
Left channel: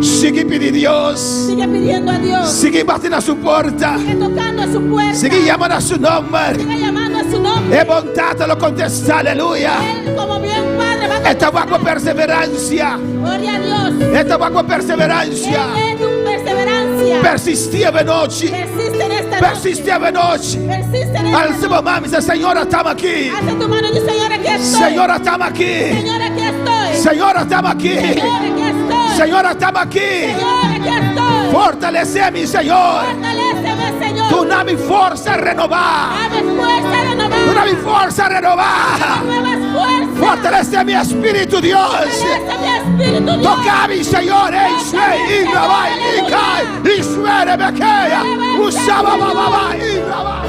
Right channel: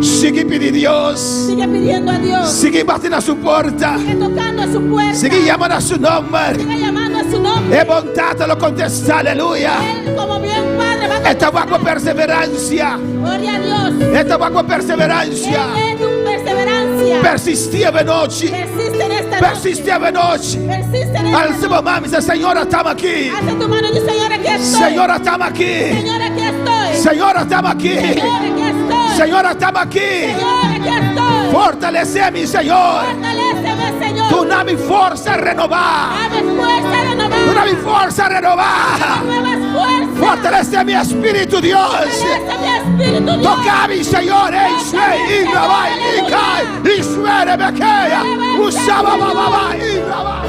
Sigue pidiendo a Dios. Sigue pidiendo a Dios. Sigue batiendo a su puerta. Sigue tocando a su puerta. Sigue llamando a su nombre. Sigue llamando a su nombre. Es voluntad lo contesta, aleluya. Él como bien padre va a Esta va con perseverancia. Gloria a Dios. Esta va con perseverancia. Él es tu perseverancia. Persistia de noche. Persiste en esta noche. Persistia de noche. Persiste en esta Al noche. seu mami dice, Señora, estamos aquí. Alza tu mano y dice, Señor, aquí estoy. Señora, estamos aquí. Señor, aquí estoy. Señora, estamos aquí. Señor, aquí estoy. Señora, estamos aquí. Señor, aquí estoy. Fortaleceme, Señor. Fortaléceme, Señor. Tu dame fuerza a renovar. Dame fuerza a renovar. Tu dame fuerza a renovar. Nuevas fuerzas. Fortalece mi espíritu, Dios. Fortalece mi espíritu, Dios. Tocami, Señor, Ishwe, Ibrabai, Ikai, Ishwere, Bekeya, Usaba, Baba, Ibrabai.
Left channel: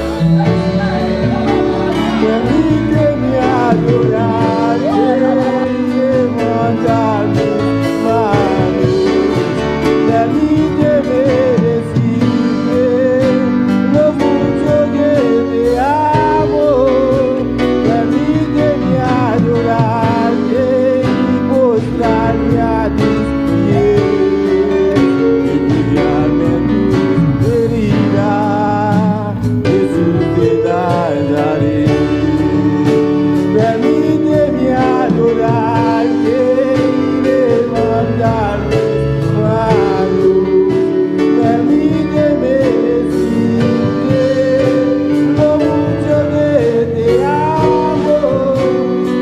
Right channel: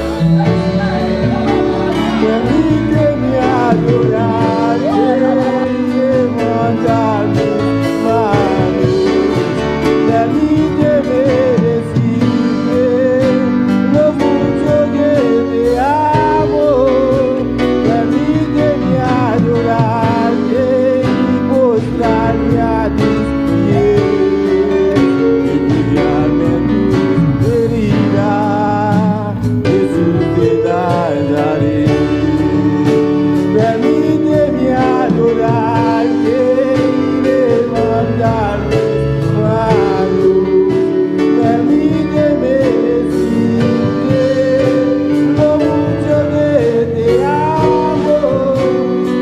Permíteme adorarte y levantar mis manos. Permíteme decirte lo mucho que te amo. Permíteme adorarte y postrarme a tus pies y mirarme en tus heridas, Jesús de Nazaret. Permíteme adorarte y levantar mis manos. Permíteme decirte lo mucho que te amo.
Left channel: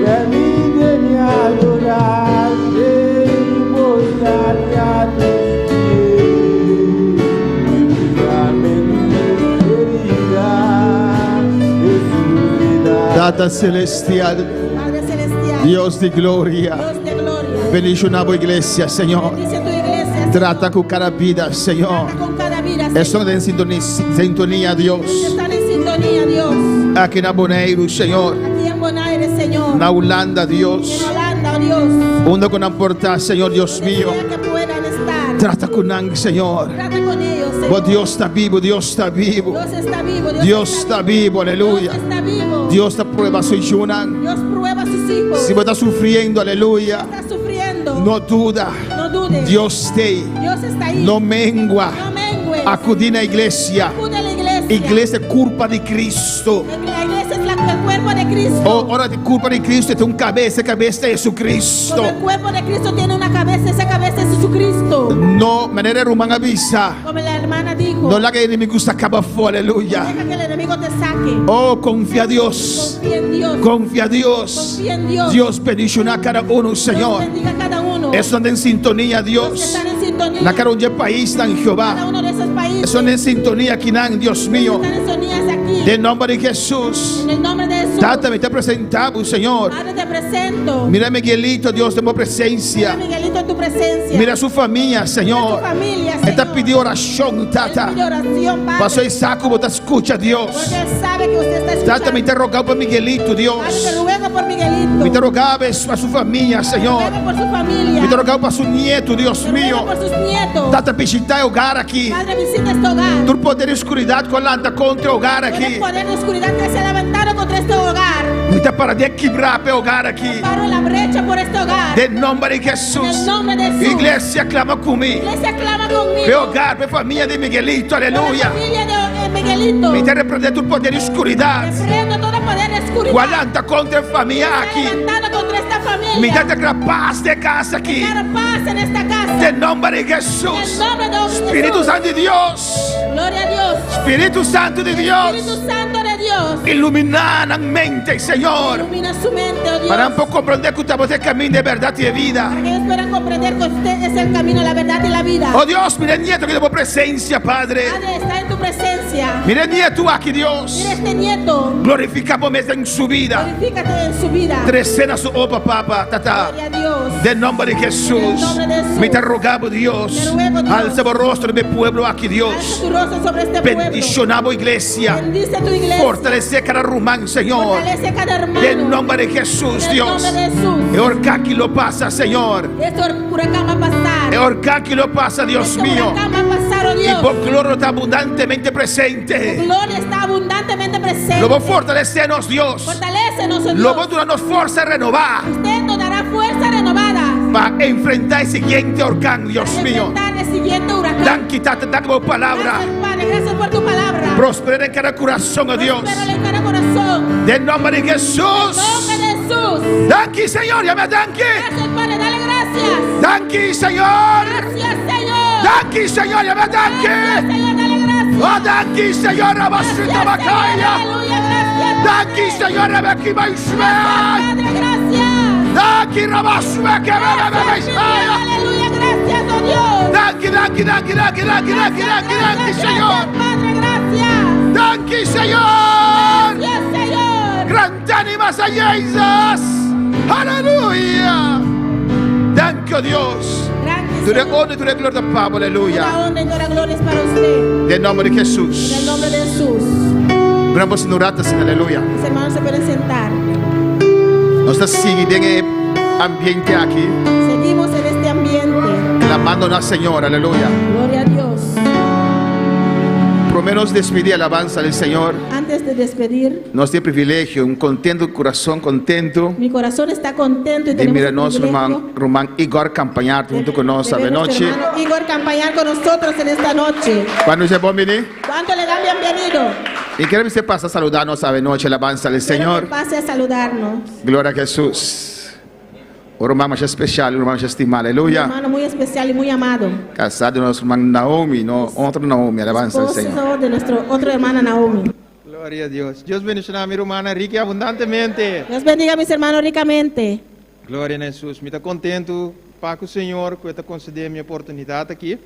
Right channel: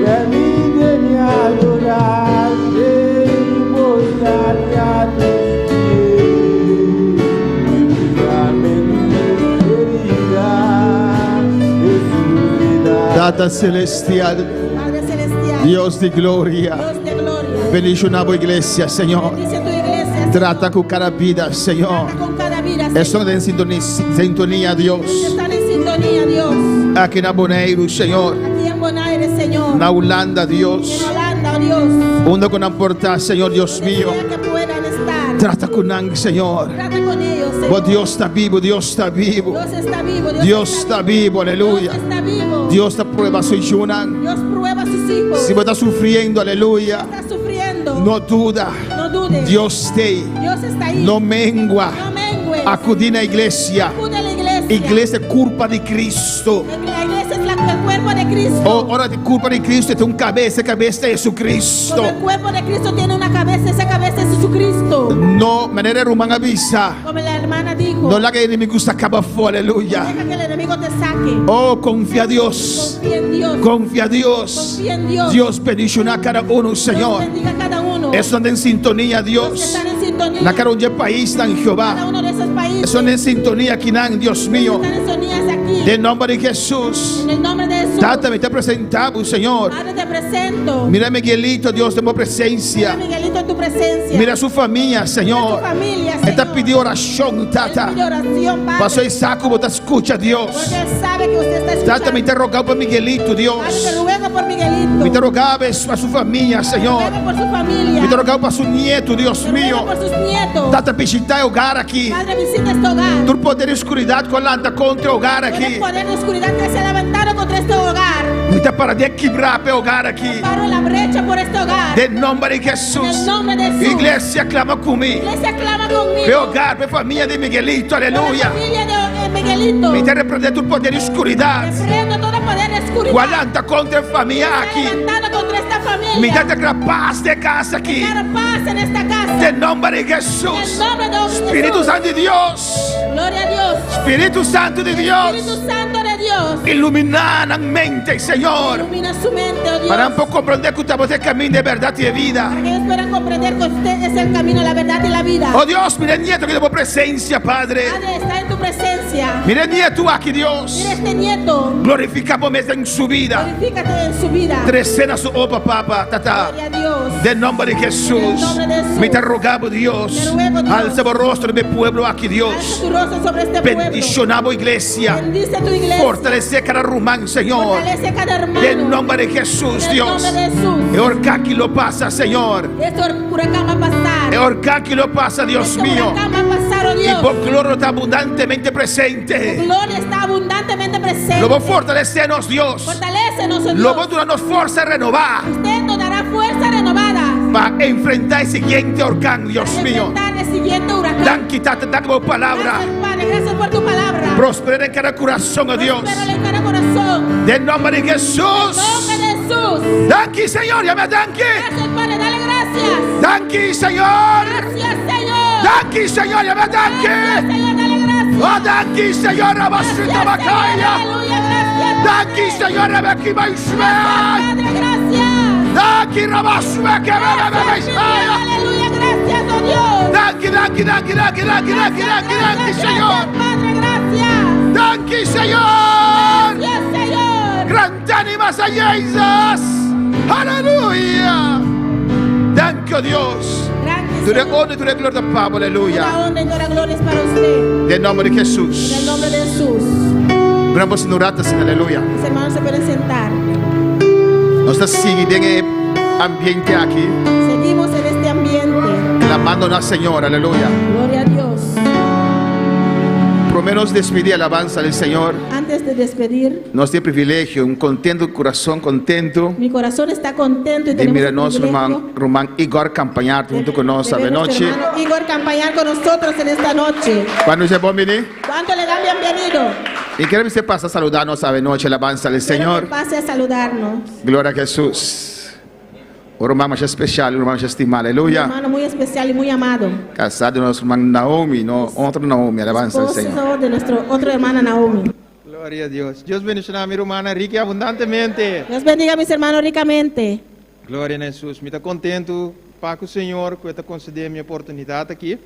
Permíteme adorarte y postrarme a tus pies y mirarme en tus heridas, Jesús de Nazaret. Data celestial, Padre celestial. Dios de gloria. Dios de gloria. Bendice una iglesia, Señor. Dice tu iglesia. Trata con cada vida, Señor. Trata con cada vida. Señor. Estão em sintonia, Deus. Están en sintonía, Dios. Aqui na Bonaire, Senhor. Aquí en Bonaire, Señor. Na Holanda, En Deus. Holanda, oh Dios. Onde que não importa, Senhor, Deus Donde mío. sea que puedan estar. Trata com nós, Senhor. Trata con ellos, Señor. Oh, Deus está vivo, Deus está vivo. Dios está vivo. Dios está vivo, aleluya. Dios está vivo. Deus está prueba sua Junan. Dios prueba a sus hijos. Se você está sofrendo, aleluia. Está sufriendo. Não duda. No dudes. Deus tem. Dios está ahí. Não mengua. No mengues. Acudir na igreja. Acude a la iglesia. Igreja é culpa de Cristo. La iglesia es el cuerpo de Cristo. Oh, hora de culpa de Cristo tem cabeça, cabeça é Jesus Cristo. Como el cuerpo de Cristo tiene una cabeza, esa cabeza es Jesucristo. No, maneira romana avisa. Como la hermana dijo. No la que el enemigo se acaba fora, aleluya. Deja que el enemigo te saque. Oh, confia a Dios. Confía en Dios. Confia a Dios. Confía en Dios. Dios bendiga a cada uno, Dios Señor. bendiga a cada uno. Estão em sintonia, Los que Dios. están en sintonía. Na cara onde país está em Cada Jeová. uno de esos países. Estão em sintonia aqui, Deus mío. Están en sintonías aquí. Em nome de Jesus. En el nombre de Jesús. Tata, me te apresentamos, Senhor. Padre, te presento. Mira Miguelito, Deus, de boa Mira, presença. Miguelito, en tu presencia. Mira sua família, Mira Senhor. tu familia, Señor. Está pedindo oração, Él Tata. pide oración, Padre. Pastor Isaac, você escuta, Deus. Porque Él sabe que usted está Tata, me escuchando. interrogar para Miguelito, Padre, te Deus. ruego por Miguelito. Me interrogava para sua família, Senhor. Ruego por su familia. Me interrogava para seu nieto, Deus Te ruego mío. por sus nietos. Tata, visitar o lugar aqui. Padre, visita este hogar. Tu poder e escuridade colanta contra o lugar Puede aqui. poder de oscuridad que se ha levantado contra este hogar. Muita para de quebrar pe hogar aqui. Paro la brecha por este hogar. De nombre de En Jesus. el nombre de Jesús. Iglesia clama comigo. Iglesia clama conmigo. Pe hogar, pe família de Miguelito, Por la aleluia. familia de Miguelito. Me repreende todo poder de escuridade. Reprendo todo poder de oscuridad. Guardando contra a família Se ha aqui. levantado contra esta familia. Me dá paz de casa aqui. Dar paz en esta casa. De nombre de En el Jesus. nombre de Jesús. Espírito Santo de Deus. Gloria a Dios. Espírito Santo de Espíritu Deus. Santo de Dios. Iluminar a mente, Senhor. Ilumina su mente, oh Dios. Para compreender que estamos en camino de verdade e vida. Para que ellos puedan comprender que usted es el camino, la verdad y la vida. Oh Deus, mira nieto que damos presença, Padre. Padre, está en tu presencia. Mira nieto aqui, Deus. Mira este nieto. Glorificamos mesmo em sua vida. Glorifícate en su vida. Crescendo a sua opa, papa, tata. Gloria a Dios. De nombre de Jesus. Me te rogamos, Deus. Te ruego, Dios. Alza o rostro de meu povo aqui, Alza Deus. tu rostro sobre este pueblo. Bendicionamos a igreja. Bendice tu iglesia. Fortalecer cada irmão, Senhor. Fortalece cada hermano. De nombre de Jesus, En el Deus. nombre de Jesús. É orcar que lo passa, Senhor. Este huracán va a pasar. É orcar que lo passa, Deus Este mío. huracán va a pasar, oh E Dios. por glória está abundantemente Tu presente. gloria está abundantemente presente. Lo vou fortalecer-nos, Deus. Fortalécenos, oh Lo vou Dios. dar-nos força a renovar. Usted nos dará fuerza renovada. Para enfrentar el siguiente huracán, Dios Para mío. enfrentar el siguiente huracán. Dan quitarte, dan tu palabra. Gracias, Padre, gracias por tu palabra. Prospera en cada corazón, oh Dios. Prospéralo en cada corazón. De nombre de En Jesús. nombre de Jesús. Danke, Señor. Llame danke. Gracias, Padre, dale gracias. Danke, Señor. Gracias, Señor. Danke, Señor. Llame Gracias, danke. Señor, dale gracias. Oh, danke, Señor. Gracias, Rabasita Señor, Bakaya. aleluya, gracias. Danke, Señor. Rebeki Baishmea. Padre, gracias. Danke, Rabasmea. Gracias, Señor, aleluya, gracias, oh Dios. Danke, danke, danke, danke, danke, danke, danke, danke, Señor. Gracias, Padre, gracias. Danke, Señor. Gracias, Señor. Grande animas a Jesus. Aleluya. Danke, oh Dios. Gracias, Tu de Señor. honra y tu de gloria, Pablo. Aleluya. Toda honra y toda gloria es para usted. De nombre de En Jesús. el nombre de Jesús. Vamos a orar, aleluya. Mis hermanos se pueden sentar. Nós estamos seguindo em ambiente aqui, Seguimos en este ambiente. clamando na Senhor, aleluya. Gloria a Dios. Primero nos despedir, alabanza del Senhor. Antes de despedir, Nós temos privilégio, contento, coração contento, mi corazón está contento y de tenemos mirar el nosso privilegio irmão Igor campañar junto com nós de esta ver nuestro noite. hermano Igor acompañar con nosotros en esta noche. Quando é bom, menino? ¿Cuánto le dan bienvenido? E queremos que você passe a saludar nós esta noite, alabanza del Quiero Senhor. que pase a saludarnos. Glória a Jesus. O irmão mais especial, o irmão mais estimado, Un aleluya. hermano muy especial y muy amado. Casado nosso irmão Naomi, no outro Naomi, alabanza del Senhor. Esposo de nuestra otra hermana Naomi. Gloria a Dios. Dios bendiga a mi hermana rica y abundantemente. Dios bendiga a mis hermanos ricamente. Glória a Jesus. Me está contento para que o Senhor que está concedendo minha oportunidade aqui.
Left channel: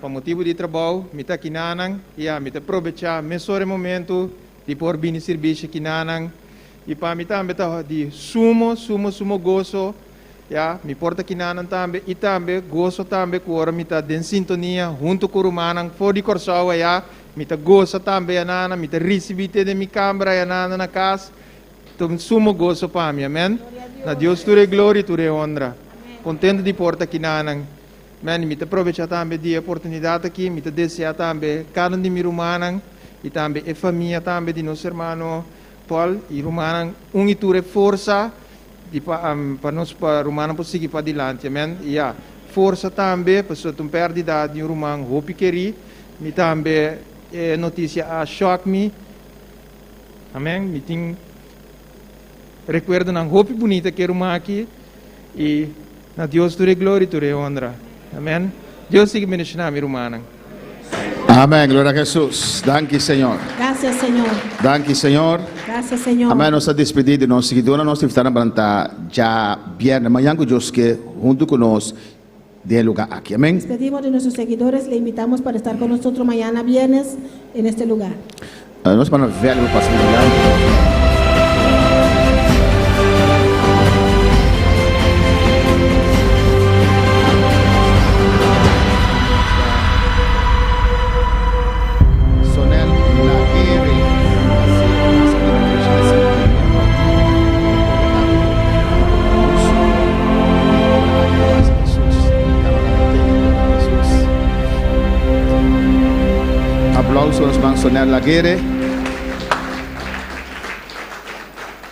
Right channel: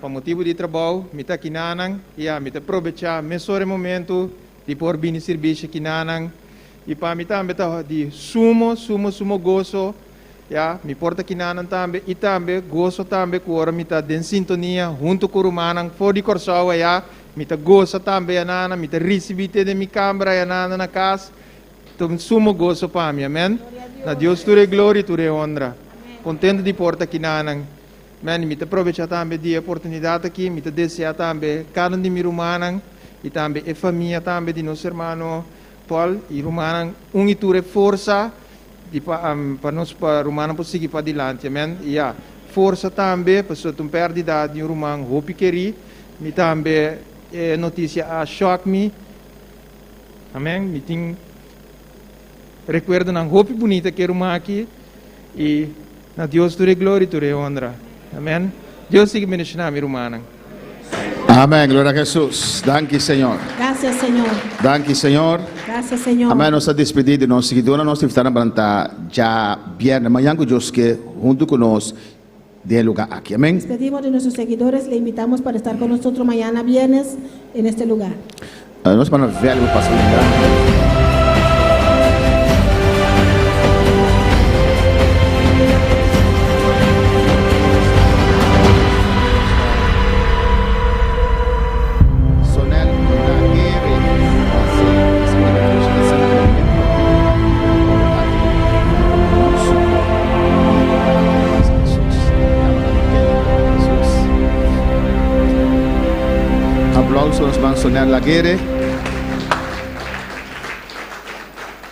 Para motivo de trabalho, me está aqui nanang. Me está aproveitar esse momento de por vir serviço aqui nanang. E para mim também está de sumo gozo. Me porta aqui nanang também. E também gozo também que agora me está em sintonia junto com o manang. For de coração, me está gozo também, nana. Me está recebendo de minha câmara, nana, na casa. Então, sumo gozo para mim, amém? Na Deus tu glória, tu honra. Contento de porta aqui nanang. Amém? Me aproveitar também de oportunidade aqui, me desejar também cada um de mi rumanang e também a família também de nosso irmão Paul e rumanang e tu força de para nós para rumanang seguir para adiante, amém? E força também para sua perdida de rumang hope queri, me também notícia a shock me, amém? Me tem recuerdo ng hope bonita que rumang aqui e na Deus tu glória, tu honra. Amém. Deus siga bendicionando a minha irmã. Amém, glória a Jesus. Danke, Senhor. Gracias, Señor. Danke, Senhor. Gracias, Señor. Amém, nossa despedida, nossa seguidora, nós temos que estar já viernes, amanhã com Deus que junto conosco de lugar aqui. Amém. Despedimos de nuestros seguidores, le invitamos para estar con nosotros mañana viernes en este lugar. Nós vamos ver o pastor Milano. Aplausos, Mansonel Laguerre.